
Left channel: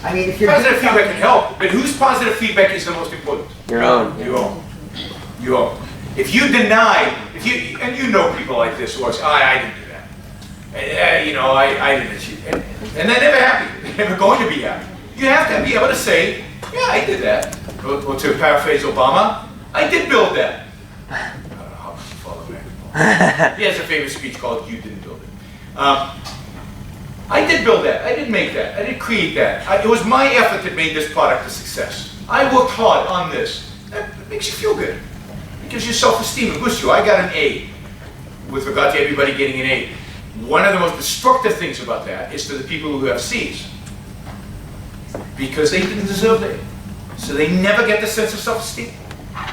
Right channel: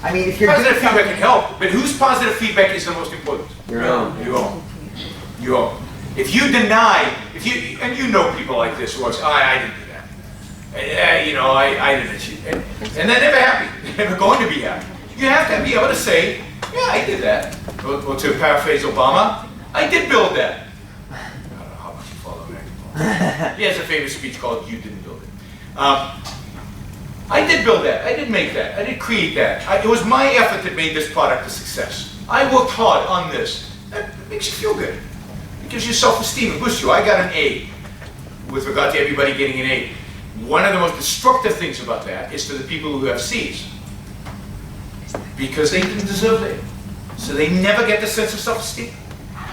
I mean, if you're Positive feedback can help, but whose positive feedback is the most important? Your own. Your own. Your own. If you deny, and you know people like this who are saying, I didn't do that. I didn't achieve it. And they're never happy. They're never going to be happy. You have to be able to say, yeah, I did that. Or to paraphrase Obama, I did build that. I don't know how much you follow American politics. He has a famous speech called You Didn't Build It. I did build that. I did make that. I did create that. It was my effort that made this product a success. I worked hard on this. That makes you feel good. It gives you self-esteem. It boosts you. I got an A. with regard to everybody getting an A. One of the most destructive things about that is to the people who have C's. Because they didn't deserve it. So they never get the sense of self-esteem.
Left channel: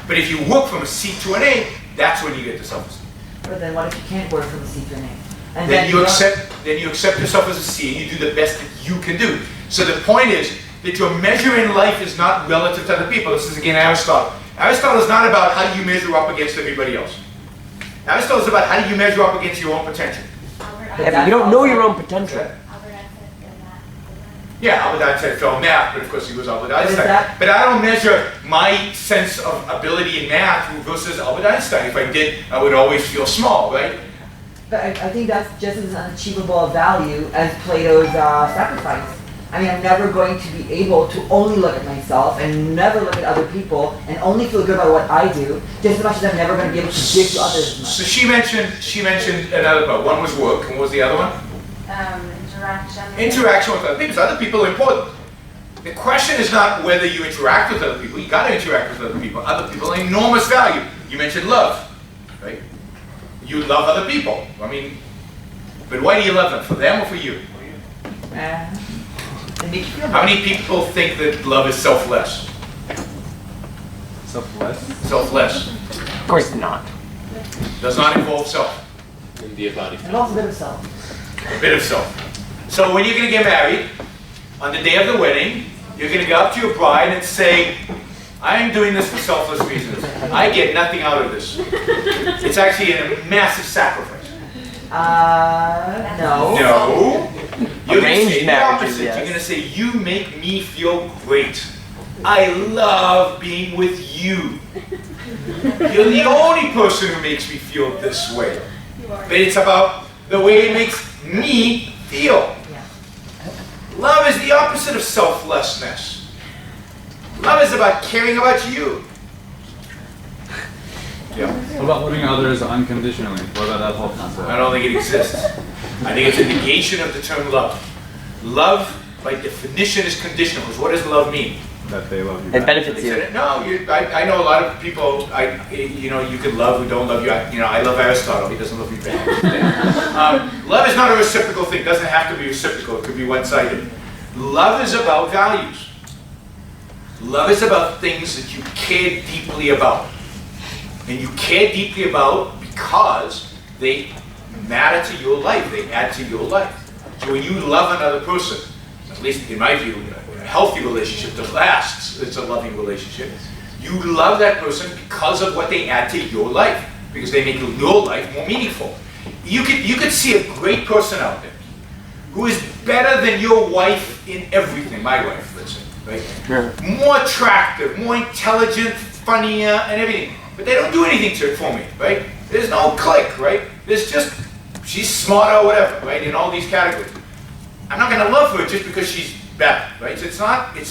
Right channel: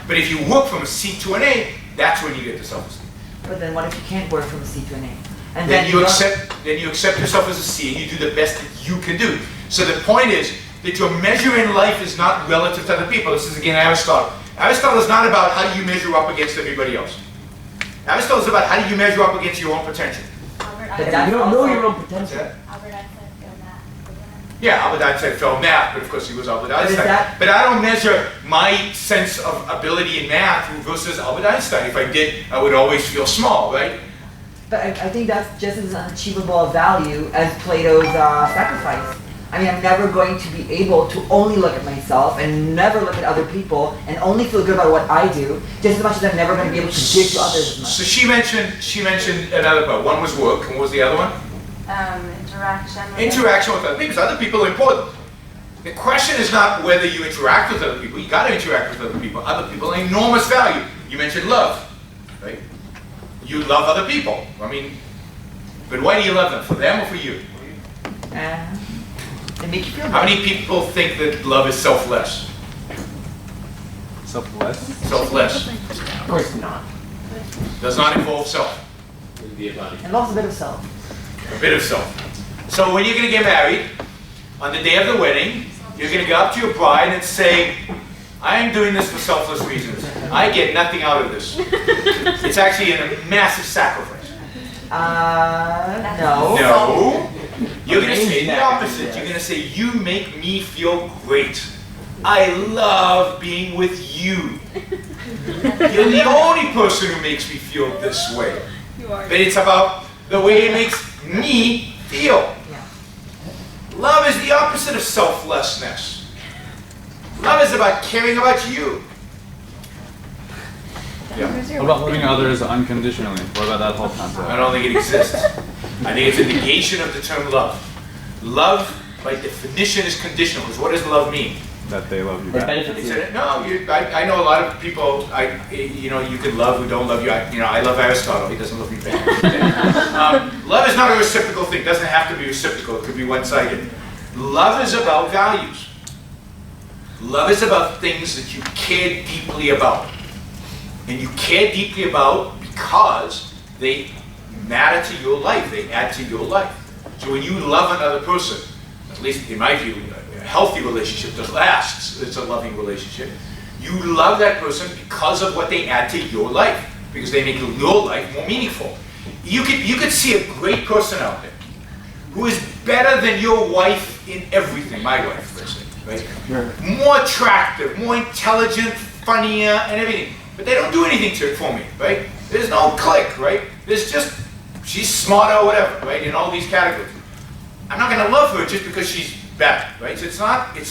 But if you work from a C to an A, that's when you get the self-esteem. But then what if you can't work from a C to an A? And Then you accept yourself as a C and you do the best that you can do. So the point is that your measure in life is not relative to other people. This is again Aristotle. Aristotle is not about how do you measure up against everybody else. Aristotle is about how do you measure up against your own potential. You don't know your own potential. Yeah, Albert Einstein failed math, but of course he was Albert Einstein. But I don't measure my sense of ability in math versus Albert Einstein. If I did, I would always feel small, right? But I think that's just as unachievable a value as Plato's sacrifice. I mean, I'm never going to be able to only look at myself and never look at other people and only feel good about what I do, just as much as I'm never going to be able to give to others as much. So she mentioned another part. One was work, and what was the other one? Interaction. Interaction with other people. So other people are important. The question is not whether you interact with other people. You got to interact with other people. Other people are enormous value. You mentioned love, right? You love other people. I mean, but why do you love them? For them or for you? They make you feel How many people think that love is selfless? Selfless? Selfless. Of course not. Does not involve self. And lots a bit of self. A bit of self. So when you're going to get married, on the day of the wedding, you're going to go up to your bride and say, I am doing this for selfless reasons. I get nothing out of this. It's actually a massive sacrifice. No. No. You're going to Arranged say the marriages, opposite. yes. You're going to say, you make me feel great. I love being with you. You're the only person who makes me feel this way. But it's about the way it makes me feel. Love is the opposite of selflessness. Love is about caring about you. Yeah. What about loving others unconditionally? What about that whole concept? I don't think it exists. I think it's a negation of the term love. Love, by definition, is conditional. Because what does love mean? That they love you It back. benefits you. No, I know a lot of people. You can love who don't love you. I love Aristotle. He doesn't love me back. Love is not a reciprocal thing. It doesn't have to be reciprocal. It could be one-sided. Love is about values. Love is about things that you care deeply about. And you care deeply about because they matter to your life. They add to your life. So when you love another person, at least in my view, a healthy relationship that lasts, it's a loving relationship. You love that person because of what they add to your life, because they make your life more meaningful. You could see a great person out there who is better than your wife in everything. My wife, let's say, right? Sure. More attractive, more intelligent, funnier, and everything. But they don't do anything for me, right? There's no click, right? There's just, she's smarter or whatever, right? In all these categories. I'm not gonna love her just because she's better, right? So it's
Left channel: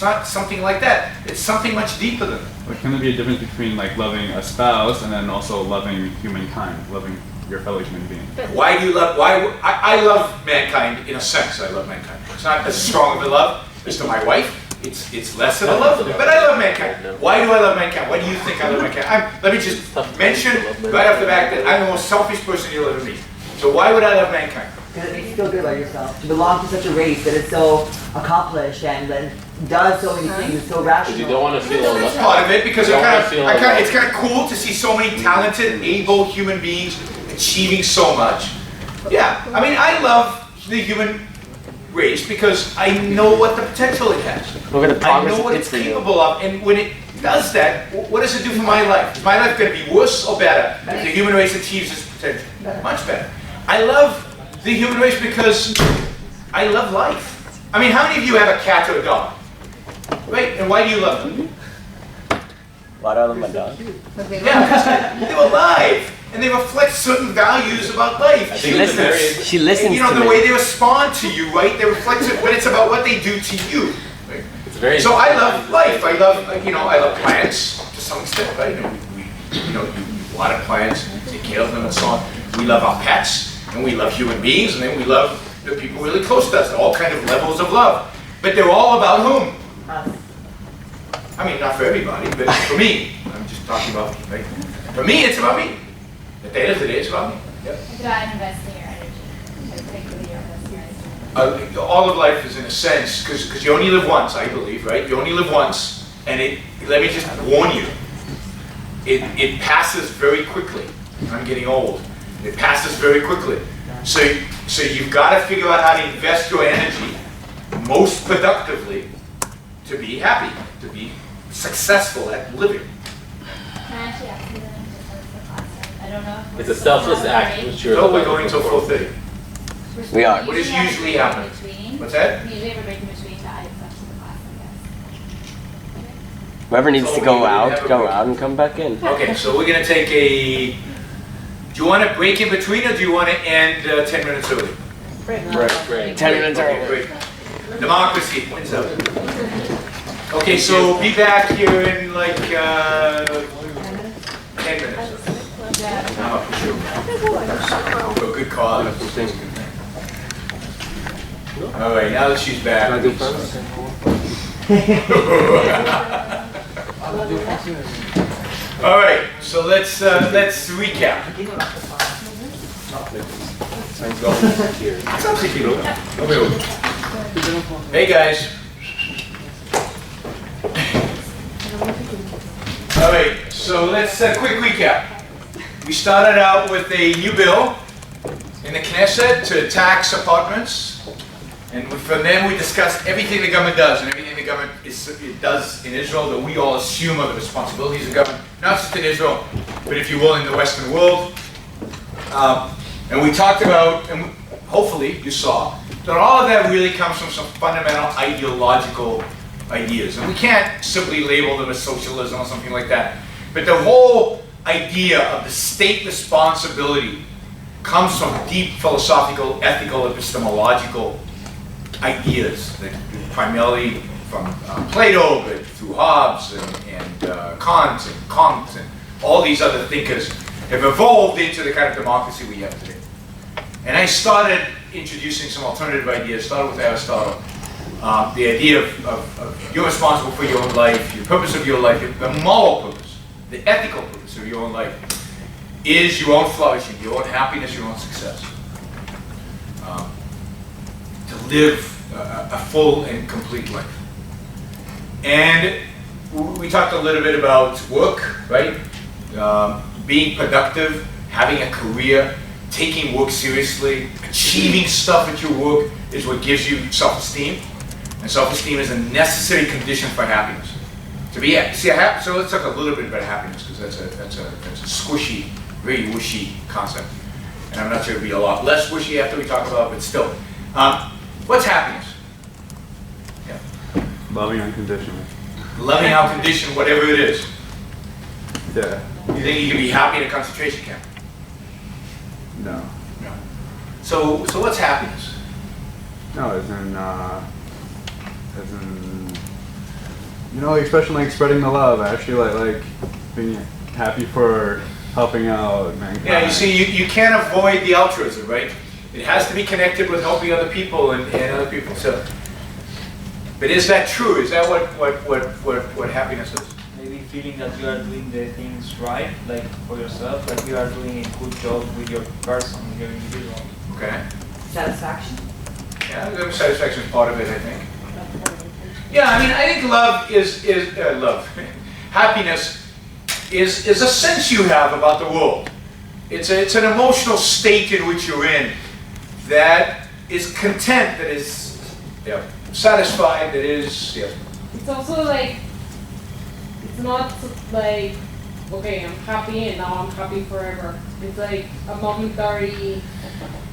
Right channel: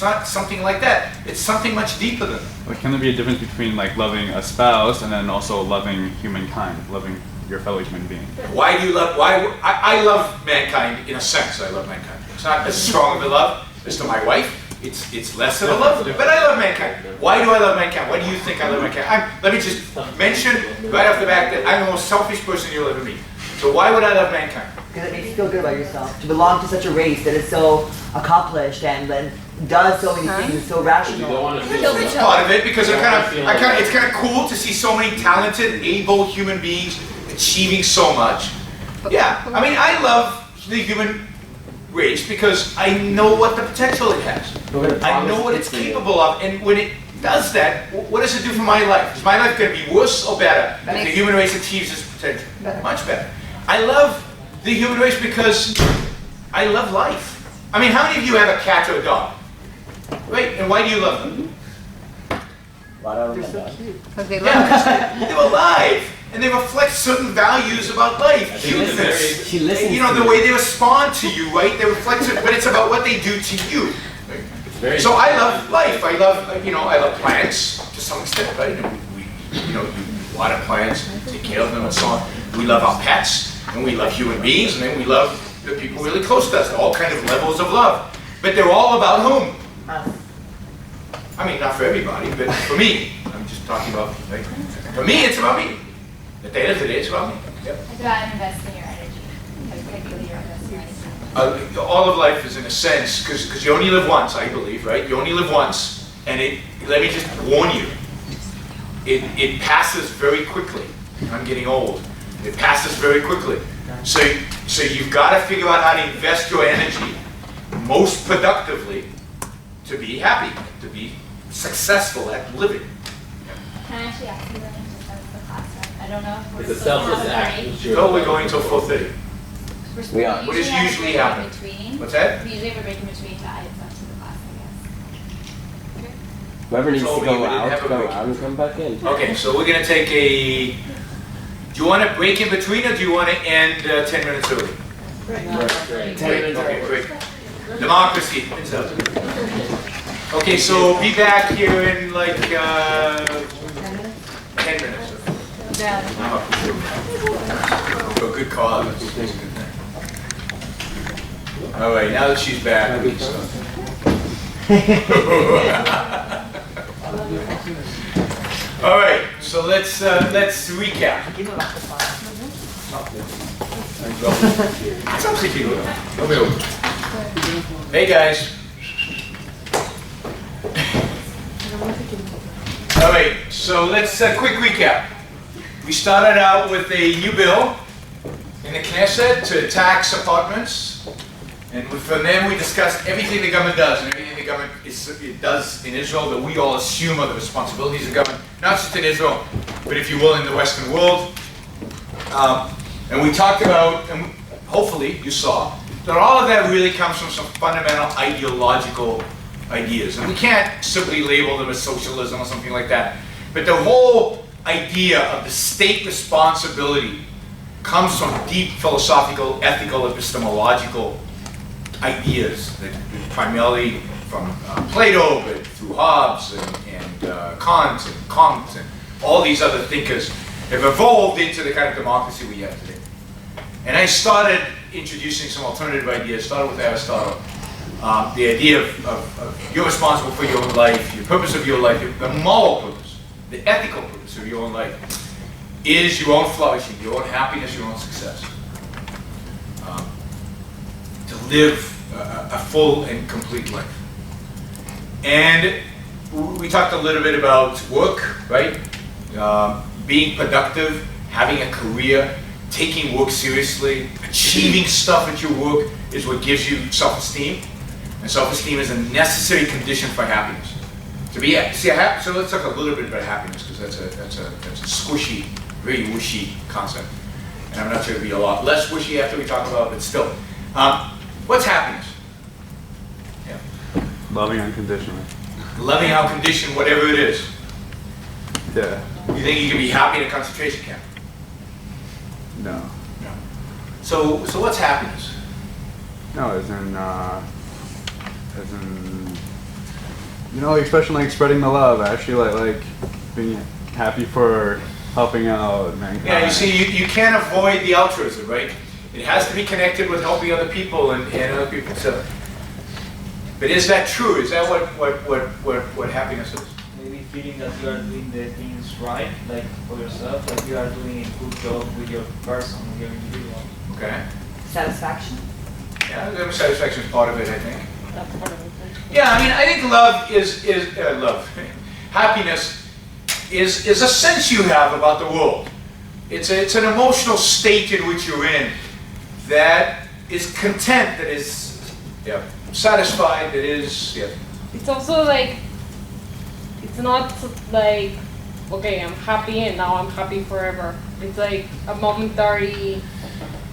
not something like that. It's something much deeper than that. But can there be a difference between like loving a spouse and then also loving humankind, loving your fellow human being? Why do you love, I love mankind in a sense. I love mankind. It's not as strong of a love as to my wife. It's less of a love, but I love mankind. Why do I love mankind? Why do you think I love mankind? Let me just mention right off the bat that I'm the most selfish person you'll ever meet. So why would I love mankind? Because it makes you feel good about yourself. To belong to such a race that is so accomplished and does so many things, so rational. You don't want to feel It's part of it because it's kind of cool to see so many talented, able human beings achieving so much. Yeah, I mean, I love the human race because I know what the potential it has. I know what it's capable of, and when it does that, what does it do for my life? Is my life going to be worse or better if the human race achieves its potential? Much better. I love the human race because I love life. I mean, how many of you have a cat or a dog? Right? And why do you love them? Why do I love my dog? Yeah, because they're alive. And they reflect certain values about life. She listens. She listens. You know, to the me. way they respond to you, right? They reflect it, but it's about what they do to you. Right? So I love life. I love, I love plants to some extent, right? We water plants, take care of them, and so on. We love our pets, and we love human beings, and then we love the people really close to us. All kind of levels of love, but they're all about whom? I mean, not for everybody, but for me. I'm just talking about me. Right? For me, it's about me. At the end of the day, it's about me. Yep. It's about investing your energy, particularly your investing your energy. All of life is in a sense, because you only live once, I believe, right? You only live once, and let me just warn you, it passes very quickly. I'm getting old. It passes very quickly. So you've got to figure out how to invest your energy most productively to be happy, to be successful at living. Can I actually ask you the name just as the class? I don't know if we're It's a still selfless on act. already. Which you're No, we're going till 4:30. We are. What does have a usually break in happen? between. What's that? We usually have a break in between, but it's up to the class, I guess. Whoever needs So to we go would out, have a go break. out and come back in. Okay, so we're gonna take a, do you want to break in between or do you want to end 10 minutes early? Great. 10 minutes Okay, early. great. Democracy wins out. Okay, so be back here in like 10 minutes. I'm up to you. For a good cause. That's a good thing. All right, now that she's back. All right, so let's recap. Hey guys. All right, so let's quick recap. We started out with a new bill in the Knesset to tax apartments, and from then we discussed everything the government does and everything the government does in Israel that we all assume are the responsibilities of government, not just in Israel, but if you will, in the Western world. And we talked about, and hopefully you saw, that all of that really comes from some fundamental ideological ideas. And we can't simply label them as socialism or something like that. But the whole idea of the state responsibility comes from deep philosophical, ethical, epistemological ideas that primarily from Plato, but through Hobbes and Kant and all these other thinkers have evolved into the kind of democracy we have today. And I started introducing some alternative ideas, started with Aristotle. The idea of you're responsible for your own life, your purpose of your life, the moral purpose, the ethical purpose of your own life is your own flourishing, your own happiness, your own success. To live a full and complete life. And we talked a little bit about work, right? Being productive, having a career, taking work seriously, achieving stuff at your work is what gives you self-esteem. And self-esteem is a necessary condition for happiness. So let's talk a little bit about happiness, because that's a squishy, very wishy concept. And I'm not sure it'll be a lot less wishy after we talk about it, but still. What's happiness? Yeah. Loving unconditionally. Loving unconditionally, whatever it is. Yeah. You think you can be happy in a concentration camp? No. No. So what's happiness? No, as in, you know, like, especially like spreading the love. Actually, like being happy for helping out mankind. Yeah, you see, you can't avoid the altruism, right? It has to be connected with helping other people and other people. So, but is that true? Is that what happiness is? Maybe feeling that you are doing the things right, like for yourself, like you are doing a good job with your person, with your individual. Okay. Satisfaction? Yeah, satisfaction is part of it, I think. Yeah, I mean, I think love is love. Happiness is a sense you have about the world. It's an emotional state in which you're in that is content, that is satisfied, that is It's also like, it's not like, okay, I'm happy and now I'm happy forever. It's like a momentary.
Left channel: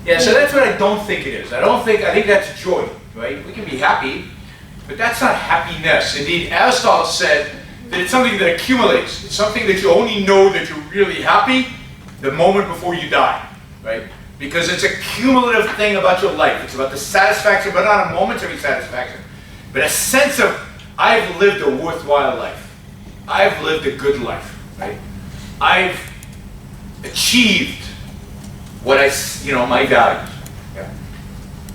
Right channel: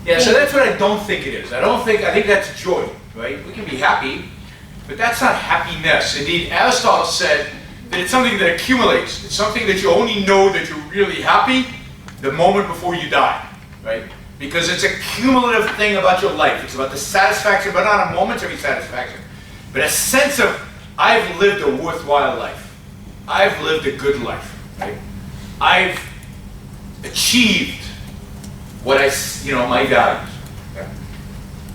Yeah, so that's what I don't think it is. I think that's joy, right? We can be happy, but that's not happiness. Indeed, Aristotle said that it's something that accumulates. It's something that you only know that you're really happy the moment before you die, right? Because it's a cumulative thing about your life. It's about the satisfaction, but not a momentary satisfaction, but a sense of, I've lived a worthwhile life. I've lived a good life, right? I've achieved what my values. Yeah.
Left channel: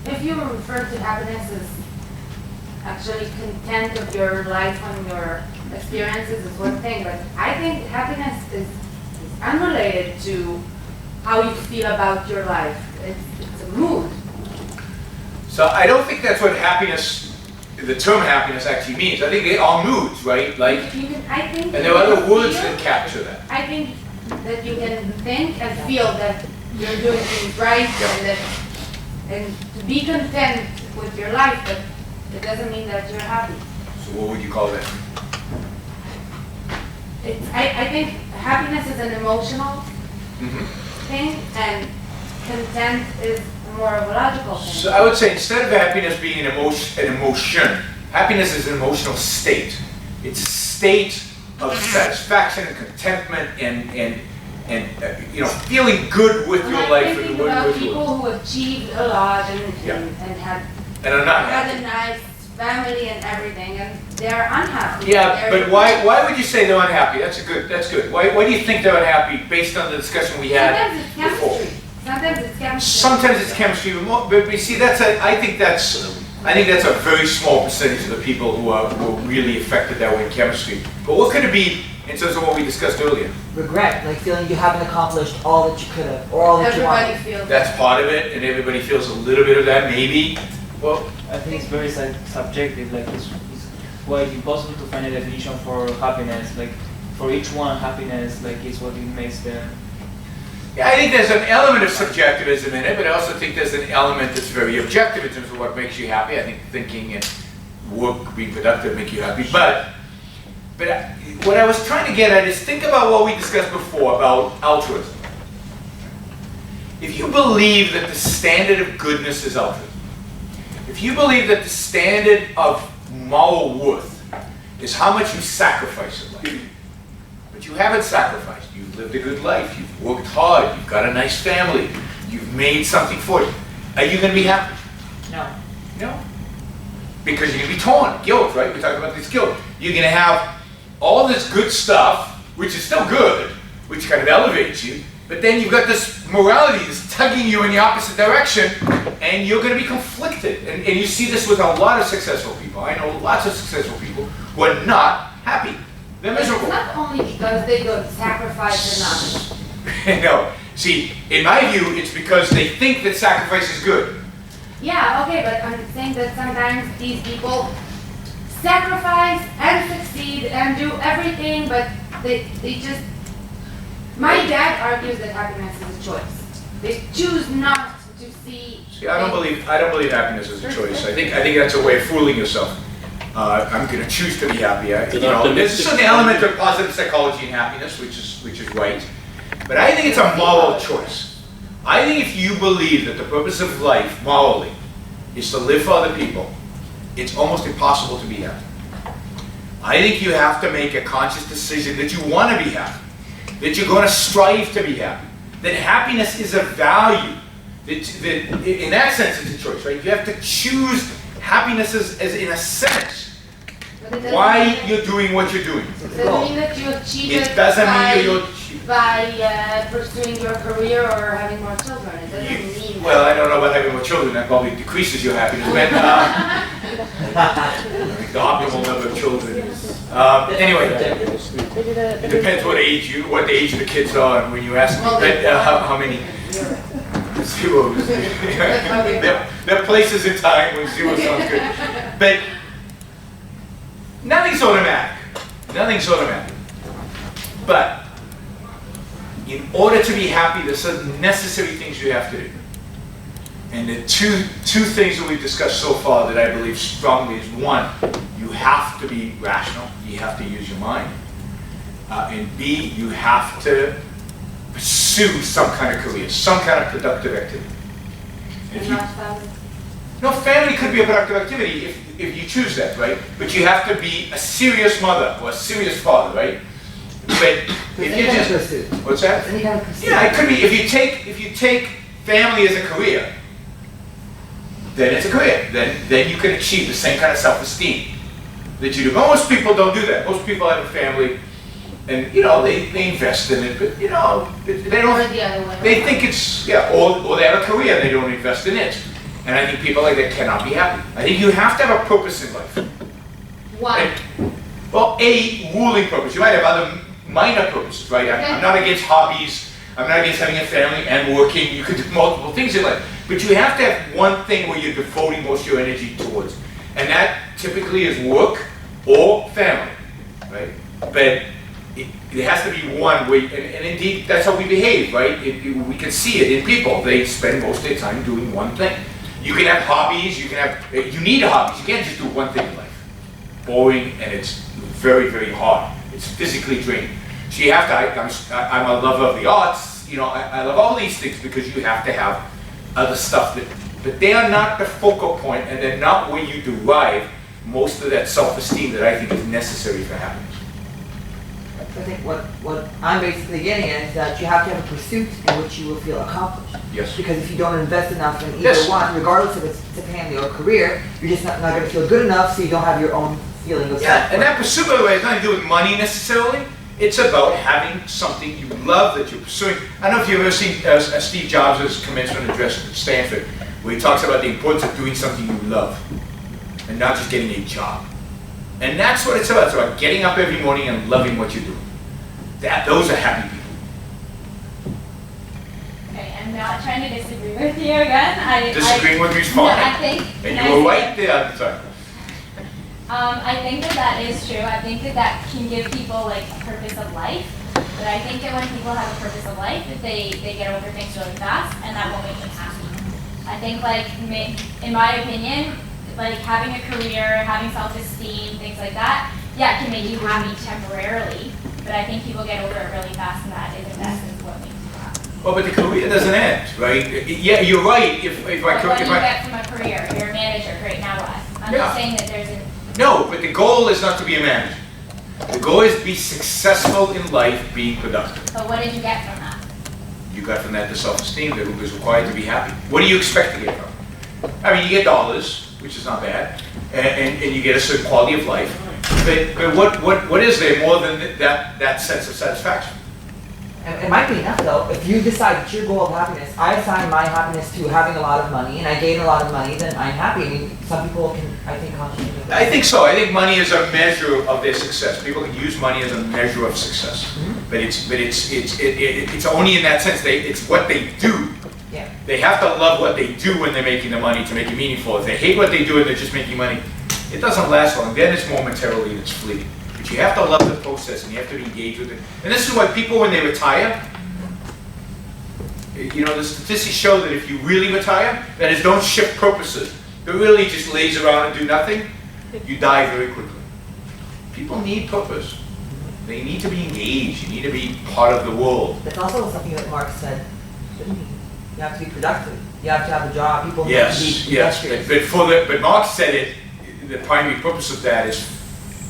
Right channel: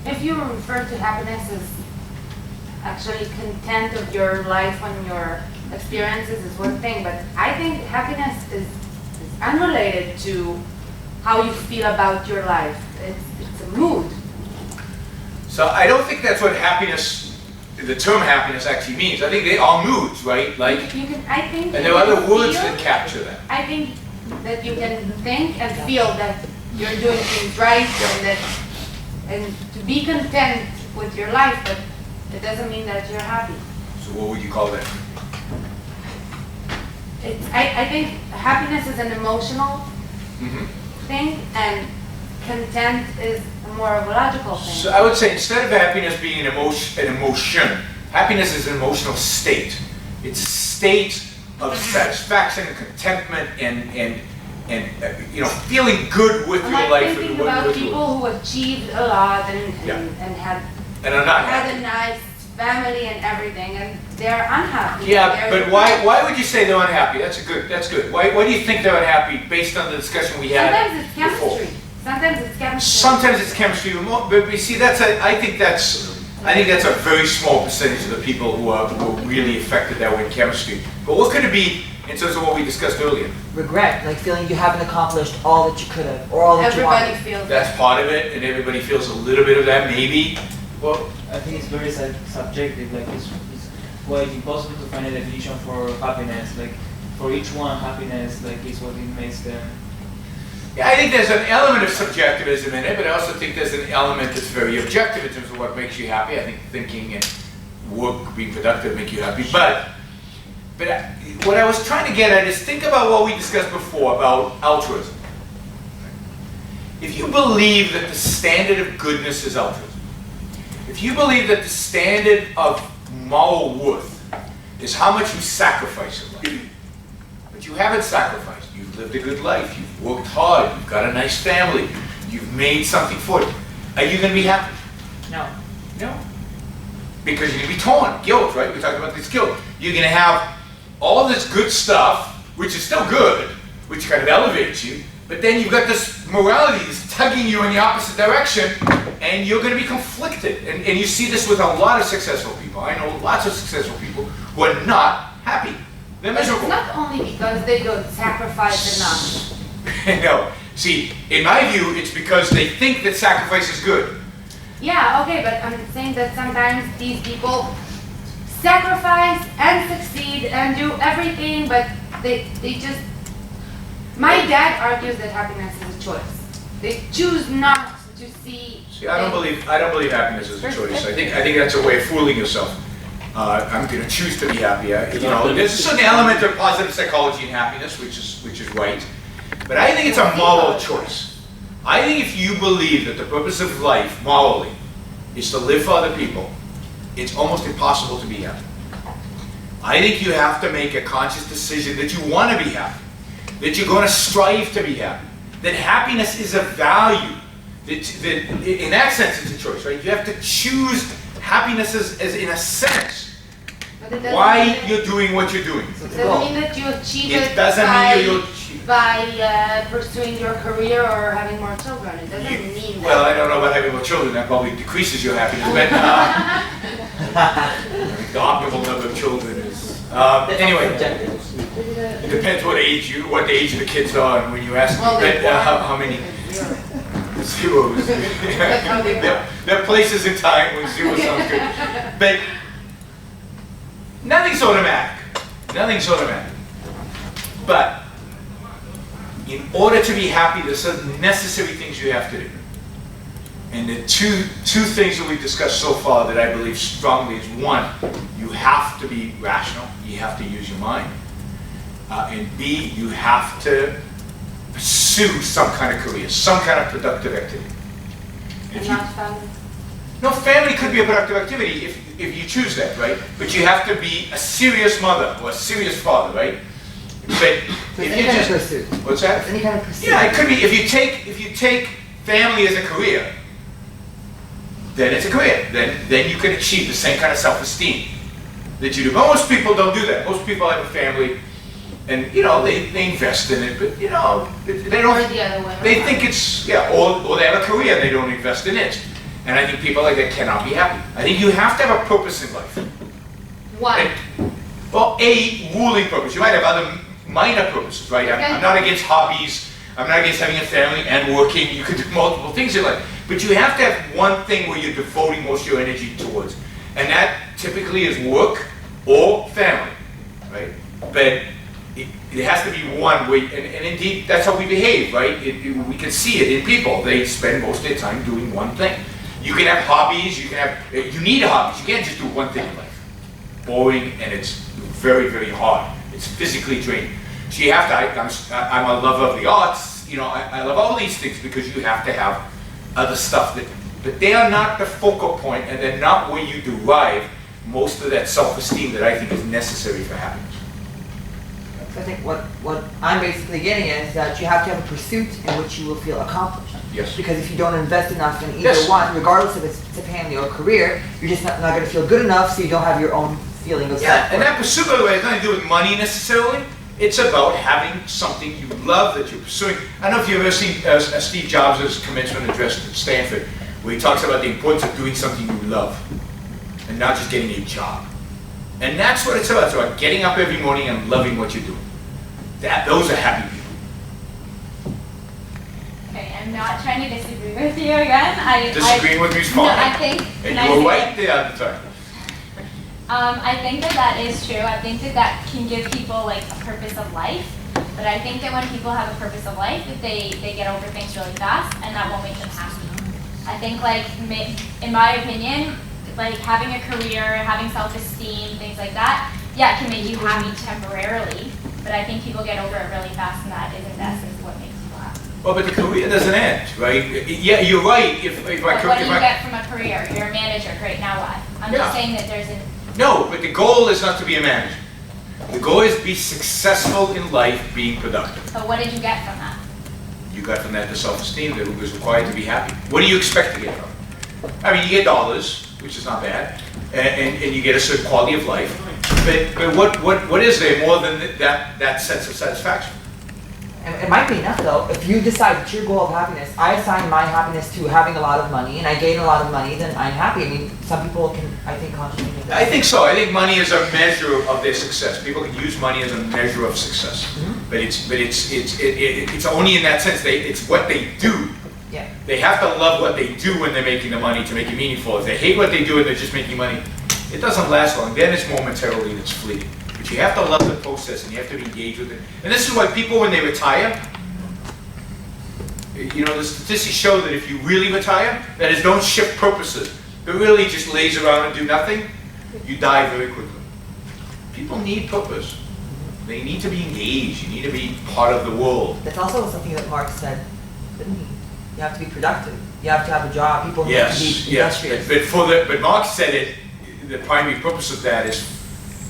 If you refer to happiness as actually content of your life and your experiences is one thing, but I think happiness is unrelated to how you feel about your life. It's a mood. So I don't think that's what happiness, the term happiness actually means. I think they are moods, right? Like, I think and there are other words that capture that. I think that you can think and feel that you're doing things right and to be content with your life, but it doesn't mean that you're happy. So what would you call that? I think happiness is an emotional thing, and content is more of a logical thing. So I would say instead of happiness being an emotion, happiness is an emotional state. It's a state of satisfaction and contentment and feeling good with your life. I'm thinking about people who achieved a lot and had are not a nice family and everything, and they're unhappy. Yeah, but why would you say they're unhappy? That's good. Why do you think they're unhappy based on the discussion we had before? Sometimes it's chemistry. Sometimes it's chemistry, but you see, I think that's a very small percentage of the people who are really affected that way in chemistry. But what could it be in terms of what we discussed earlier? Regret, like feeling you haven't accomplished all that you could have, or all that you wanted. Everybody feels That's part of it, and everybody feels a little bit of that, maybe. Well, I think it's very subjective. Like it's quite impossible to find a definition for happiness. Like for each one, happiness is what it makes them. yeah, I think there's an element of subjectivism in it, but I also think there's an element that's very objective in terms of what makes you happy. I think thinking and work, being productive, make you happy. But what I was trying to get at is think about what we discussed before about altruism. If you believe that the standard of goodness is altruism, if you believe that the standard of moral worth is how much you sacrifice in life, but you haven't sacrificed, you've lived a good life, you've worked hard, you've got a nice family, you've made something for it, are you going to be happy? No. No. Because you're going to be torn, guilt, right? We talked about this guilt. You're going to have all this good stuff, which is still good, which kind of elevates you, but then you've got this morality that's tugging you in the opposite direction, and you're going to be conflicted. And you see this with a lot of successful people. I know lots of successful people who are not happy. They're miserable. It's not only because they don't sacrifice enough. No. See, in my view, it's because they think that sacrifice is good. Yeah, okay, but I'm saying that sometimes these people sacrifice and succeed and do everything, but they just... My dad argues that happiness is a choice. They choose not to see... See, I don't believe happiness is a choice. I think that's a way of fooling yourself. I'm going to choose to be happy. There's a certain element of positive psychology in happiness, which is right. But I think it's a moral choice. I think if you believe that the purpose of life, morally, is to live for other people, it's almost impossible to be happy. I think you have to make a conscious decision that you want to be happy, that you're going to strive to be happy, that happiness is a value, that in that sense it's a choice, right? You have to choose happiness as in a sense, why you're doing what you're doing. Does it mean that you achieve It doesn't mean you'll by pursuing your career or having more children? It doesn't mean Well, that. I don't know about having more children. That probably decreases your happiness. But I think the optimal number of children is. Anyway, it depends what age the kids are, and when you ask how many. Zeros. There are places in time when zero sounds good, but nothing's automatic. Nothing's automatic. But in order to be happy, there's certain necessary things you have to do. And the two things that we've discussed so far that I believe strongly is, one, you have to be rational. You have to use your mind. And B, you have to pursue some kind of career, some kind of productive activity. And not family. No, family could be a productive activity if you choose that, right? But you have to be a serious mother or a serious father, right? But if any you kind just of pursuit. What's that? Any kind of pursuit. Yeah, it could be if you take family as a career, then it's a career. Then you can achieve the same kind of self-esteem that you do. But most people don't do that. Most people have a family, and they invest in it, but they don't. Or the other way They around. think it's or they have a career, they don't invest in it. And I think people like that cannot be happy. I think you have to have a purpose in life. One. Well, a ruling purpose. You might have other minor purposes, right? I'm not against hobbies. I'm not against having a family and working. You could do multiple things in life. But you have to have one thing where you're devoting most of your energy towards. And that typically is work or family, right? But it has to be one way, and indeed, that's how we behave, right? We can see it in people. They spend most of their time doing one thing. You can have hobbies, you need hobbies. You can't just do one thing in life. Boring, and it's very, very hard. It's physically draining. So you have to, I'm a lover of the arts, you know, I love all these things because you have to have other stuff but they are not the focal point, and they're not where you derive most of that self-esteem that I think is necessary for happiness. I think what I'm basically getting at is that you have to have a pursuit in which you will feel accomplished. Yes. Because if you don't invest enough in either Yes. one, regardless if it's a family or a career, you're just not going to feel good enough, so you don't have your own feeling of Yeah, self-worth. and that pursuit, by the way, has nothing to do with money necessarily. It's about having something you love that you're pursuing. I don't know if you've ever seen Steve Jobs' commencement address at Stanford, where he talks about the importance of doing something you love and not just getting a job. And that's what it's about. It's about getting up every morning and loving what you do. Those are happy people. Okay, I'm not trying to disagree with you again. Disagreeing with me is fine. No, I think. And can you I were say right there at the time. I think that is true. I think that can give people like a purpose of life. But I think that when people have a purpose of life, that they get over things really fast, and that won't make them happy. I think in my opinion, like having a career, having self-esteem, things like that, yeah, it can make you happy temporarily. But I think people get over it really fast, and that is in essence what makes people happy. Well, but the career doesn't end, right? Yeah, you're right. What do you get from a career? You're a manager. Great. Now what? I'm just saying that there's No, but the goal is not to be a manager. The goal is to be successful in life, being productive. But what did you get from that? You got from that the self-esteem that was required to be happy. What do you expect to get from it? I mean, you get dollars, which is not bad, and you get a certain quality of life. But what is there more than that sense of satisfaction? And it might be enough though, if you decide that your goal of happiness, I assign my happiness to having a lot of money, and I gain a lot of money, then I'm happy. I mean, some people can, I think, consciously make that. I think so. I think money is a measure of their success. People can use money as a measure of success, but it's only in that sense. It's what they do. Yeah. They have to love what they do when they're making the money to make it meaningful. If they hate what they do and they're just making money, it doesn't last long. Then it's momentarily and it's fleeting. But you have to love the process and you have to be engaged with it. And this is why people, when they retire, you know, the statistics show that if you really retire, that is, don't shift purposes, but really just lays around and do nothing, you die very quickly. People need purpose. They need to be engaged. You need to be part of the world. That's also something that Marx said, didn't he? You have to be productive. You have to have a job. People need to be industrious. But Marx said it. The primary purpose of that is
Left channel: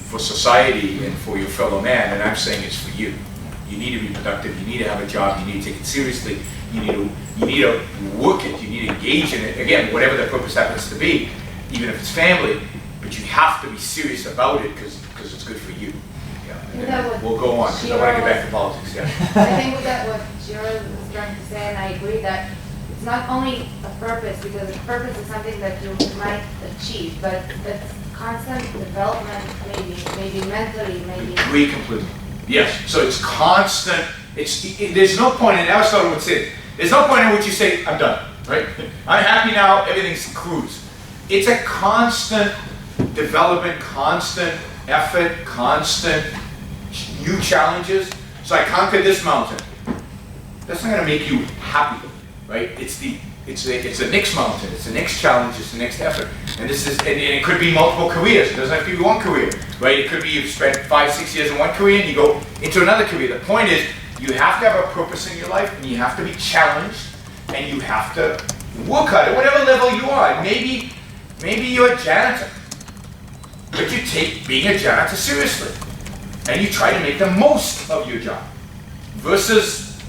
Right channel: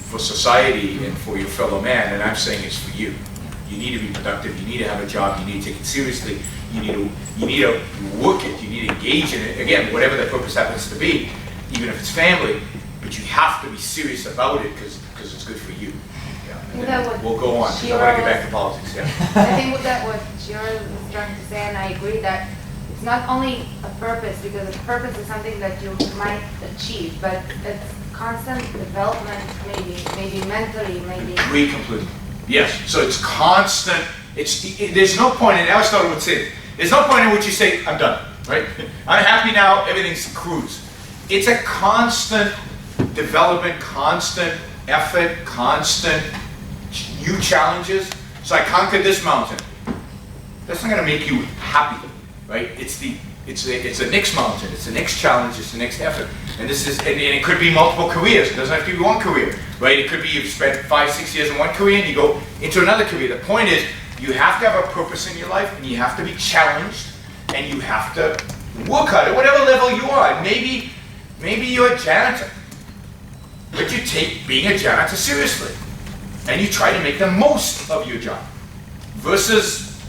for society and for your fellow man, and I'm saying it's for you. You need to be productive. You need to have a job. You need to take it seriously. You need to work it. You need to engage in it. Again, whatever the purpose happens to be, even if it's family, but you have to be serious about it because it's good for you. We'll go on. I want to get back to politics. Yeah. I think that what Yaron was trying to say, and I agree that it's not only a purpose, because a purpose is something that you might achieve, but it's constant development, maybe mentally, maybe. Agree completely. Yes. So it's constant. There's no point in Aristotle would say. There's no point in which you say, I'm done. Right? I'm happy now. Everything's cruise. It's a constant development, constant effort, constant new challenges. So I conquered this mountain. That's not going to make you happy, right? It's the next mountain. It's the next challenge. It's the next effort. And it could be multiple careers. It doesn't have to be one career, right? It could be you've spent 5-6 years in one career and you go into another career. The point is you have to have a purpose in your life, and you have to be challenged, and you have to work hard at whatever level you are. Maybe you're a janitor, but you take being a janitor seriously. And you try to make the most of your job, versus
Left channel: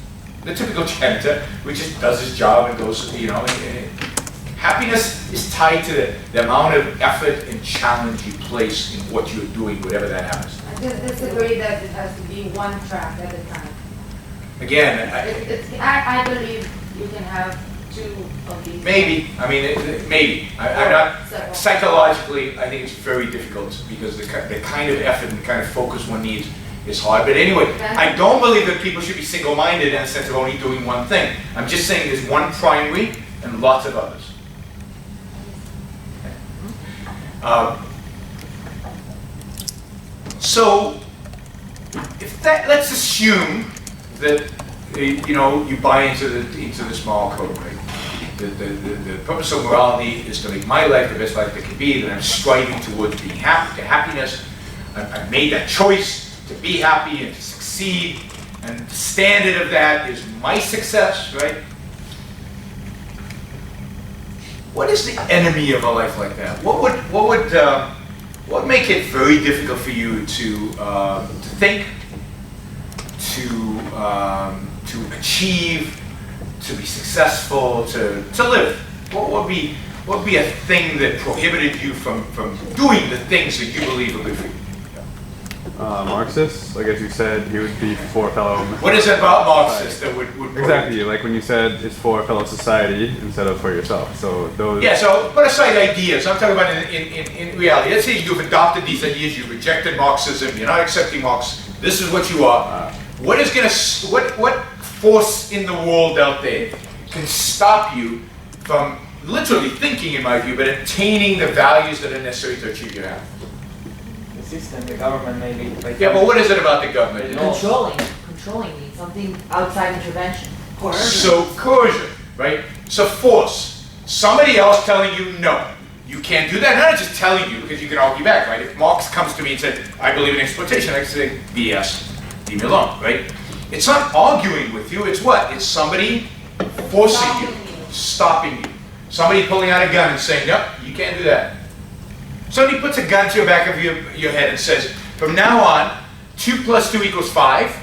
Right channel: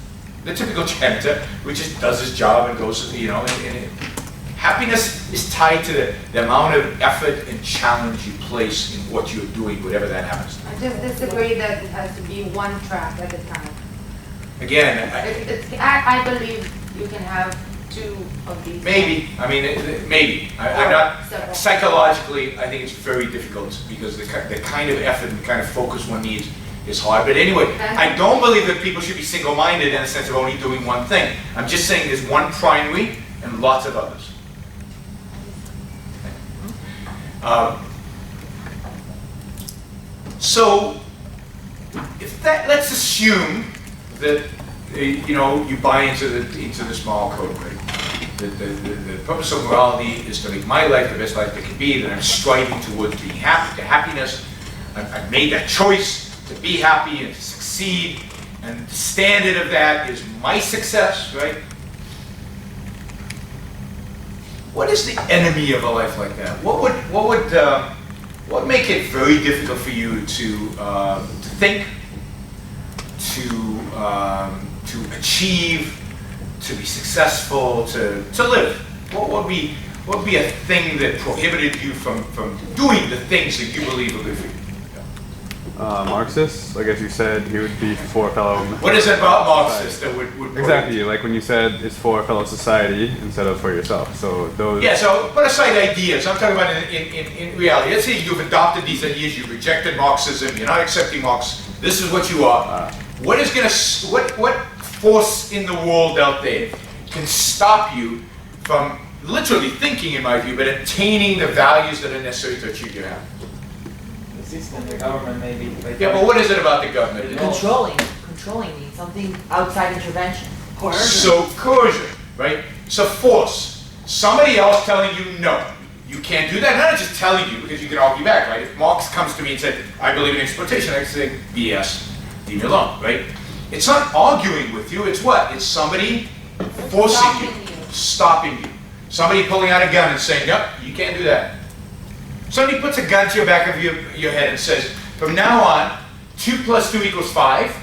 the typical janitor, which just does his job and goes, you know. Happiness is tied to the amount of effort and challenge you place in what you're doing, whatever that happens. I just disagree that it has to be one track at a time. Again, I believe you can have two of these. maybe. I mean, maybe. I'm not psychologically. I think it's very difficult because the kind of effort and the kind of focus one needs is hard. But anyway, I don't believe that people should be single-minded in the sense of only doing one thing. I'm just saying there's one primary and lots of others. So, if that, let's assume that you buy into this moral code, right? The purpose of morality is to make my life the best life that can be, that I'm striving towards being happy, to happiness. I've made that choice to be happy and to succeed, and the standard of that is my success, right? What is the enemy of a life like that? What would make it very difficult for you to think, to achieve, to be successful, to live? What would be a thing that prohibited you from doing the things that you believe are good for you? Marxists, I guess you said he would be for fellow. What is it about Marxists that would exactly like when you said it's for fellow society instead of for yourself? So those. Yeah. So put aside ideas. I'm talking about in reality. Let's say you've adopted these ideas. You've rejected Marxism. You're not accepting Marx. This is what you are. What force in the world out there can stop you from literally thinking, in my view, but attaining the values that are necessary to achieve your happiness? System, the government maybe. Yeah, but what is it about the government? Controlling me, something outside intervention. Coercion. So coercion, right? So force. Somebody else telling you no, you can't do that. Not just telling you because you can argue back, right? If Marx comes to me and said, I believe in exploitation, I can say, BS, leave me alone, right? It's not arguing with you, it's what? It's somebody forcing you, stopping you. Somebody pulling out a gun and saying, nope, you can't do that. Somebody puts a gun to the back of your head and says, from now on, 2 + 2 = 5,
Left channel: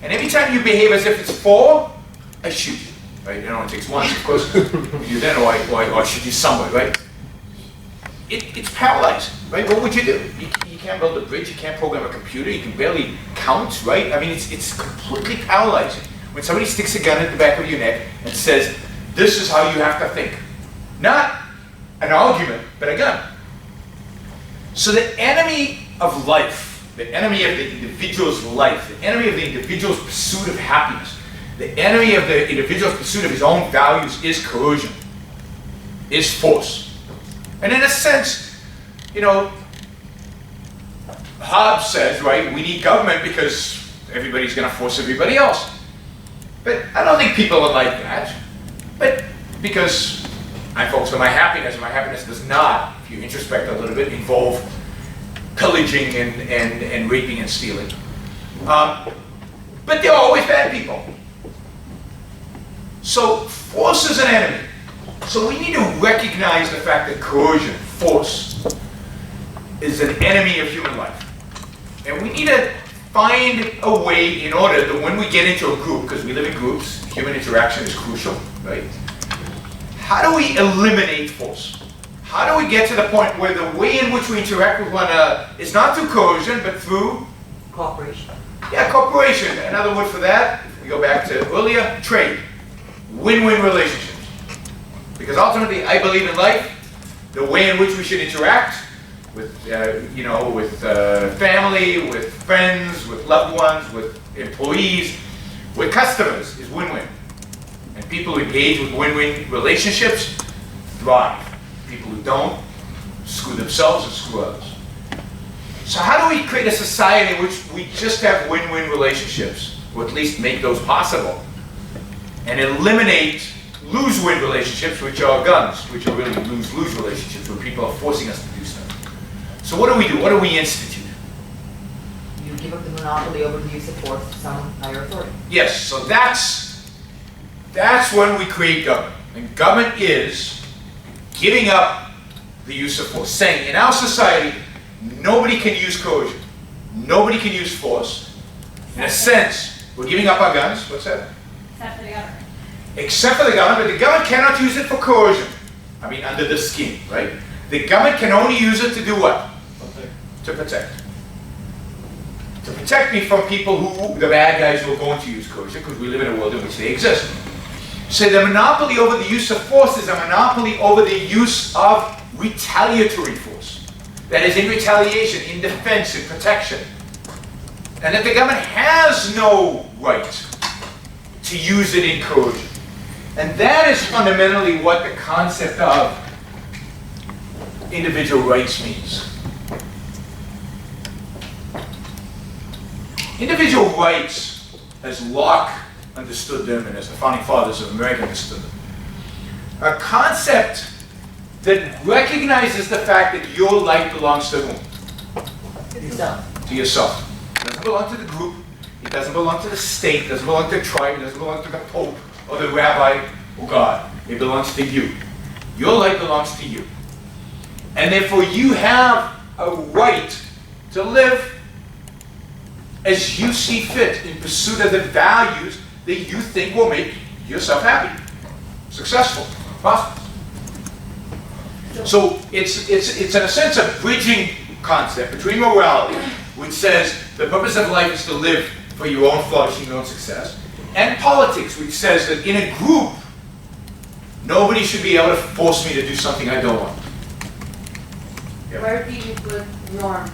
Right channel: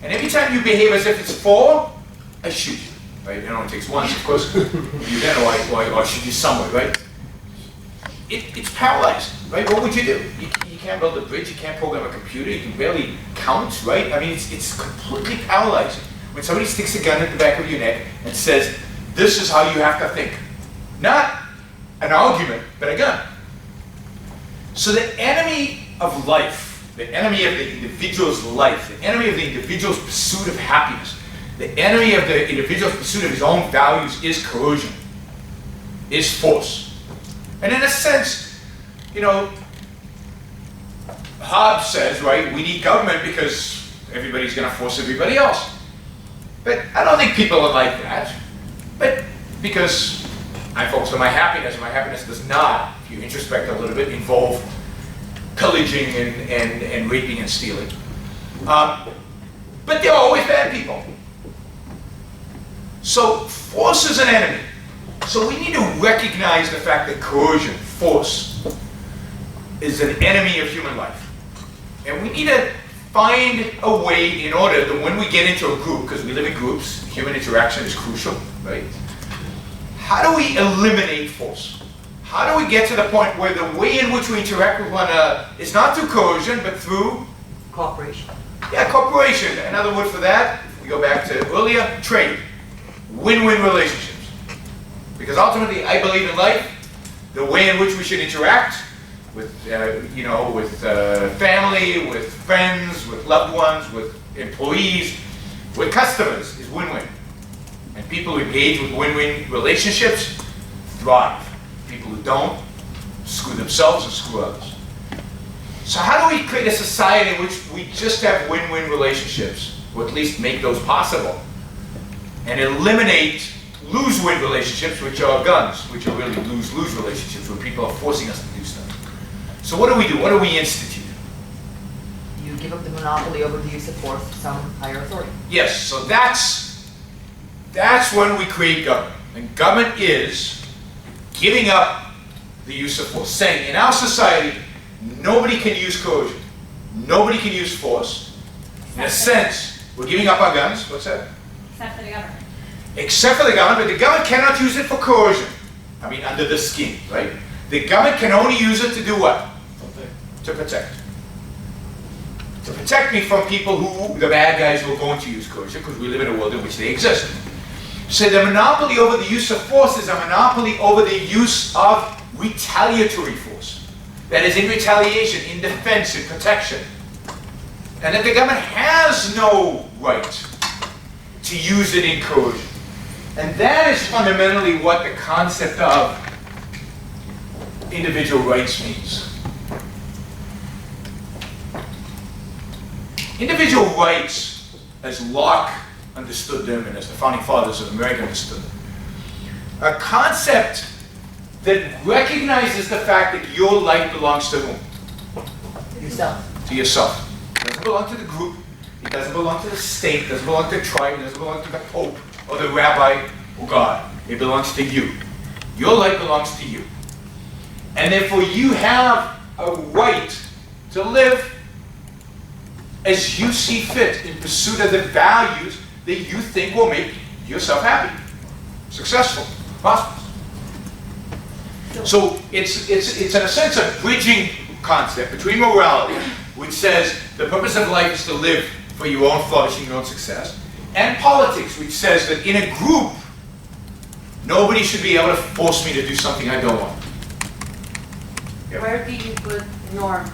and every time you behave as if it's 4, I shoot you, right? It only takes once, of course. You then, or I shoot you somewhere, right? It's paralyzed, right? What would you do? You can't build a bridge, you can't program a computer, you can barely count, right? I mean, it's completely paralyzing. When somebody sticks a gun at the back of your neck and says, this is how you have to think. Not an argument, but a gun. So the enemy of life, the enemy of the individual's life, the enemy of the individual's pursuit of happiness, the enemy of the individual's pursuit of his own values is coercion, is force. And in a sense, Hobbes says, right, we need government because everybody's going to force everybody else. But I don't think people are like that. But because I'm focused on my happiness, and my happiness does not, if you introspect a little bit, involve pillaging and raping and stealing. But there are always bad people. So force is an enemy. So we need to recognize the fact that coercion, force, is an enemy of human life. And we need to find a way in order that when we get into a group, because we live in groups, human interaction is crucial, right? How do we eliminate force? How do we get to the point where the way in which we interact with one another is not through coercion, but through cooperation? Yeah, cooperation. Another word for that, if we go back to earlier, trade. Win-win relationships. Because ultimately, I believe in life, the way in which we should interact with, with family, with friends, with loved ones, with employees, with customers is win-win. And people who engage with win-win relationships thrive. People who don't screw themselves and screw others. So how do we create a society in which we just have win-win relationships, or at least make those possible, and eliminate lose-win relationships, which are guns, which are really lose-lose relationships, where people are forcing us to do stuff? So what do? What do we institute? You give up the monopoly over the use of force to some higher authority. Yes, so that's when we create government. And government is giving up the use of force, saying in our society, nobody can use coercion, nobody can use force. In a sense, we're giving up our guns. What's that? Except for the government. Except for the government, but the government cannot use it for coercion. I mean, under the skin, right? The government can only use it to do what? To protect. To protect me from people who, the bad guys who are going to use coercion, because we live in a world in which they exist. So the monopoly over the use of force is a monopoly over the use of retaliatory force. That is, in retaliation, in defense, in protection. and that the government has no right to use it in coercion. And that is fundamentally what the concept of individual rights means. Individual rights, as Locke understood them and as the founding fathers of America understood them, are a concept that recognizes the fact that your life belongs to whom? Yourself. To yourself. It doesn't belong to the group. It doesn't belong to the state. It doesn't belong to the tribe. It doesn't belong to the Pope or the rabbi or God. It belongs to you. Your life belongs to you. And therefore you have a right to live as you see fit in pursuit of the values that you think will make yourself happy, successful, prosperous. So it's in a sense a bridging concept between morality, which says the purpose of life is to live for your own flourishing, your own success, and politics, which says that in a group, nobody should be able to force me to do something I don't want. Yep. Where do you put norms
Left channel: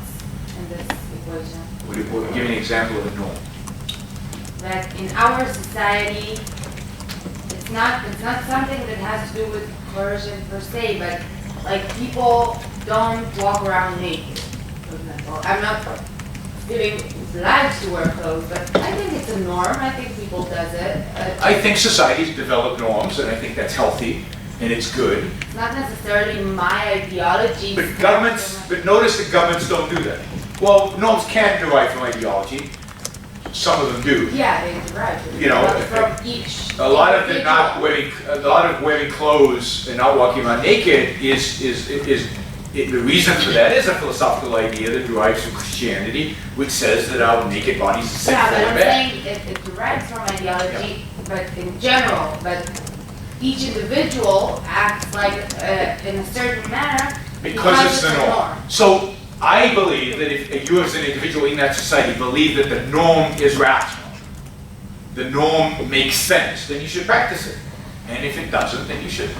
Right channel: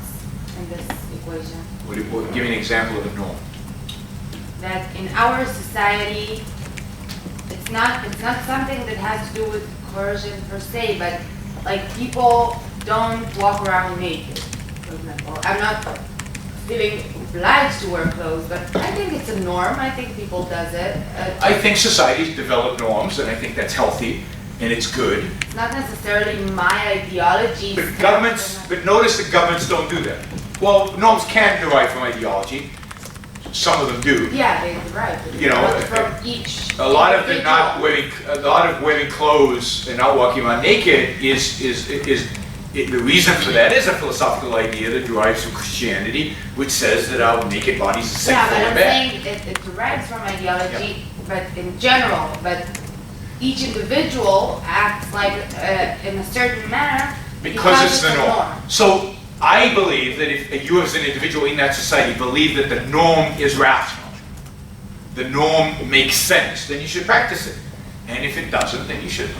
in this equation? Give me an example of a norm. That in our society, it's not something that has to do with coercion per se, but like people don't walk around naked, for example. I'm not feeling obliged to wear clothes, but I think it's a norm. I think people does it. I think societies develop norms, and I think that's healthy, and it's good. It's not necessarily my ideology. But notice that governments don't do that. Well, norms can derive from ideology. Some of them do. Yeah, they derive. You know, from each. A lot of wearing clothes and not walking around naked is the reason for that is a philosophical idea that derives from Christianity, which says that our naked bodies are sinful Yeah, but and I'm bad. saying it derives from ideology, but in general, but each individual acts like in a certain manner Because it's the norm. So I believe that if you as an individual in that society believe that the norm is rational, the norm makes sense, then you should practice it. And if it doesn't, then you shouldn't.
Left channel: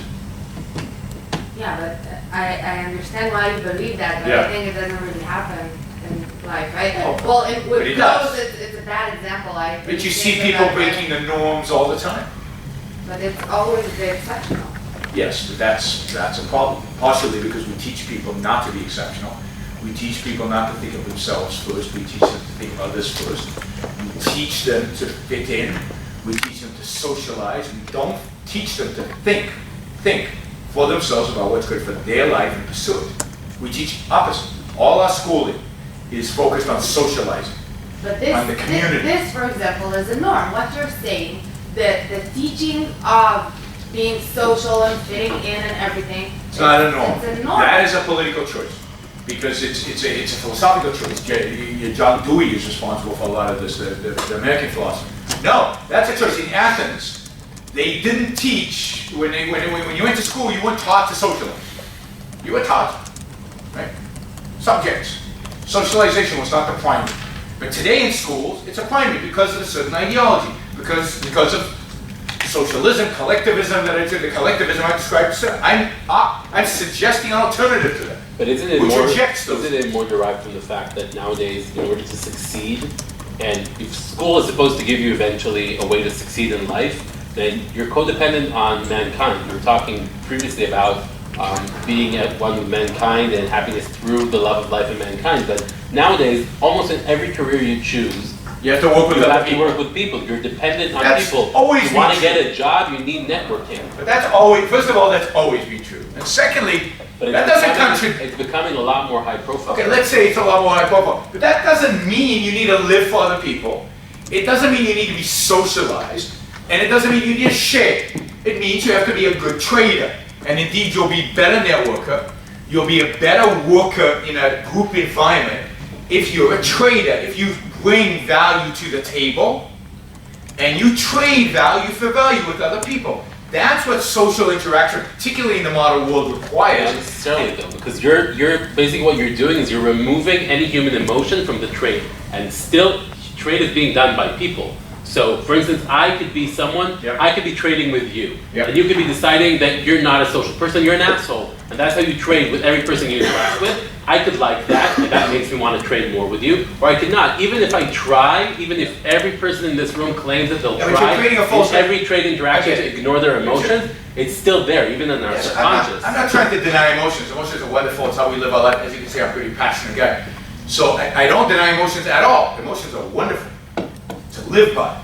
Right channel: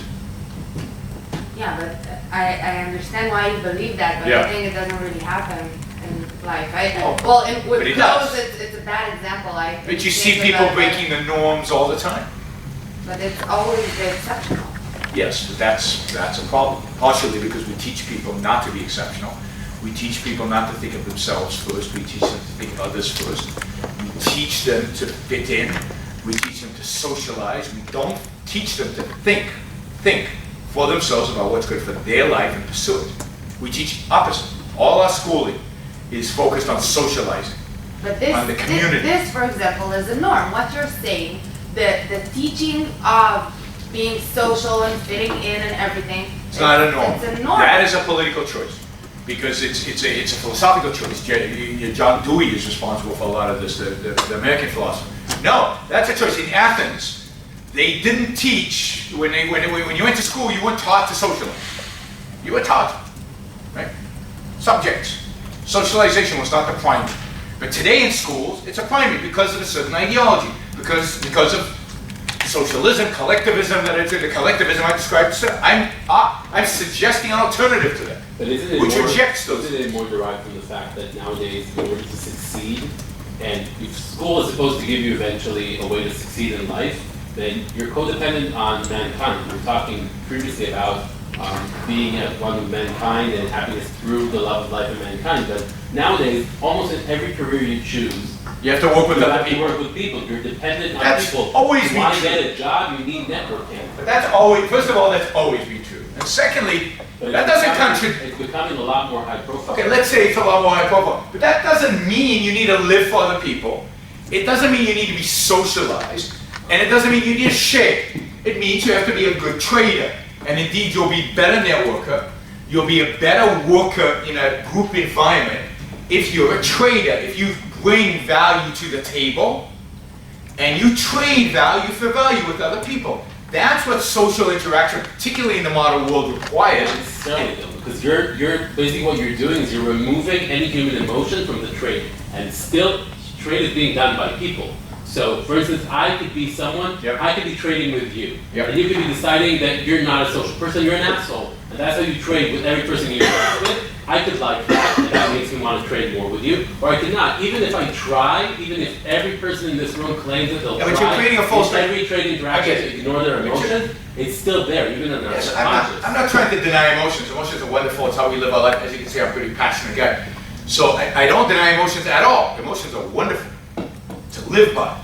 Yeah, but I understand why you believe that, but Yeah. I think it doesn't really happen in life. But With it clothes, does. it's a bad example. But you see people breaking the norms all the time. But it's always the exceptional. Yes, but that's a problem. Partially because we teach people not to be exceptional. We teach people not to think of themselves first. We teach them to think of others first. We teach them to fit in. We teach them to socialize. We don't teach them to think for themselves about what's good for their life and pursue it. We teach opposite. All our schooling is focused on socializing, But this, on the community. this, for example, is a norm. What you're saying, the teaching of being social and fitting in and everything. It's not a norm. It's a norm. That is a political choice, because it's a philosophical choice. John Dewey is responsible for a lot of this, the American philosophy. No, that's a choice. In Athens, they didn't teach, when you went to school, you weren't taught to socialize. You were taught, right? Subjects. Socialization was not the primary. But today in schools, it's a primary because of a certain ideology, because of socialism, collectivism, the collectivism I described. I'm suggesting an alternative to that, But isn't it which more, rejects those. isn't it more derived from the fact that nowadays, in order to succeed, and if school is supposed to give you eventually a way to succeed in life, then you're codependent on mankind. We were talking previously about being at one with mankind and happiness through the love of life and mankind. But nowadays, almost in every career you choose, You have to work with you other have to people. work with people. You're dependent on That's people. always you been want to true. get a job, you need networking. But that's always, first of all, that's always been true. And secondly, But that doesn't contribute. It's becoming a lot more high profile. Okay, let's say it's a lot more high profile, but that doesn't mean you need to live for other people. It doesn't mean you need to be socialized, and it doesn't mean you need to share. It means you have to be a good trader, and indeed you'll be a better networker. You'll be a better worker in a group environment if you're a trader, if you bring value to the table, and you trade value for value with other people. That's what social interaction, particularly in the modern world, requires. Not necessarily though, because you're basically what you're doing is you're removing any human emotion from the trade, and still trade is being done by people. So, for instance, I could be someone, I could be trading with you, and you could be deciding that you're not a social person, you're an asshole, and that's how you trade with every person you interact with. I could like that, and that makes me want to trade more with you, or I could not. Even if I try, even if every person in this room claims that they'll Yeah, but you're try creating a false in every trade interaction I get it. to ignore their emotions, it's still there, even in our Yes, subconscious. I'm not trying to deny emotions. Emotions are wonderful. It's how we live our life. As you can see, I'm a pretty passionate guy. So I don't deny emotions at all. Emotions are wonderful to live by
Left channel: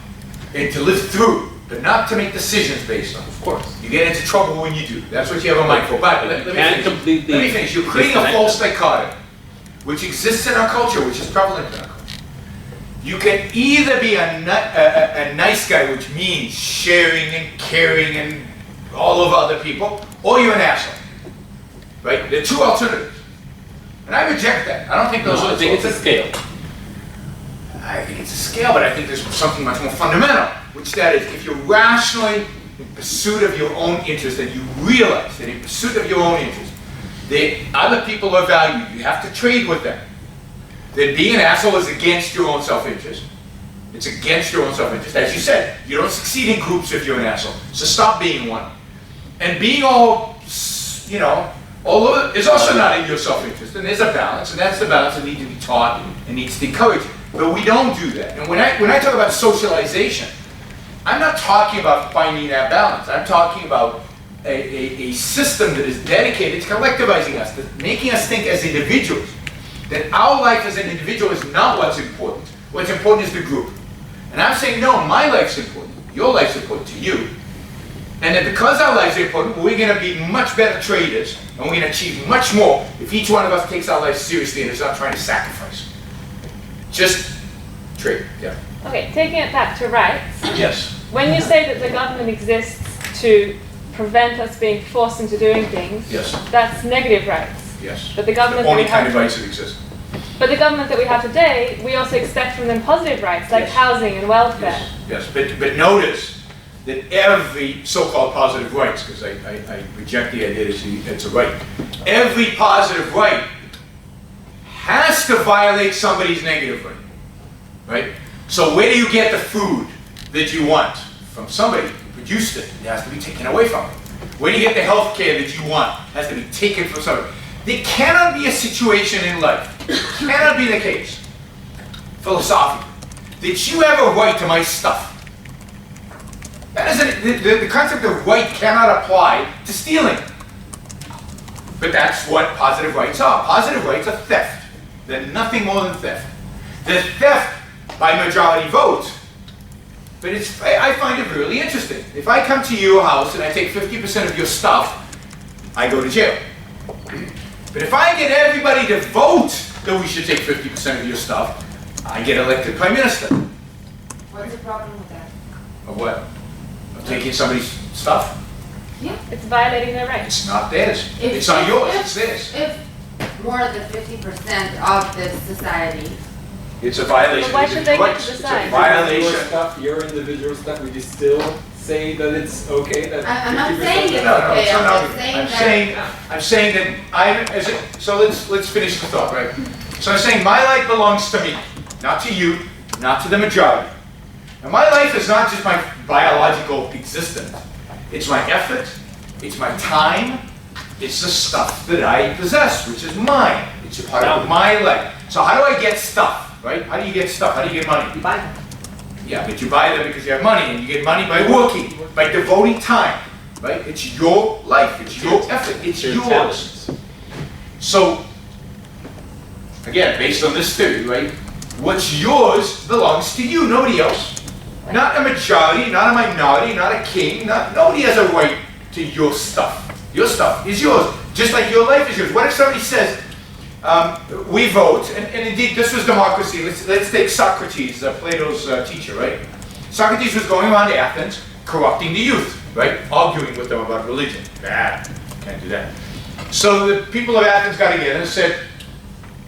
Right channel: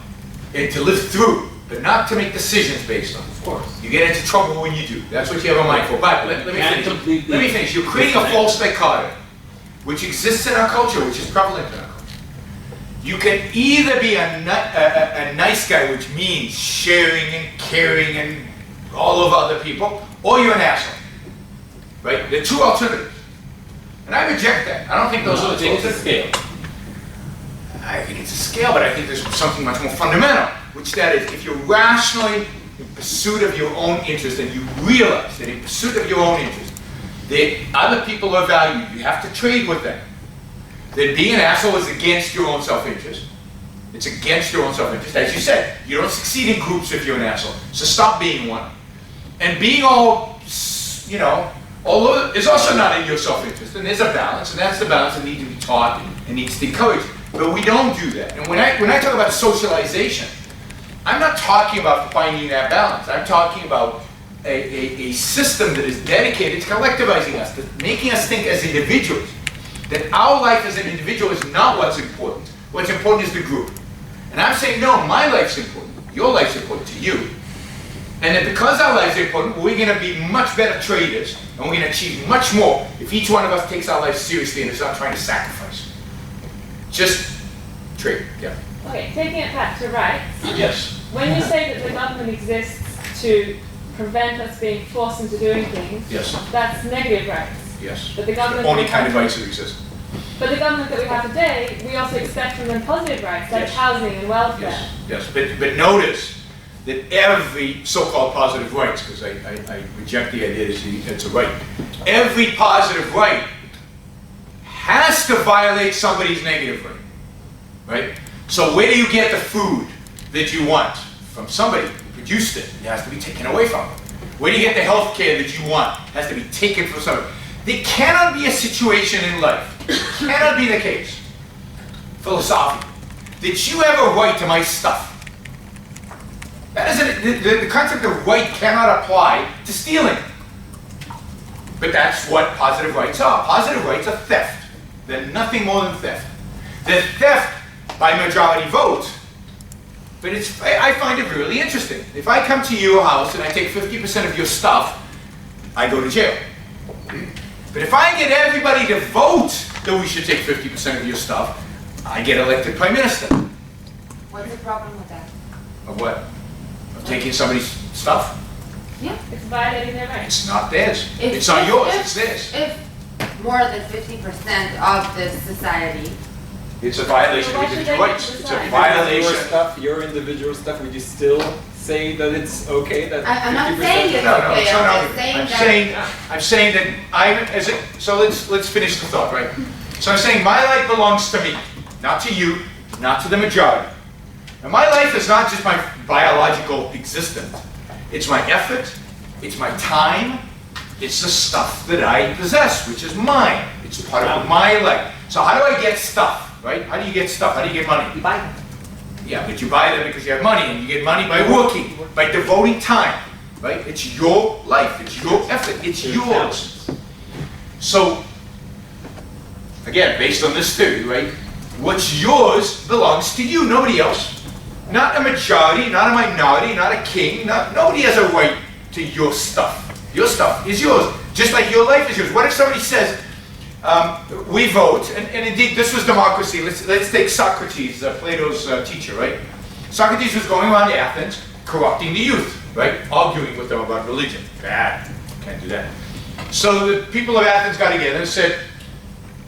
and to live through, but not to make decisions based on. Of course. You get into trouble when you do. That's what you have a mind for. But let me Can't finish. completely Let me finish. You're creating a disconnect false them. dichotomy, which exists in our culture, which is prevalent in our culture. You can either be a nice guy, which means sharing and caring and all of other people, or you're an asshole. Right? There are two alternatives. And I reject that. I don't think those No, are I the think two it's a scale. I think it's a scale, but I think there's something much more fundamental, which that is, if you're rationally in pursuit of your own interest and you realize that in pursuit of your own interest, that other people are valued, you have to trade with them, then being an asshole is against your own self-interest. It's against your own self-interest. As you said, you don't succeed in groups if you're an asshole. So stop being one. And being all, although is also not in your self-interest, and there's a balance, and that's the balance that needs to be taught and needs to be encouraged. But we don't do that. And when I talk about socialization, I'm not talking about finding that balance. I'm talking about a system that is dedicated to collectivizing us, to making us think as individuals, that our life as an individual is not what's important. What's important is the group. And I'm saying, no, my life's important. Your life's important to you. And that because our lives are important, we're going to be much better traders, and we're going to achieve much more if each one of us takes our life seriously and is not trying to sacrifice. Just trade, yeah. Okay, taking it back to rights. Yes. When you say that the government exists to prevent us being forced into doing things, Yes. that's negative rights. Yes. But the government The only we kind have- of rights that exist. But the government that we have today, we also expect from them positive rights, like Yes. housing and welfare. Yes, but notice that every so-called positive rights, because I reject the idea that it's a right, every positive right has to violate somebody's negative right, right? So where do you get the food that you want? From somebody who produced it. It has to be taken away from them. Where do you get the health care that you want? It has to be taken from somebody. There cannot be a situation in life, it cannot be the case, philosophically, that you have a right to my stuff. That isn't, the concept of right cannot apply to stealing. But that's what positive rights are. Positive rights are theft. They're nothing more than theft. They're theft by majority vote. But I find it really interesting. If I come to your house and I take 50% of your stuff, I go to jail. But if I get everybody to vote that we should take 50% of your stuff, I get elected prime minister. What's the problem with that? Of what? Of taking somebody's stuff? Yeah. It's violating their rights. It's not theirs. If- It's not if- yours, if- it's theirs. If more than 50% of the society, It's a violation But why of should individual they get rights. to It's decide? a violation. Your stuff, your individual stuff, would you still say that it's okay that I'm not 50% saying it's No, okay, so I'm no, just saying I'm that. saying that so let's finish the thought, right? So I'm saying my life belongs to me, not to you, not to the majority. And my life is not just my biological existence. It's my effort, it's my time, it's the stuff that I possess, which is mine. It's a part of my life. So how do I get stuff, right? How do you get stuff? How do you get money? You buy them. Yeah, but you buy them because you have money, and you get money by working, by devoting time, right? It's your life, it's your effort, it's yours. So, again, based on this theory, right? What's yours belongs to you, nobody else. Not a majority, not a minority, not a king, nobody has a right to your stuff. Your stuff is yours, just like your life is yours. What if somebody says, we vote, and indeed this was democracy. Let's take Socrates, Plato's teacher, right? Socrates was going around Athens, corrupting the youth, right? Arguing with them about religion. Bad, can't do that. So the people of Athens got together and said,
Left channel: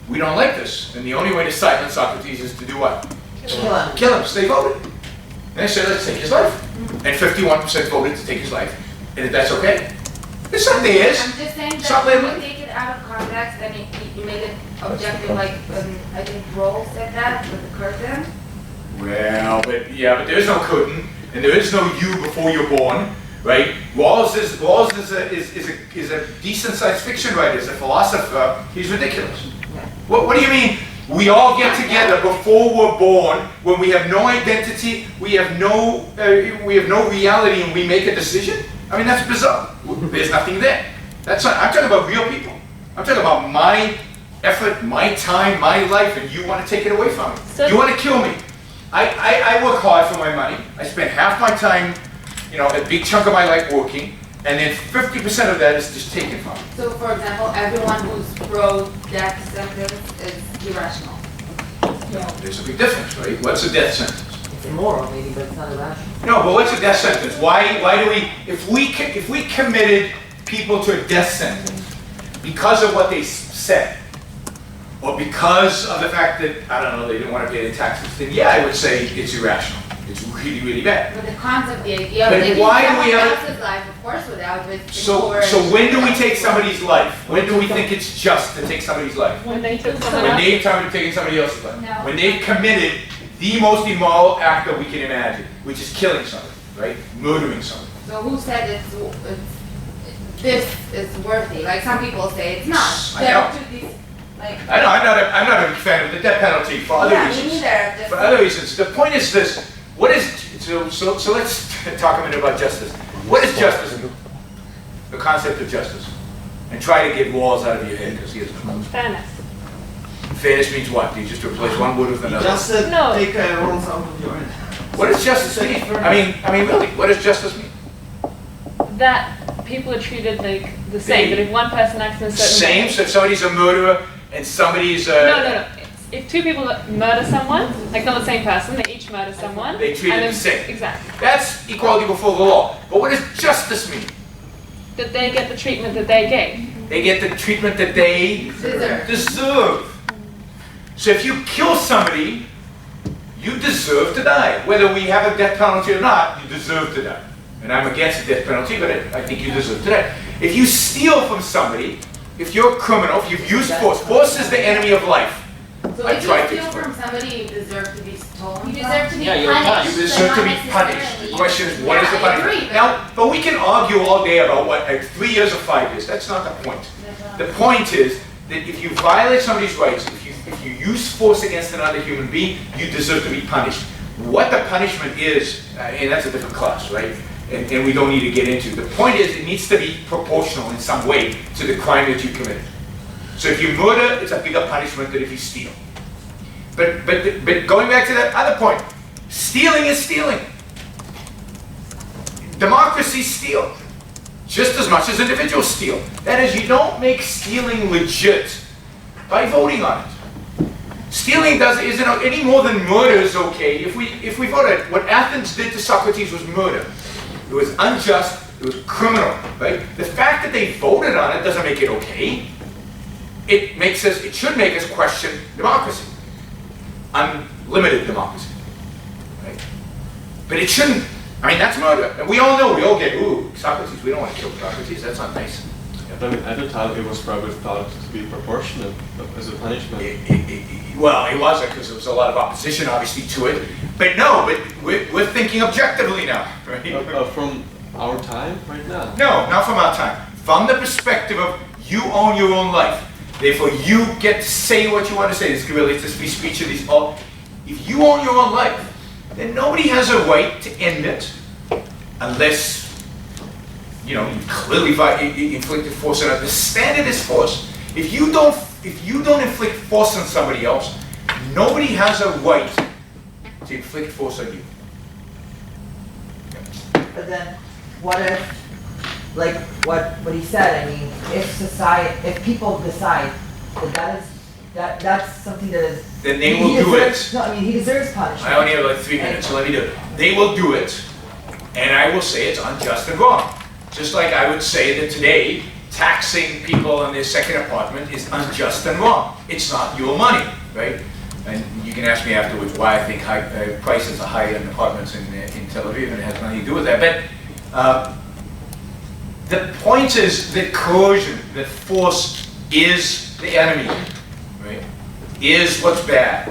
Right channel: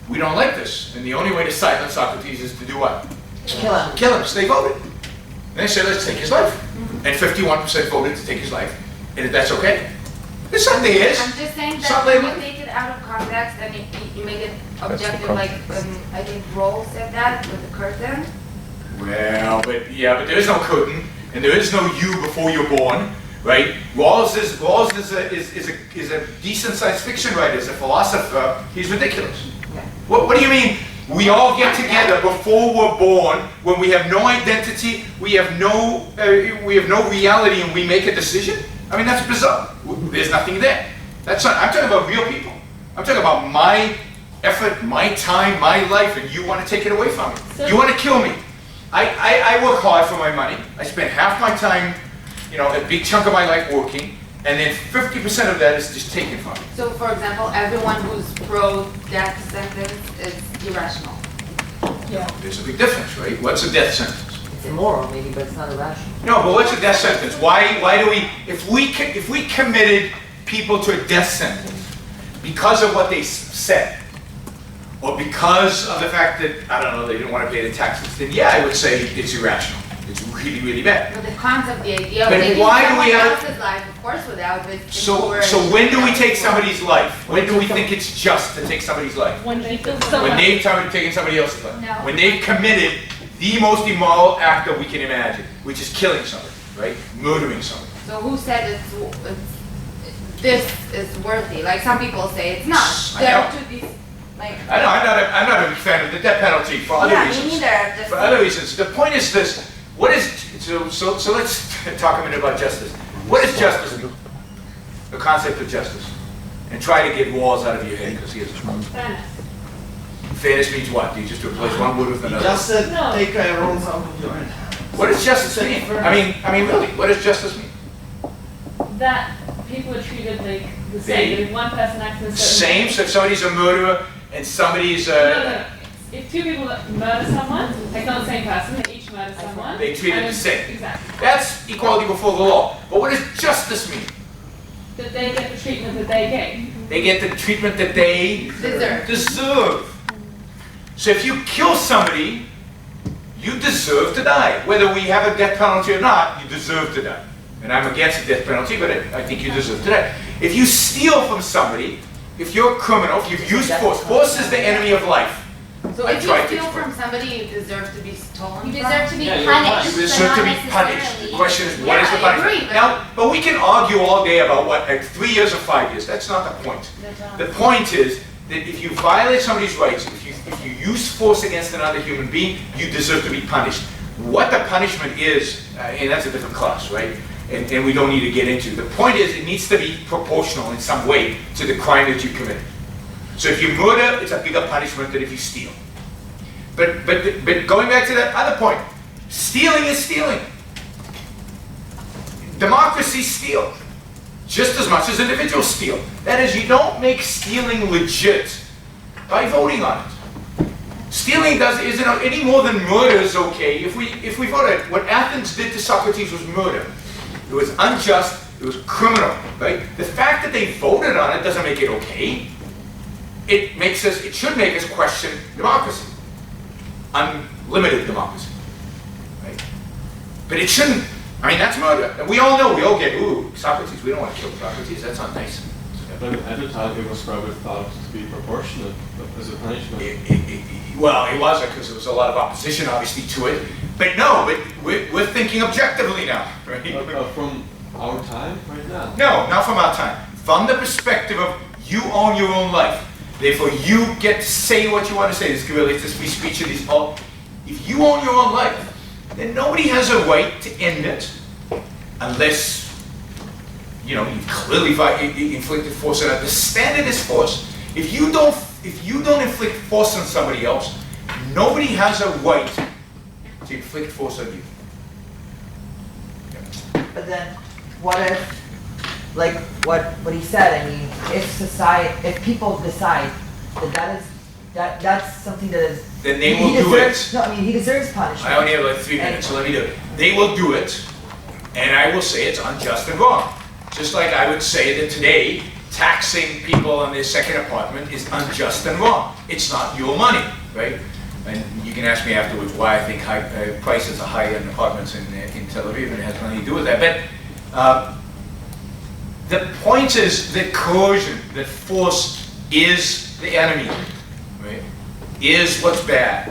we don't like this, and the only way to silence Socrates is to do what? Kill him. Kill him, so they voted. And they said, let's take his life. And 51% voted to take his life, and if that's okay. It's not theirs. I'm just saying It's not that their when you take it out of context and you make it objective, like I think Roll said that with the curtain. Well, but there is no curtain, and there is no you before you're born, right? Rawls is a decent science fiction writer, is a philosopher. He's ridiculous. What do you mean? We all get together before we're born, when we have no identity, we have no reality, and we make a decision? I mean, that's bizarre. There's nothing there. That's not, I'm talking about real people. I'm talking about my effort, my time, my life, and you want to take it away from me. So You want to kill me. I work hard for my money. I spend half my time, a big chunk of my life working, and then 50% of that is just taken from me. So, for example, everyone who's pro-death sentence is irrational. Yeah. There's a big difference, right? What's a death sentence? It's immoral maybe, but it's not irrational. No, but what's a death sentence? Why do we, if we committed people to a death sentence because of what they said, or because of the fact that, I don't know, they didn't want to pay the taxes, then yeah, I would say it's irrational. It's really, really bad. But the concept, the idea of But taking why do someone we have- else's life, of course, without it. So when do we take somebody's life? When do we think it's just to take somebody's life? When they kill When someone. they've started taking somebody else's life. No. When they've committed the most immoral act that we can imagine, which is killing somebody, right? Murdering somebody. So who said this is worthy? Like some people say it's not. I There know. are two these, like. I know, I'm not a big fan of the death penalty for other Yeah, me reasons. neither. Just- For other reasons. The point is this, what is, so let's talk a minute about justice. What is justice mean? The concept of justice. And try to get walls out of your head, because he doesn't know. Fairness. Fairness means what? Do you just replace one word with another? Just No. take rules out of your hand. What does justice mean? I mean, really, what does justice mean? That people are treated like the same. That if one person acts in a certain Same, way. so if somebody's a murderer and somebody's No. If two people murder someone, like not the same person, they each murder someone. They treat and it the then- same. Exactly. That's equality before the law. But what does justice mean? That they get the treatment that they gave. They get the treatment that they deserve. So if you kill somebody, you deserve to die. Whether we have a death penalty or not, you deserve to die. And I'm against the death penalty, but I think you deserve to die. If you steal from somebody, if you're a criminal, if you've used force, force is the enemy of life. So I if you tried to steal explain. from somebody, you deserve to be stolen. You from? deserve to be Yeah, you're punished. You but deserve to not be punished. The necessarily. question is, what is the Yeah, I punishment? agree, but- Now, but we can argue all day about what, like 3 years or 5 years. That's not the point. The point is that if you violate somebody's rights, if you use force against another human being, you deserve to be punished. What the punishment is, and that's a different class, right? And we don't need to get into. The point is, it needs to be proportional in some way to the crime that you committed. So if you murder, it's a bigger punishment than if you steal. But going back to that other point, stealing is stealing. Democracies steal just as much as individuals steal. That is, you don't make stealing legit by voting on it. Stealing isn't any more than murder is okay. If we voted, what Athens did to Socrates was murder. It was unjust. It was criminal, right? The fact that they voted on it doesn't make it okay. It should make us question democracy. Unlimited democracy, right? But it shouldn't. I mean, that's murder. And we all know, we all get, ooh, Socrates, we don't want to kill Socrates, that's not nice. Yeah, but at the time it was probably thought to be proportionate as a punishment. Well, it wasn't, because there was a lot of opposition, obviously, to it. But no, but we're thinking objectively now, right? From our time right now? No, not from our time. From the perspective of you own your own life. Therefore, you get to say what you want to say. This relates to free speech and these all. If you own your own life, then nobody has a right to end it unless, you clearly inflicted force on it. The standard is force. If you don't inflict force on somebody else, nobody has a right to inflict force on you. But then, what if, like what he said? I mean, if people decide that that's something that is. Then they will do it. No, I mean he deserves punishment. I only have like 3 minutes, so let me do it. They will do it, and I will say it's unjust and wrong. Just like I would say that today, taxing people on their second apartment is unjust and wrong. It's not your money, right? And you can ask me afterwards why I think prices are high in apartments in Tel Aviv, and it has nothing to do with that. But the point is that coercion, that force is the enemy, right? Is what's bad.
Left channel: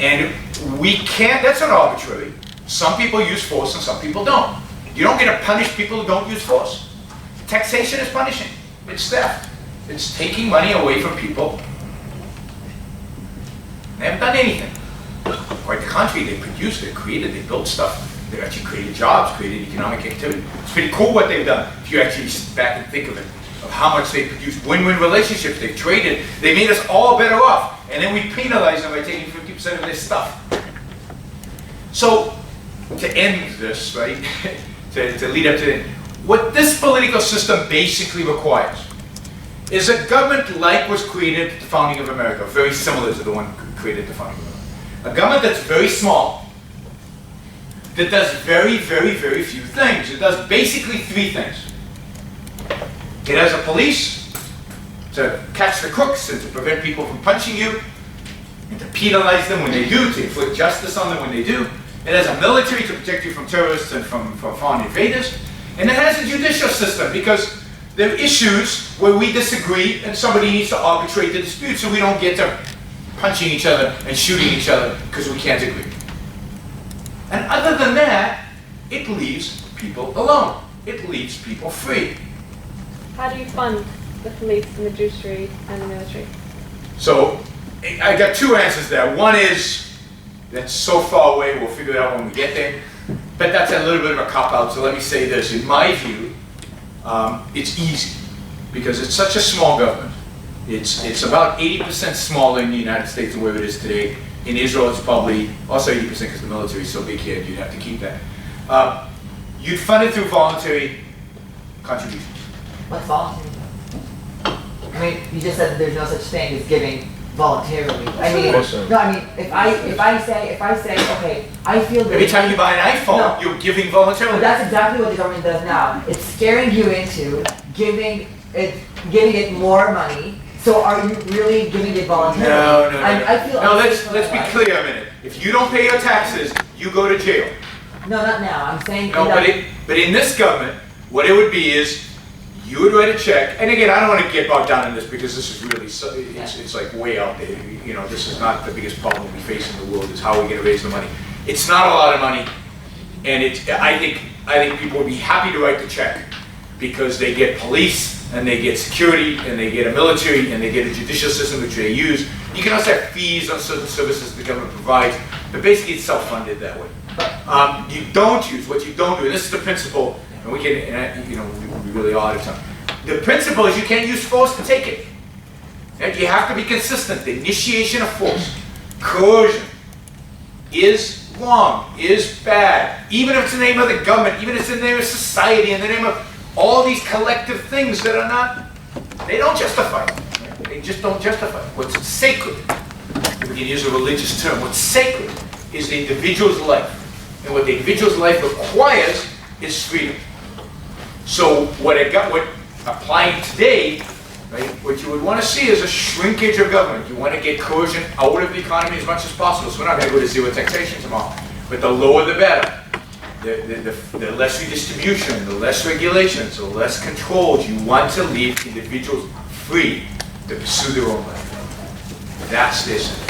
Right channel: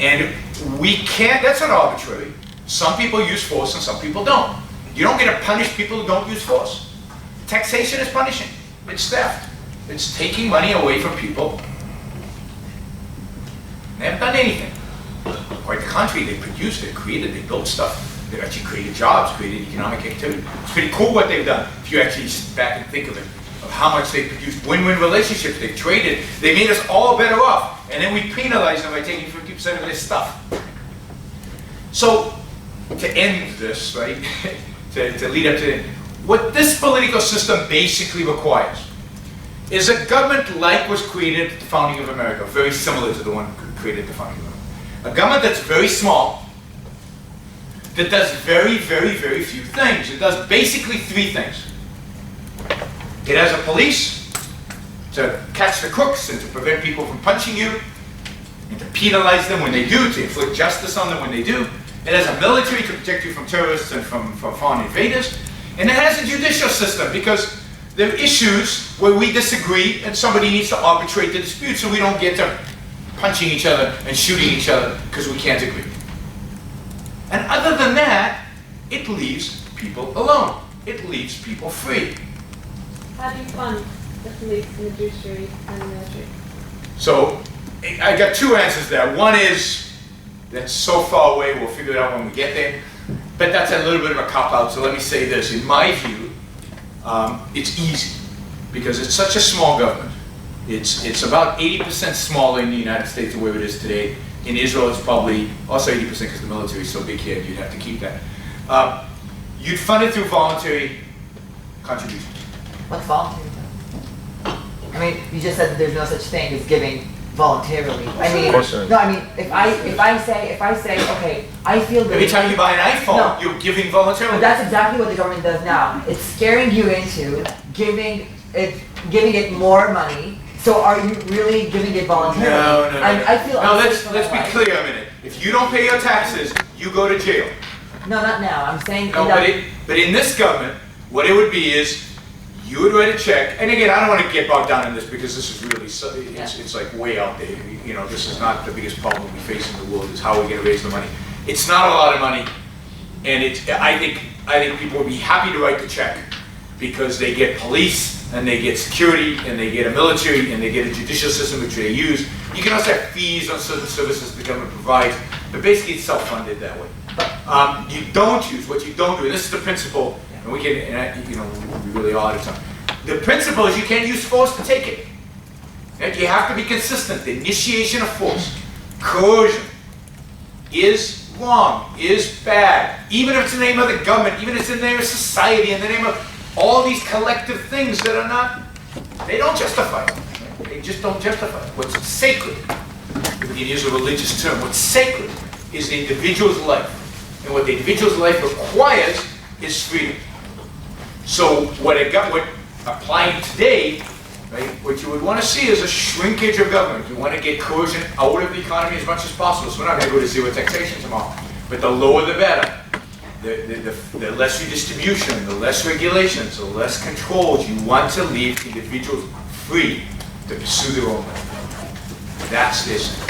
And we can't, that's not arbitrary. Some people use force and some people don't. You don't get to punish people who don't use force. Taxation is punishing. It's theft. It's taking money away from people. They haven't done anything. Quite the contrary, they produced, they created, they built stuff. They've actually created jobs, created economic activity. It's pretty cool what they've done, if you actually sit back and think of it, of how much they produced win-win relationships. They've traded, they made us all better off, and then we penalize them by taking 50% of their stuff. So, to end this, right, to lead up to it, what this political system basically requires is a government like was created at the founding of America, very similar to the one created at the founding of America. A government that's very small, that does very, very, very few things. It does basically 3 things. It has a police to catch the crooks and to prevent people from punching you, and to penalize them when they do, to inflict justice on them when they do. It has a military to protect you from terrorists and from foreign invaders. And it has a judicial system, because there are issues where we disagree and somebody needs to arbitrate the dispute so we don't get to punching each other and shooting each other because we can't agree. And other than that, it leaves people alone. It leaves people free. How do you fund the police and the judiciary and the military? So I got 2 answers there. One is, that's so far away, we'll figure it out when we get there. But that's a little bit of a cop-out, so let me say this. In my view, it's easy, because it's such a small government. It's about 80% smaller in the United States than where it is today. In Israel, it's probably also 80% because the military is so big here, you'd have to keep that. You'd fund it through voluntary contributions. What's voluntary? I mean, you just said that there's no such thing as giving voluntarily. I mean, no, I mean, if I say, okay, I feel that every time you buy an iPhone, No. you're giving voluntarily. But that's exactly what the government does now. It's scaring you into giving it more money. So are you really giving it voluntarily? No. I feel no, unsafe let's for be my life. clear a minute. If you don't pay your taxes, you go to jail. No, not now. I'm saying. No, but in this government, what it would be is, you would write a check, and again, I don't want to get bogged down in this because this is really, it's like way out there. You know, this is not the biggest problem we face in the world, is how we're going to raise the money. It's not a lot of money, and I think people would be happy to write the check because they get police, and they get security, and they get a military, and they get a judicial system which they use. You can also have fees on certain services the government provides, but basically it's self-funded that way. You don't use, what you don't do, and this is the principle, and we can, we really are out of time. The principle is you can't use force to take it. And you have to be consistent. The initiation of force, coercion, is wrong, is bad. Even if it's in the name of the government, even if it's in the name of society, in the name of all these collective things that are not, they don't justify it. Right? They just don't justify it. What's sacred, if we can use a religious term, what's sacred is the individual's life. And what the individual's life requires is freedom. So what applying today, right, what you would want to see is a shrinkage of government. You want to get coercion out of the economy as much as possible. So we're not going to go to zero taxation tomorrow. But the lower the better. The less redistribution, the less regulations, the less controls. You want to leave individuals free to pursue their own life. That's this.